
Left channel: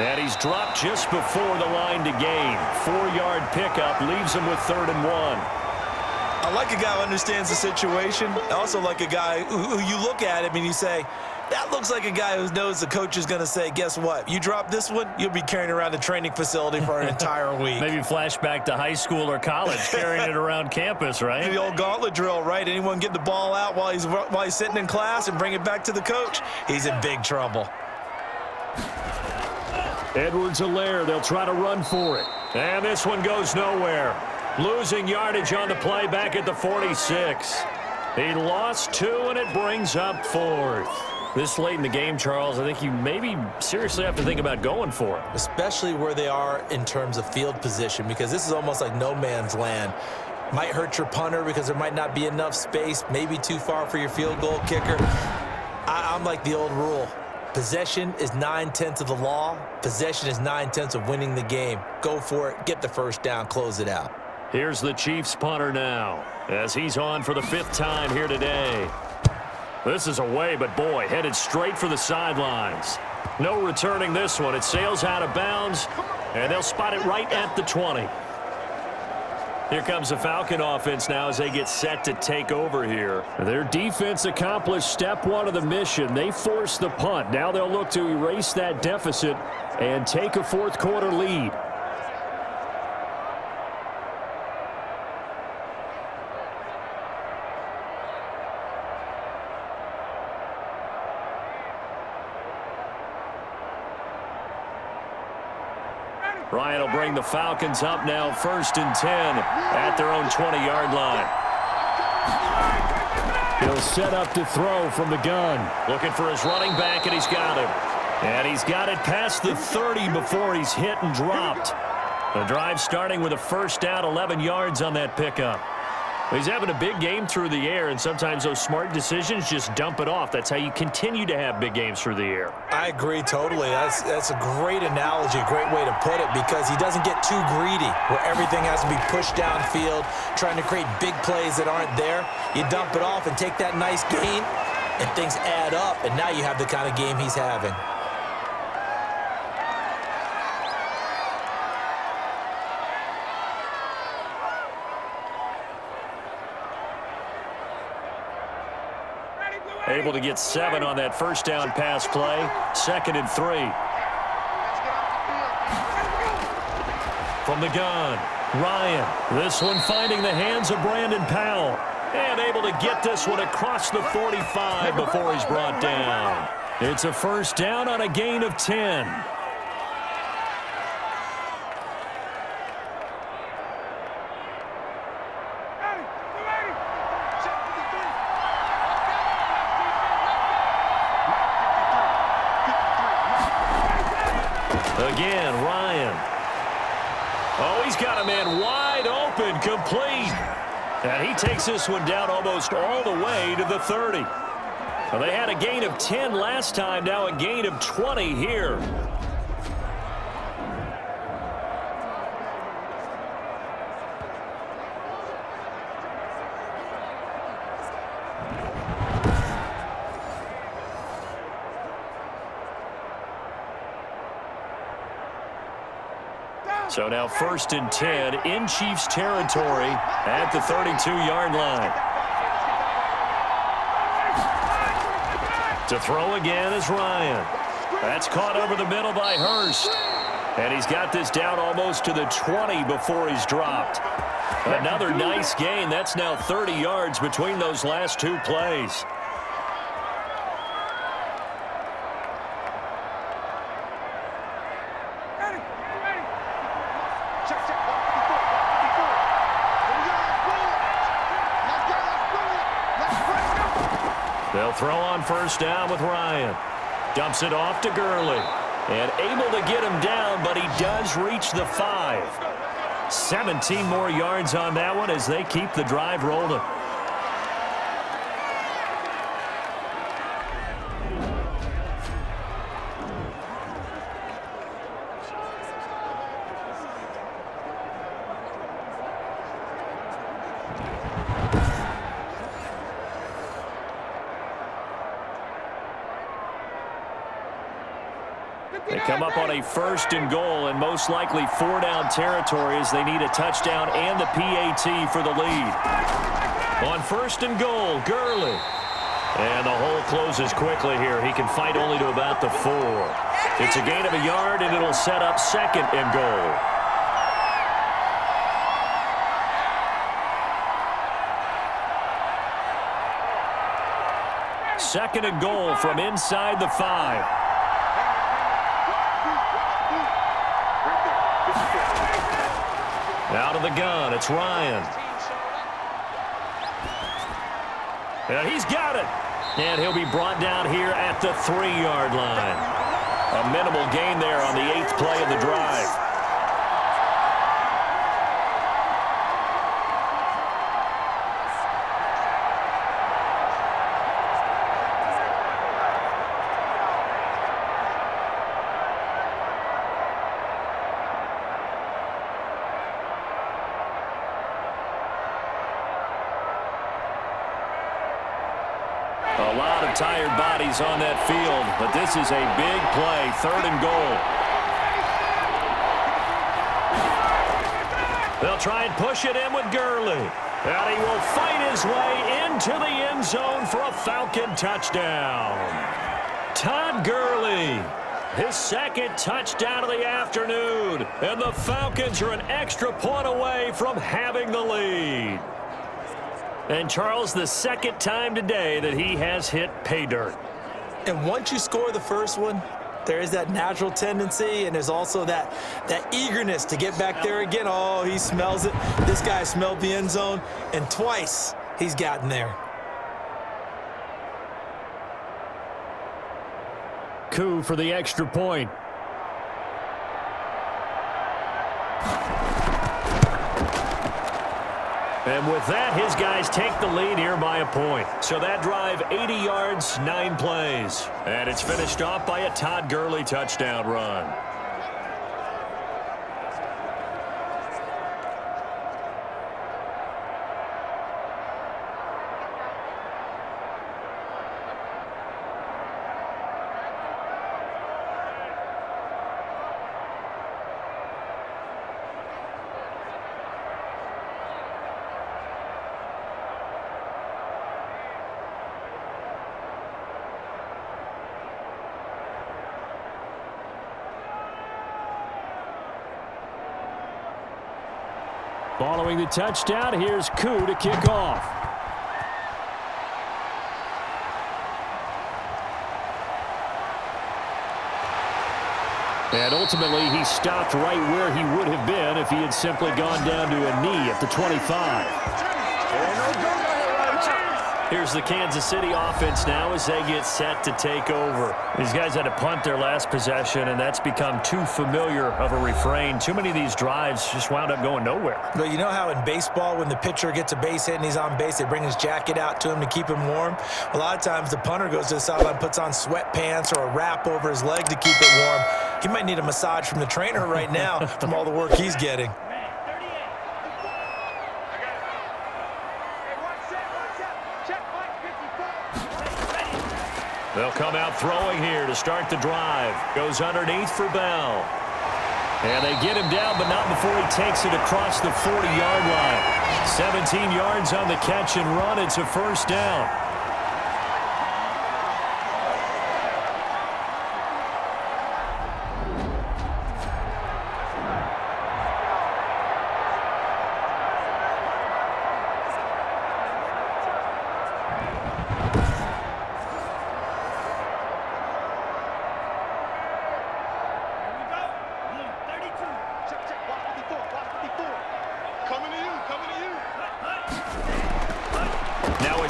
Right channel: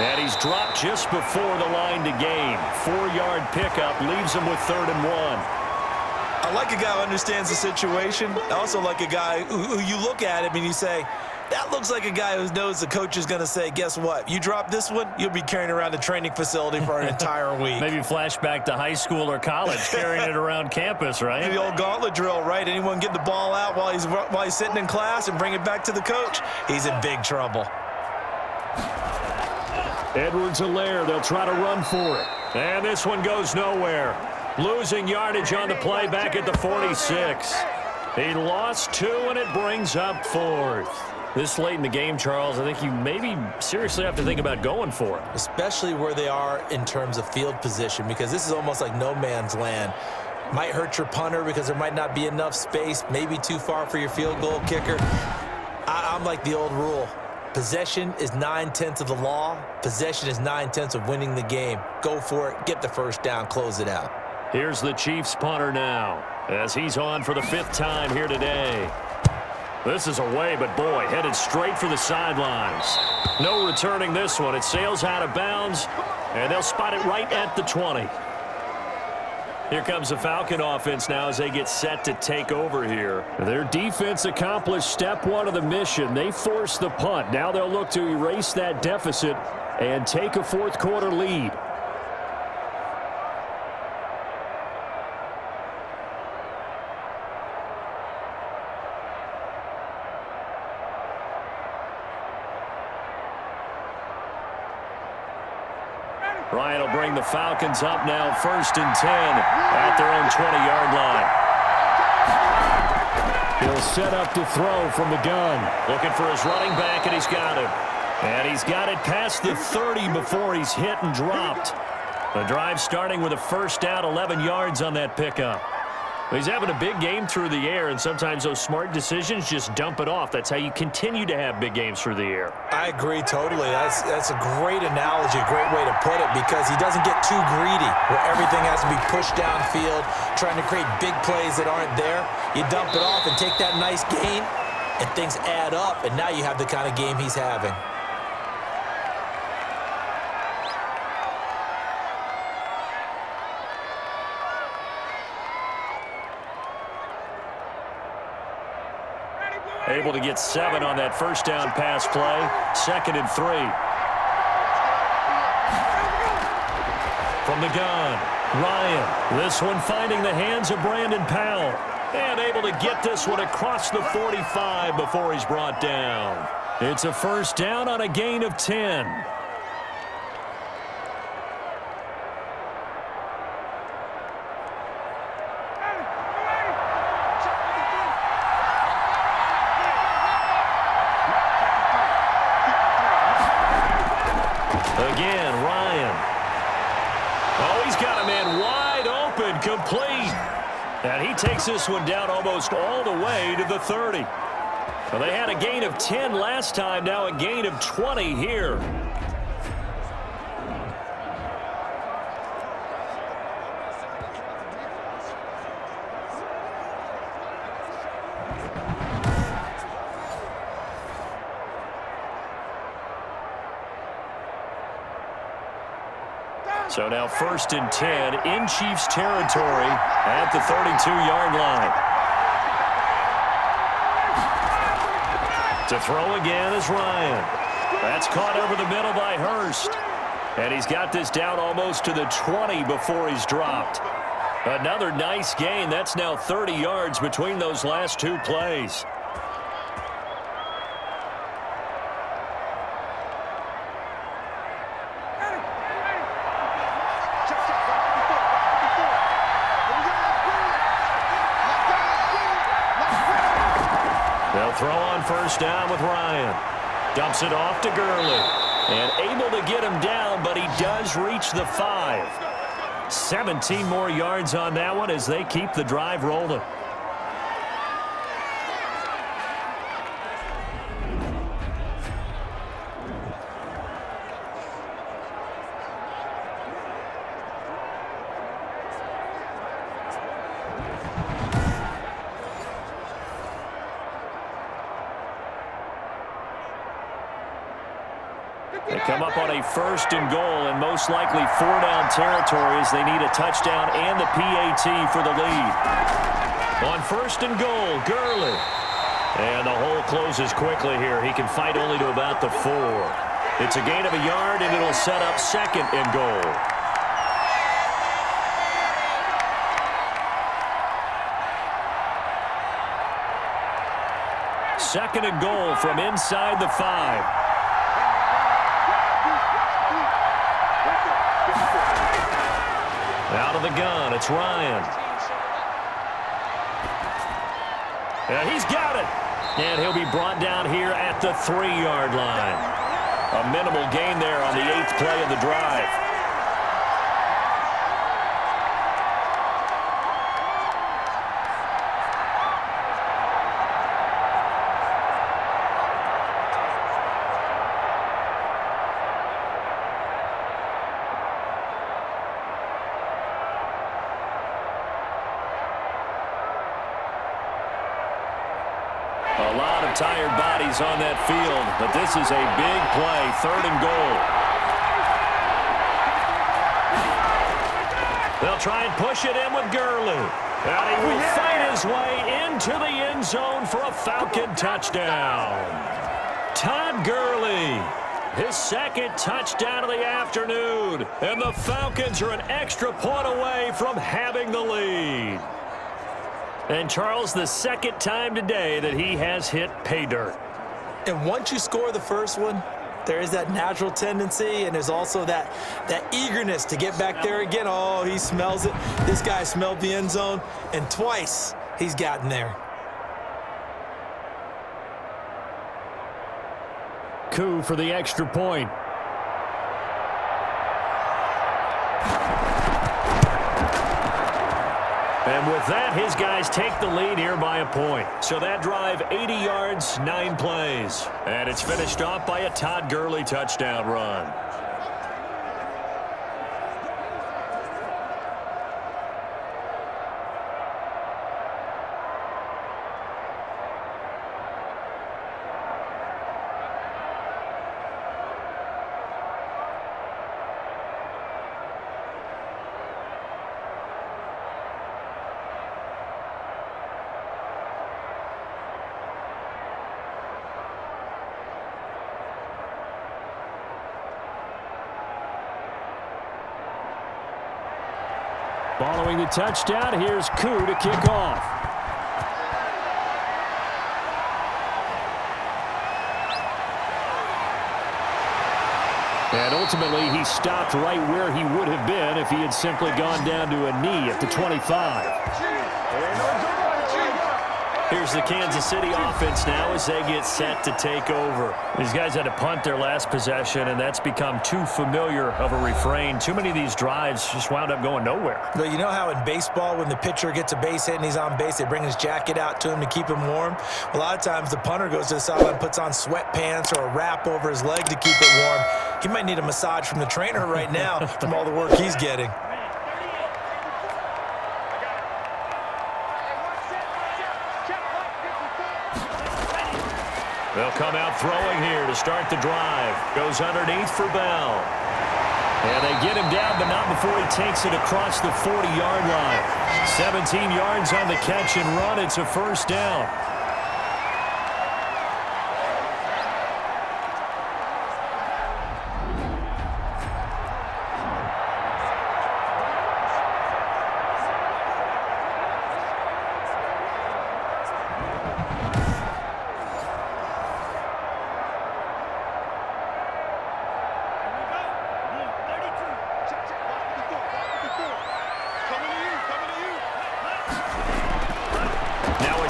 And he's dropped just before the line to gain. 4-yard pickup leaves him with 3rd and 1. I like a guy who understands the situation. I also like a guy who you look at him and you say, that looks like a guy who knows the coach is going to say, guess what? You drop this one, you'll be carrying around the training facility for an entire week. Maybe flashback to high school or college, carrying it around campus, right? The old gauntlet drill, right? Anyone get the ball out while he's sitting in class and bring it back to the coach, he's in big trouble. Edwards-Helaire, they'll try to run for it. And this one goes nowhere. Losing yardage on the play back at the 46. He lost 2, and it brings up 4th. This late in the game, Charles, I think you maybe seriously have to think about going for it. Especially where they are in terms of field position, because this is almost like no man's land. Might hurt your punter because there might not be enough space, maybe too far for your field goal kicker. I'm like the old rule. Possession is 9/10 of the law. Possession is 9/10 of winning the game. Go for it, get the 1st down, close it out. Here's the Chiefs punter now, as he's on for the 5th time here today. This is away, but boy, headed straight for the sidelines. No returning this one. It sails out of bounds, and they'll spot it right at the 20. Here comes the Falcon offense now as they get set to take over here. Their defense accomplished step 1 of the mission. They forced the punt. Now they'll look to erase that deficit and take a 4th quarter lead. Ryan will bring the Falcons up now 1st and 10 at their own 20-yard line. He'll set up to throw from the gun. Looking for his running back, and he's got him. And he's got it past the 30 before he's hit and dropped. The drive starting with a 1st down, 11 yards on that pickup. He's having a big game through the air, and sometimes those smart decisions just dump it off. That's how you continue to have big games through the air. I agree totally. That's a great analogy, a great way to put it, because he doesn't get too greedy where everything has to be pushed downfield, trying to create big plays that aren't there. You dump it off and take that nice gain, and things add up, and now you have the kind of game he's having. Able to get 7 on that 1st down pass play. 2nd and 3. From the gun, Ryan. This one finding the hands of Brandon Powell. And able to get this one across the 45 before he's brought down. It's a 1st down on a gain of 10. Again, Ryan. Oh, he's got a man wide open, complete. And he takes this one down almost all the way to the 30. Well, they had a gain of 10 last time, now a gain of 20 here. So now 1st and 10 in Chiefs territory at the 32-yard line. To throw again is Ryan. That's caught over the middle by Hurst. And he's got this down almost to the 20 before he's dropped. Another nice gain. That's now 30 yards between those last 2 plays. They'll throw on 1st down with Ryan. Dumps it off to Gurley. And able to get him down, but he does reach the 5. 17 more yards on that one as they keep the drive rolling. They come up on a 1st and goal and most likely 4-down territory as they need a touchdown and the PAT for the lead. On 1st and goal, Gurley. And the hole closes quickly here. He can fight only to about the 4. It's a gain of a yard, and it'll set up 2nd and goal. Second and goal from inside the 5. Out of the gun, it's Ryan. And he's got it. And he'll be brought down here at the 3-yard line. A minimal gain there on the 8th play of the drive. A lot of tired bodies on that field, but this is a big play, 3rd and goal. They'll try and push it in with Gurley. And he will fight his way into the end zone for a Falcon touchdown. Todd Gurley, his 2nd touchdown of the afternoon. And the Falcons are an extra point away from having the lead. And Charles, the 2nd time today that he has hit pay dirt. And once you score the first one, there is that natural tendency, and there's also that eagerness to get back there again. Oh, he smells it. This guy smelled the end zone, and twice he's gotten there. Coup for the extra point. And with that, his guys take the lead here by a point. So that drive, 80 yards, 9 plays. And it's finished off by a Todd Gurley touchdown run. Following the touchdown, here's Koo to kick off. And ultimately, he stopped right where he would have been if he had simply gone down to a knee at the 25. Here's the Kansas City offense now as they get set to take over. These guys had to punt their last possession, and that's become too familiar of a refrain. Too many of these drives just wound up going nowhere. But you know how in baseball, when the pitcher gets a base hit and he's on base, they bring his jacket out to him to keep him warm? A lot of times the punter goes to the sideline, puts on sweatpants or a wrap over his leg to keep it warm. He might need a massage from the trainer right now from all the work he's getting. They'll come out throwing here to start the drive. Goes underneath for Bell. And they get him down, but not before he takes it across the 40-yard line. 17 yards on the catch and run. It's a first down.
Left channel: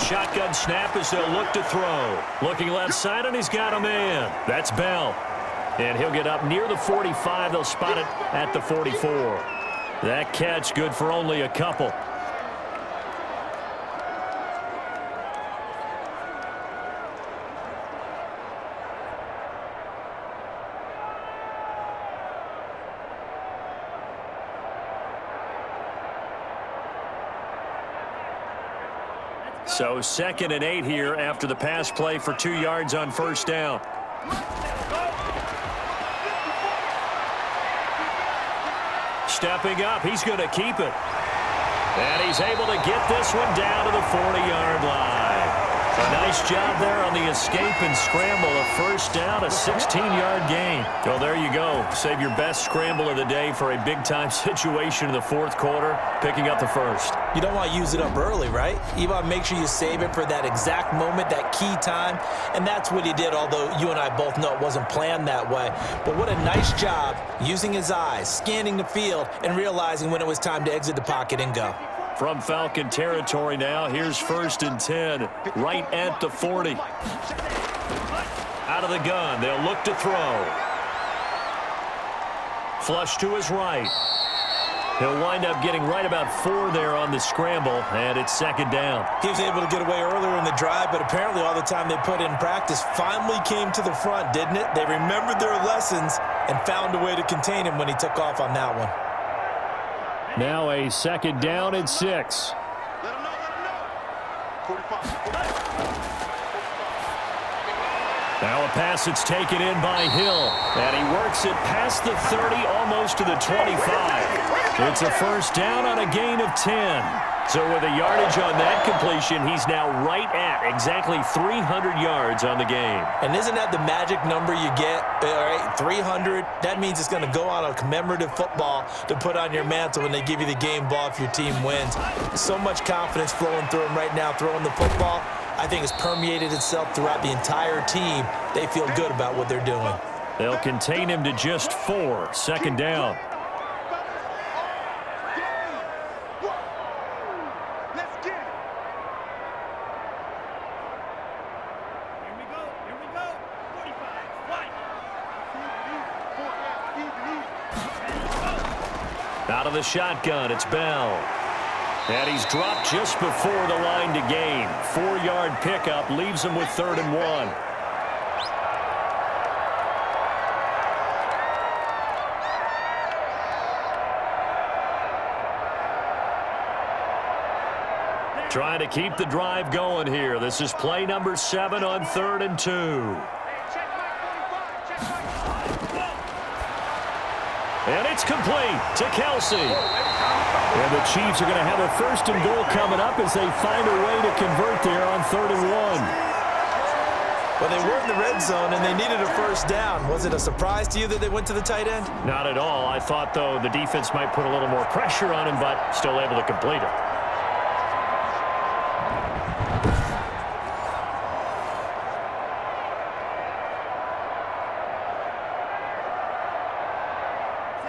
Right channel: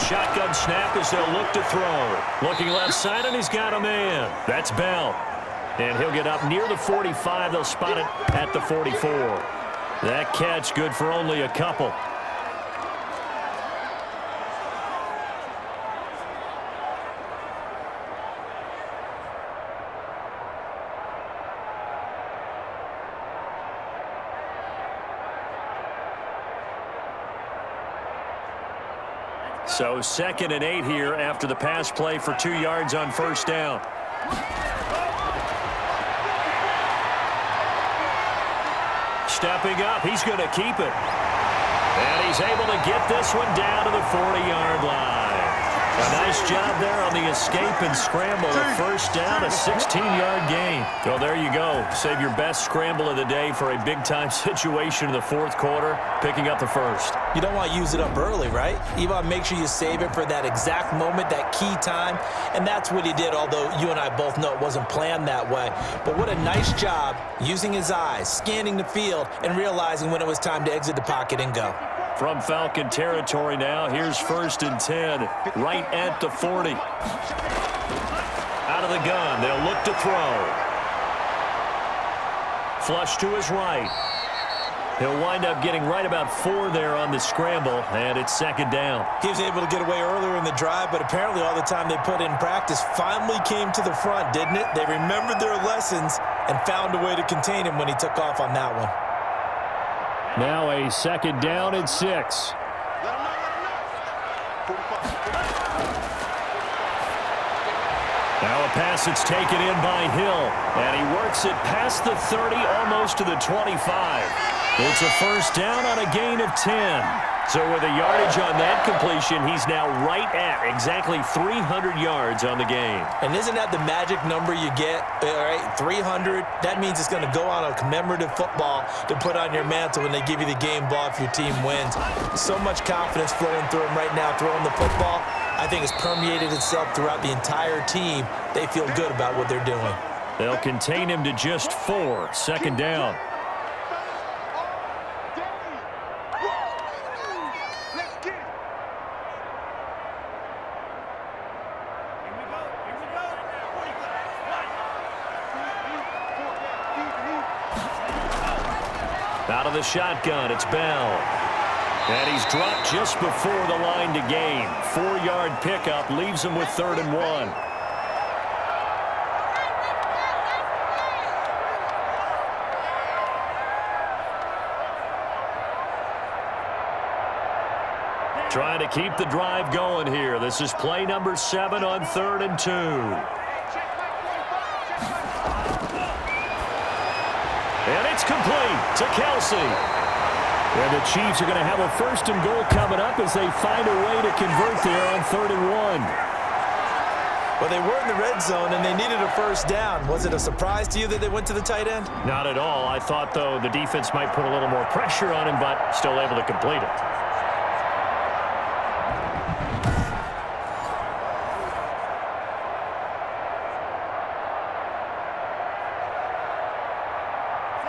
Shotgun snap as they'll look to throw. Looking left side, and he's got a man. That's Bell. And he'll get up near the 45. They'll spot it at the 44. That catch good for only a couple. So 2nd and 8 here after the pass play for 2 yards on first down. Stepping up, he's going to keep it. And he's able to get this one down to the 40-yard line. A nice job there on the escape and scramble. A first down, a 16-yard gain. So there you go. Save your best scramble of the day for a big-time situation in the fourth quarter, picking up the first. You don't want to use it up early, right? You want to make sure you save it for that exact moment, that key time. And that's what he did, although you and I both know it wasn't planned that way. But what a nice job using his eyes, scanning the field, and realizing when it was time to exit the pocket and go. From Falcon territory now, here's 1st and 10, right at the 40. Out of the gun, they'll look to throw. Flush to his right. He'll wind up getting right about 4 there on the scramble, and it's 2nd down. He was able to get away earlier in the drive, but apparently all the time they put in practice finally came to the front, didn't it? They remembered their lessons and found a way to contain him when he took off on that one. Now a 2nd down and 6. Let him know, let him know. 45. Now a pass that's taken in by Hill, and he works it past the 30, almost to the 25. It's a first down on a gain of 10. So with a yardage on that completion, he's now right at exactly 300 yards on the game. And isn't that the magic number you get? All right, 300. That means it's going to go on a commemorative football to put on your mantle when they give you the game ball if your team wins. So much confidence flowing through him right now, throwing the football. I think it's permeated itself throughout the entire team. They feel good about what they're doing. They'll contain him to just 4. 2nd down. Out of the shotgun, it's Bell. And he's dropped just before the line to gain. 4-yard pickup leaves him with 3rd and 1. Trying to keep the drive going here. This is play number 7 on 3rd and 2. And it's complete to Kelsey. And the Chiefs are going to have a 1st and goal coming up as they find a way to convert there on 3rd and 1. Well, they were in the red zone, and they needed a first down. Was it a surprise to you that they went to the tight end? Not at all. I thought, though, the defense might put a little more pressure on him, but still able to complete it.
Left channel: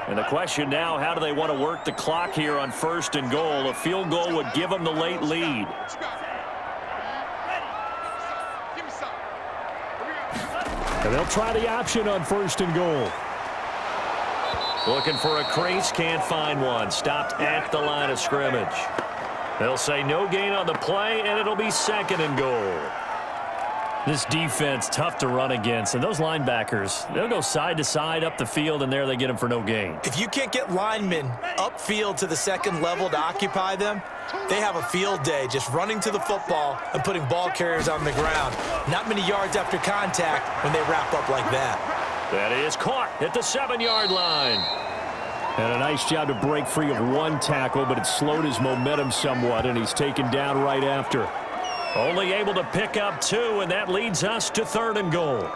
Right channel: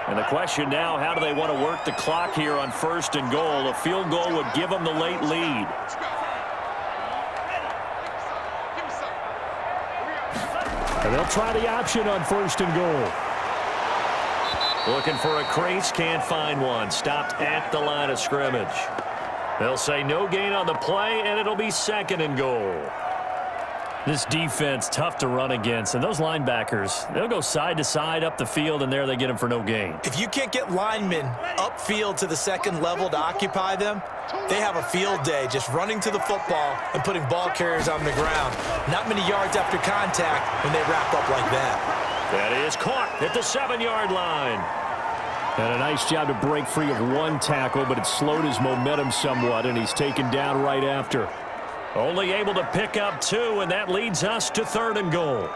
And the question now, how do they want to work the clock here on 1st and goal? A field goal would give them the late lead. And they'll try the option on 1st and goal. Looking for a crease, can't find one. Stopped at the line of scrimmage. They'll say no gain on the play, and it'll be 2nd and goal. This defense, tough to run against. And those linebackers, they'll go side to side up the field, and there they get them for no gain. If you can't get linemen upfield to the 2nd level to occupy them, they have a field day just running to the football and putting ball carriers on the ground. Not many yards after contact when they wrap up like that. That is caught at the 7-yard line. And a nice job to break free of one tackle, but it slowed his momentum somewhat, and he's taken down right after. Only able to pick up 2, and that leads us to 3rd and goal.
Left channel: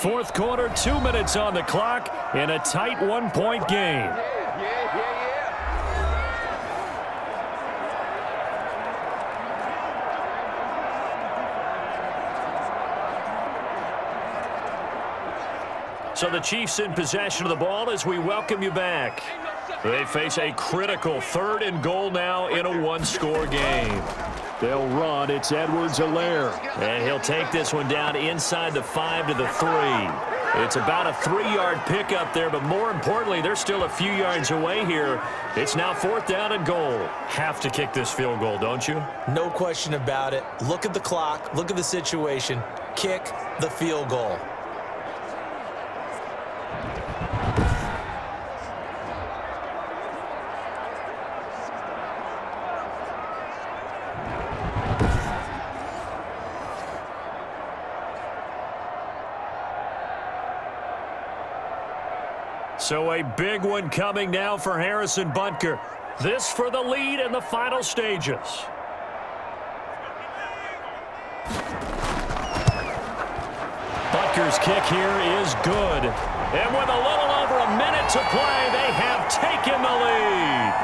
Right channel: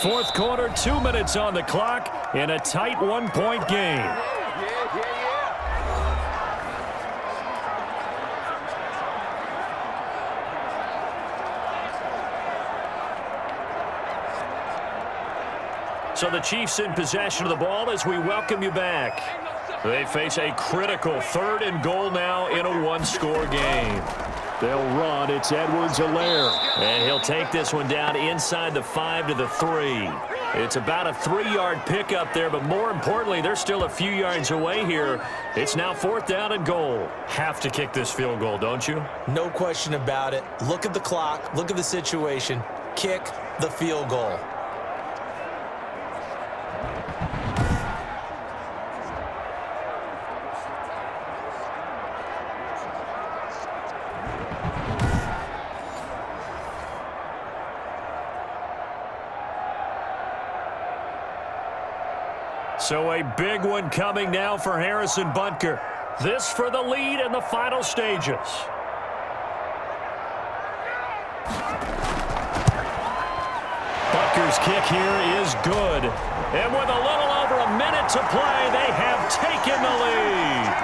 Fourth quarter, 2 minutes on the clock in a tight 1-point game. So the Chiefs in possession of the ball as we welcome you back. They face a critical 3rd and goal now in a 1-score game. They'll run. It's Edwards-Helaire. And he'll take this one down inside the 5 to the 3. It's about a 3-yard pickup there, but more importantly, they're still a few yards away here. It's now 4th down and goal. Have to kick this field goal, don't you? No question about it. Look at the clock. Look at the situation. Kick the field goal. So a big one coming now for Harrison Butker. This for the lead in the final stages. Butker's kick here is good. And with a little over a minute to play, they have taken the lead.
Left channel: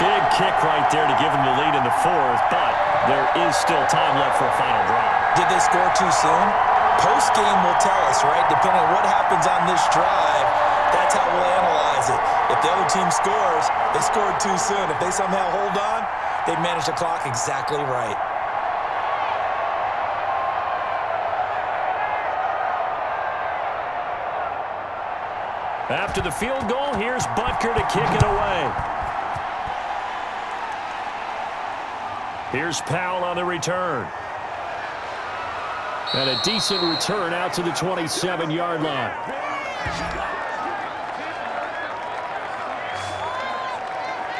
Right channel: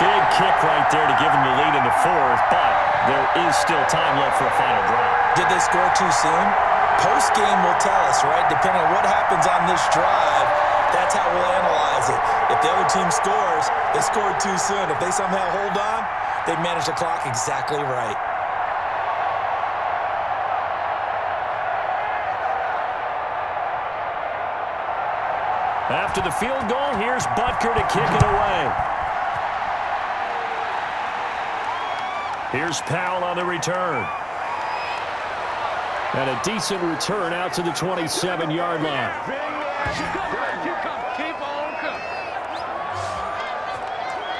Big kick right there to give them the lead in the 4th, but there is still time left for a final drive. Did they score too soon? Post-game will tell us, right? Depending on what happens on this drive, that's how we'll analyze it. If the other team scores, they scored too soon. If they somehow hold on, they manage the clock exactly right. After the field goal, here's Butker to kick it away. Here's Powell on the return. And a decent return out to the 27-yard line.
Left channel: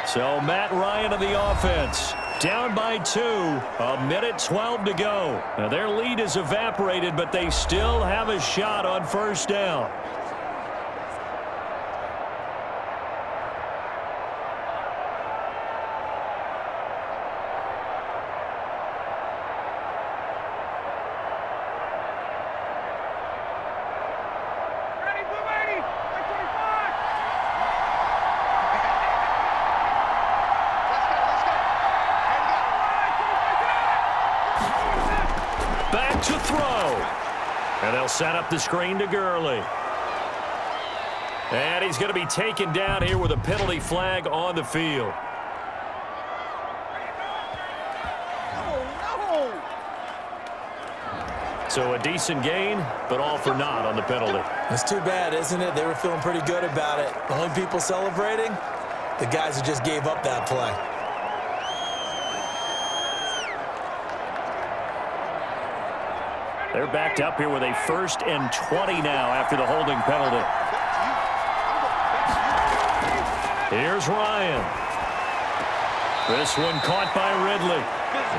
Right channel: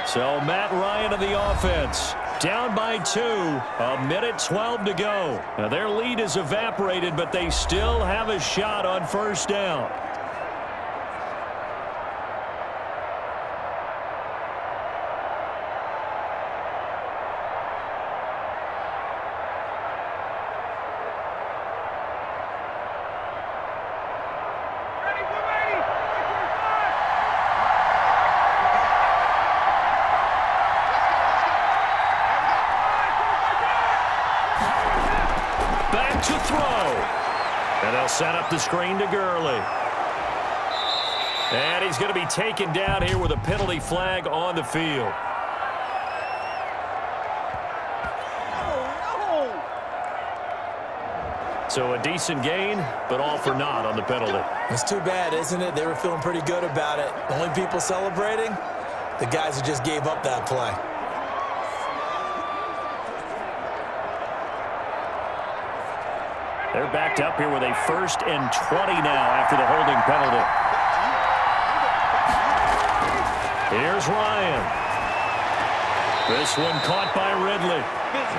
So Matt Ryan of the offense. Down by 2. A minute 12 to go. Now their lead is evaporated, but they still have a shot on 1st down. Back to throw. And they'll set up the screen to Gurley. And he's going to be taken down here with a penalty flag on the field. So a decent gain, but all for naught on the penalty. It's too bad, isn't it? They were feeling pretty good about it. The only people celebrating, the guys who just gave up that play. They're backed up here with a 1st and 20 now after the holding penalty. Here's Ryan. This one caught by Ridley.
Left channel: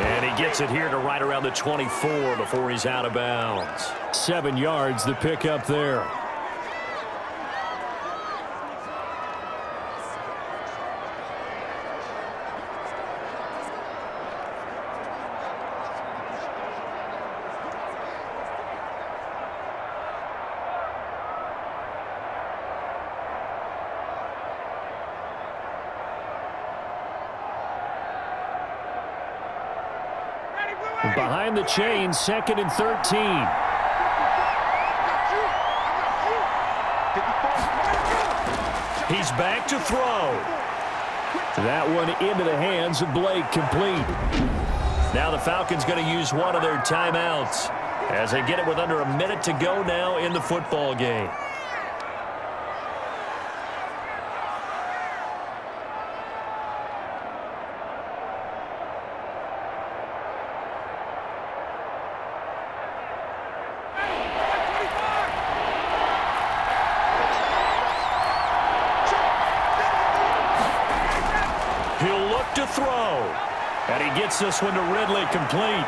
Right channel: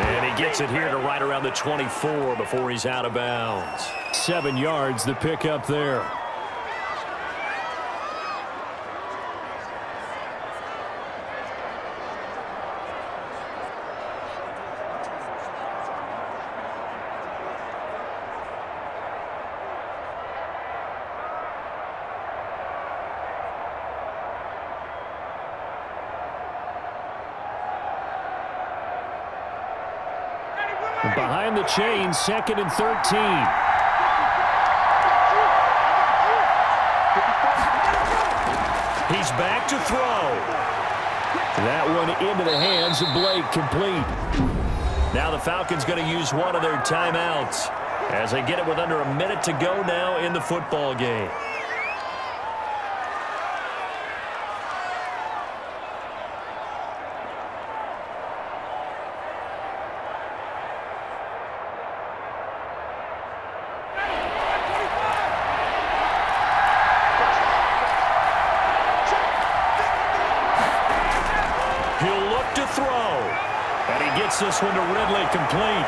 And he gets it here to right around the 24 before he's out of bounds. 7 yards, the pickup there. Behind the chain, 2nd and 13. He's back to throw. That one into the hands of Blake, complete. Now the Falcons going to use one of their timeouts as they get it with under a minute to go now in the football game. look to throw. And he gets this one to Ridley complete.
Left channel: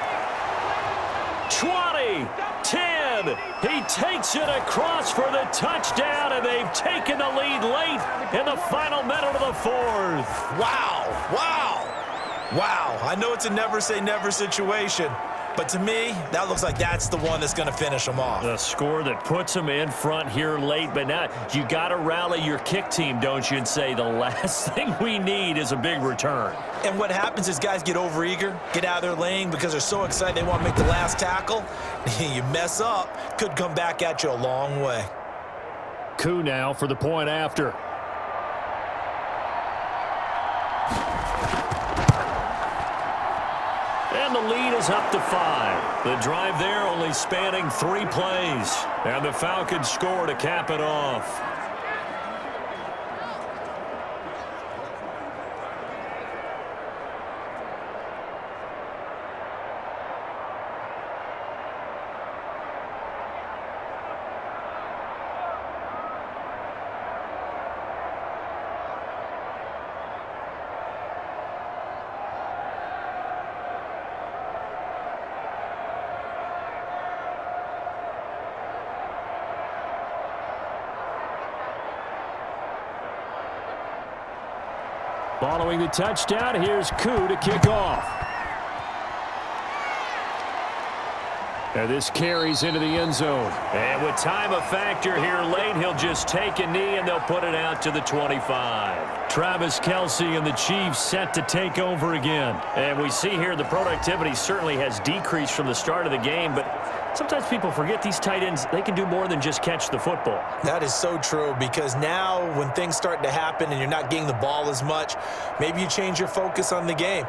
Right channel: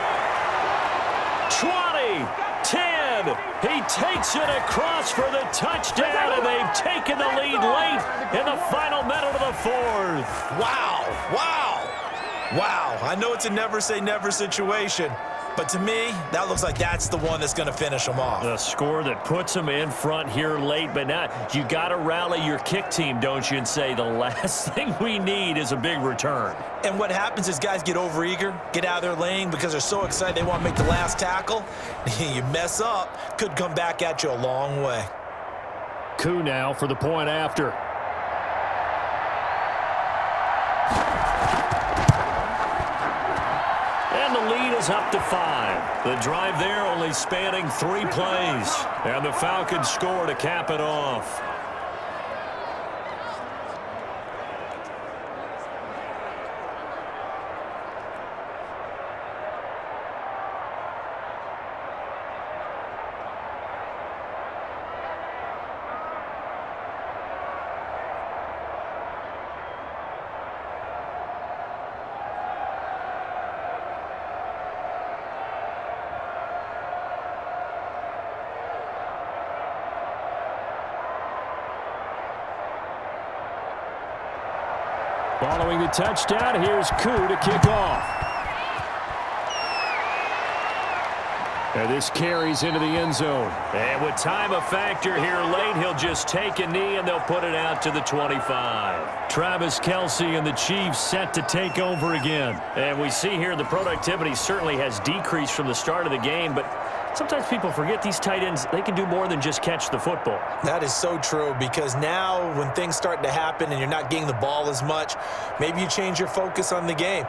20, 10. He takes it across for the touchdown, and they've taken the lead late in the final minute of the fourth. Wow, wow, wow. I know it's a never say never situation, but to me, that looks like that's the one that's going to finish them off. The score that puts them in front here late, but now you got to rally your kick team, don't you, and say the last thing we need is a big return. And what happens is guys get overeager, get out of their lane because they're so excited they want to make the last tackle. You mess up, could come back at you a long way. Coup now for the point after. And the lead is up to 5. The drive there only spanning 3 plays. And the Falcons score to cap it off. Following the touchdown, here's Coup to kick off. And this carries into the end zone. And with time a factor here late, he'll just take a knee and they'll put it out to the 25. Travis Kelce and the Chiefs set to take over again. And we see here the productivity certainly has decreased from the start of the game, but sometimes people forget these tight ends, they can do more than just catch the football. That is so true, because now when things start to happen and you're not getting the ball as much, maybe you change your focus on the game.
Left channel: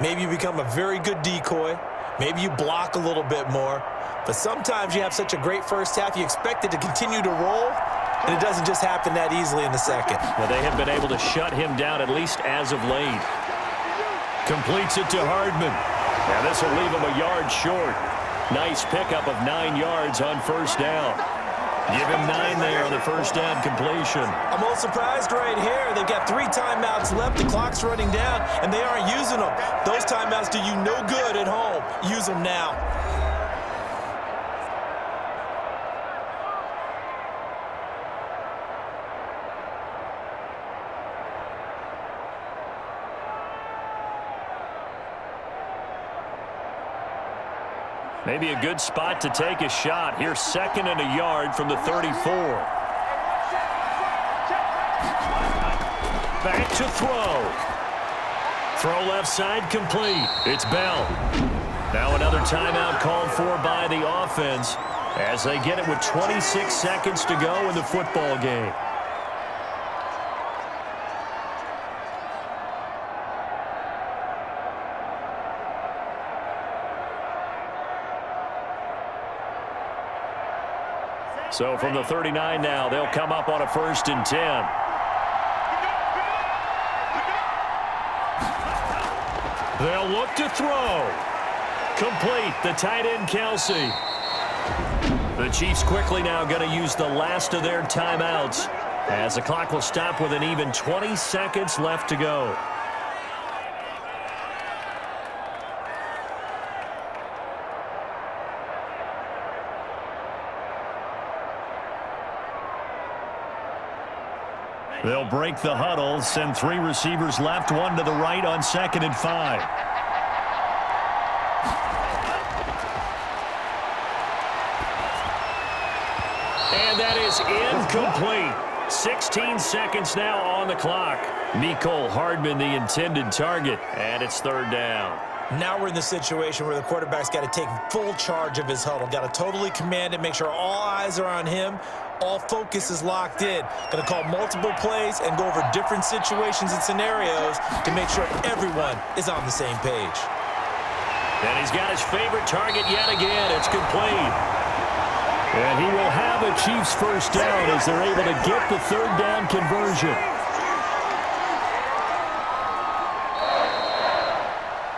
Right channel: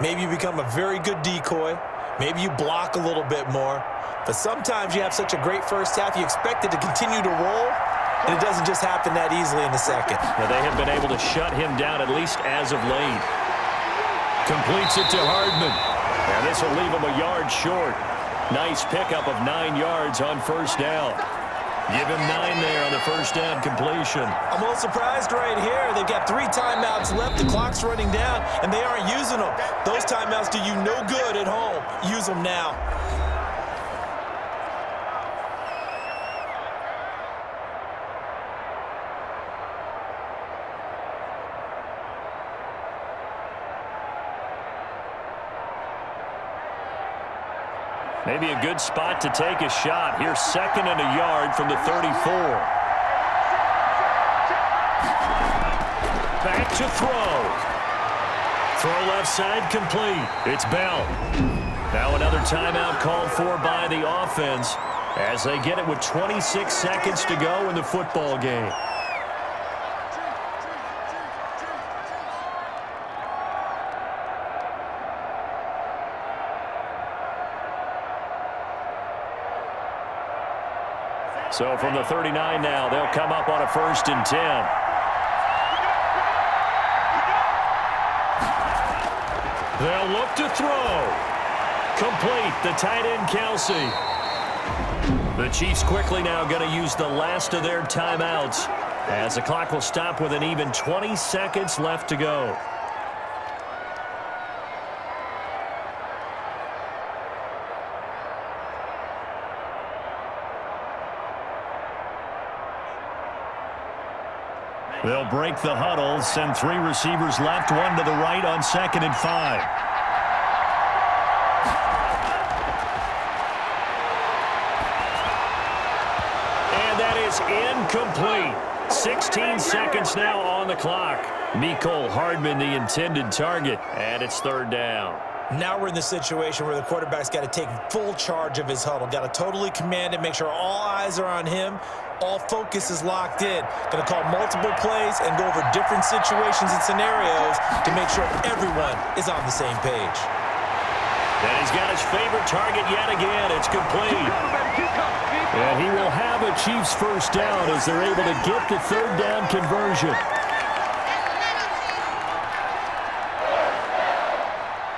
Maybe you become a very good decoy. Maybe you block a little bit more. But sometimes you have such a great first half, you expect it to continue to roll, and it doesn't just happen that easily in the second. Now they have been able to shut him down, at least as of late. Completes it to Hardman. Now this will leave him a yard short. Nice pickup of 9 yards on first down. Give him 9 there on the first down completion. I'm a little surprised right here. They've got 3 timeouts left. The clock's running down, and they aren't using them. Those timeouts do you no good at home. Use them now. Maybe a good spot to take a shot. Here's 2nd and a yard from the 34. Back to throw. Throw left side complete. It's Bell. Now another timeout called for by the offense as they get it with 26 seconds to go in the football game. So from the 39 now, they'll come up on a 1st and 10. They'll look to throw. Complete, the tight end Kelce. The Chiefs quickly now going to use the last of their timeouts as the clock will stop with an even 20 seconds left to go. They'll break the huddle, send 3 receivers left, 1 to the right on 2nd and 5. And that is incomplete. 16 seconds now on the clock. Mecole Hardman, the intended target, and it's 3rd down. Now we're in the situation where the quarterback's got to take full charge of his huddle. Got to totally command it, make sure all eyes are on him. All focus is locked in. Going to call multiple plays and go over different situations and scenarios to make sure everyone is on the same page. And he's got his favorite target yet again. It's complete. And he will have a Chiefs first down as they're able to get the 3rd down conversion.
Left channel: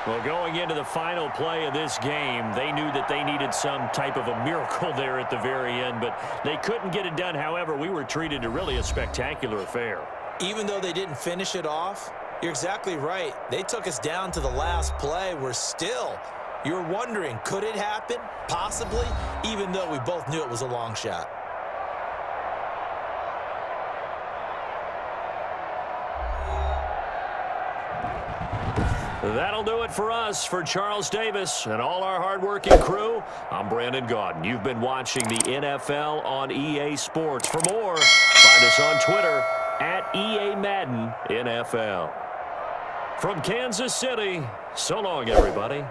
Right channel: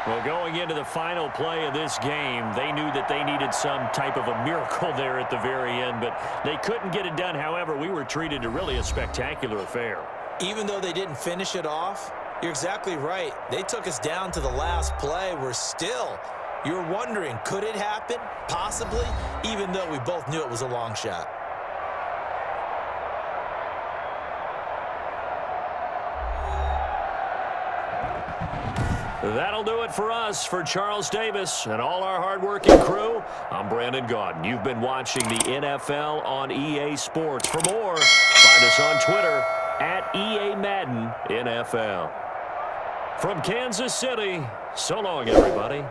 Well, going into the final play of this game, they knew that they needed some type of a miracle there at the very end, but they couldn't get it done. However, we were treated to really a spectacular affair. Even though they didn't finish it off, You're exactly right. They took us down to the last play. You're wondering, could it happen? Possibly, even though we both knew it was a long shot. That'll do it for us. For Charles Davis and all our hardworking crew, I'm Brandon Gaudin. You've been watching the NFL on EA Sports. For more, find us on Twitter at EA Madden NFL. From Kansas City, so long, everybody.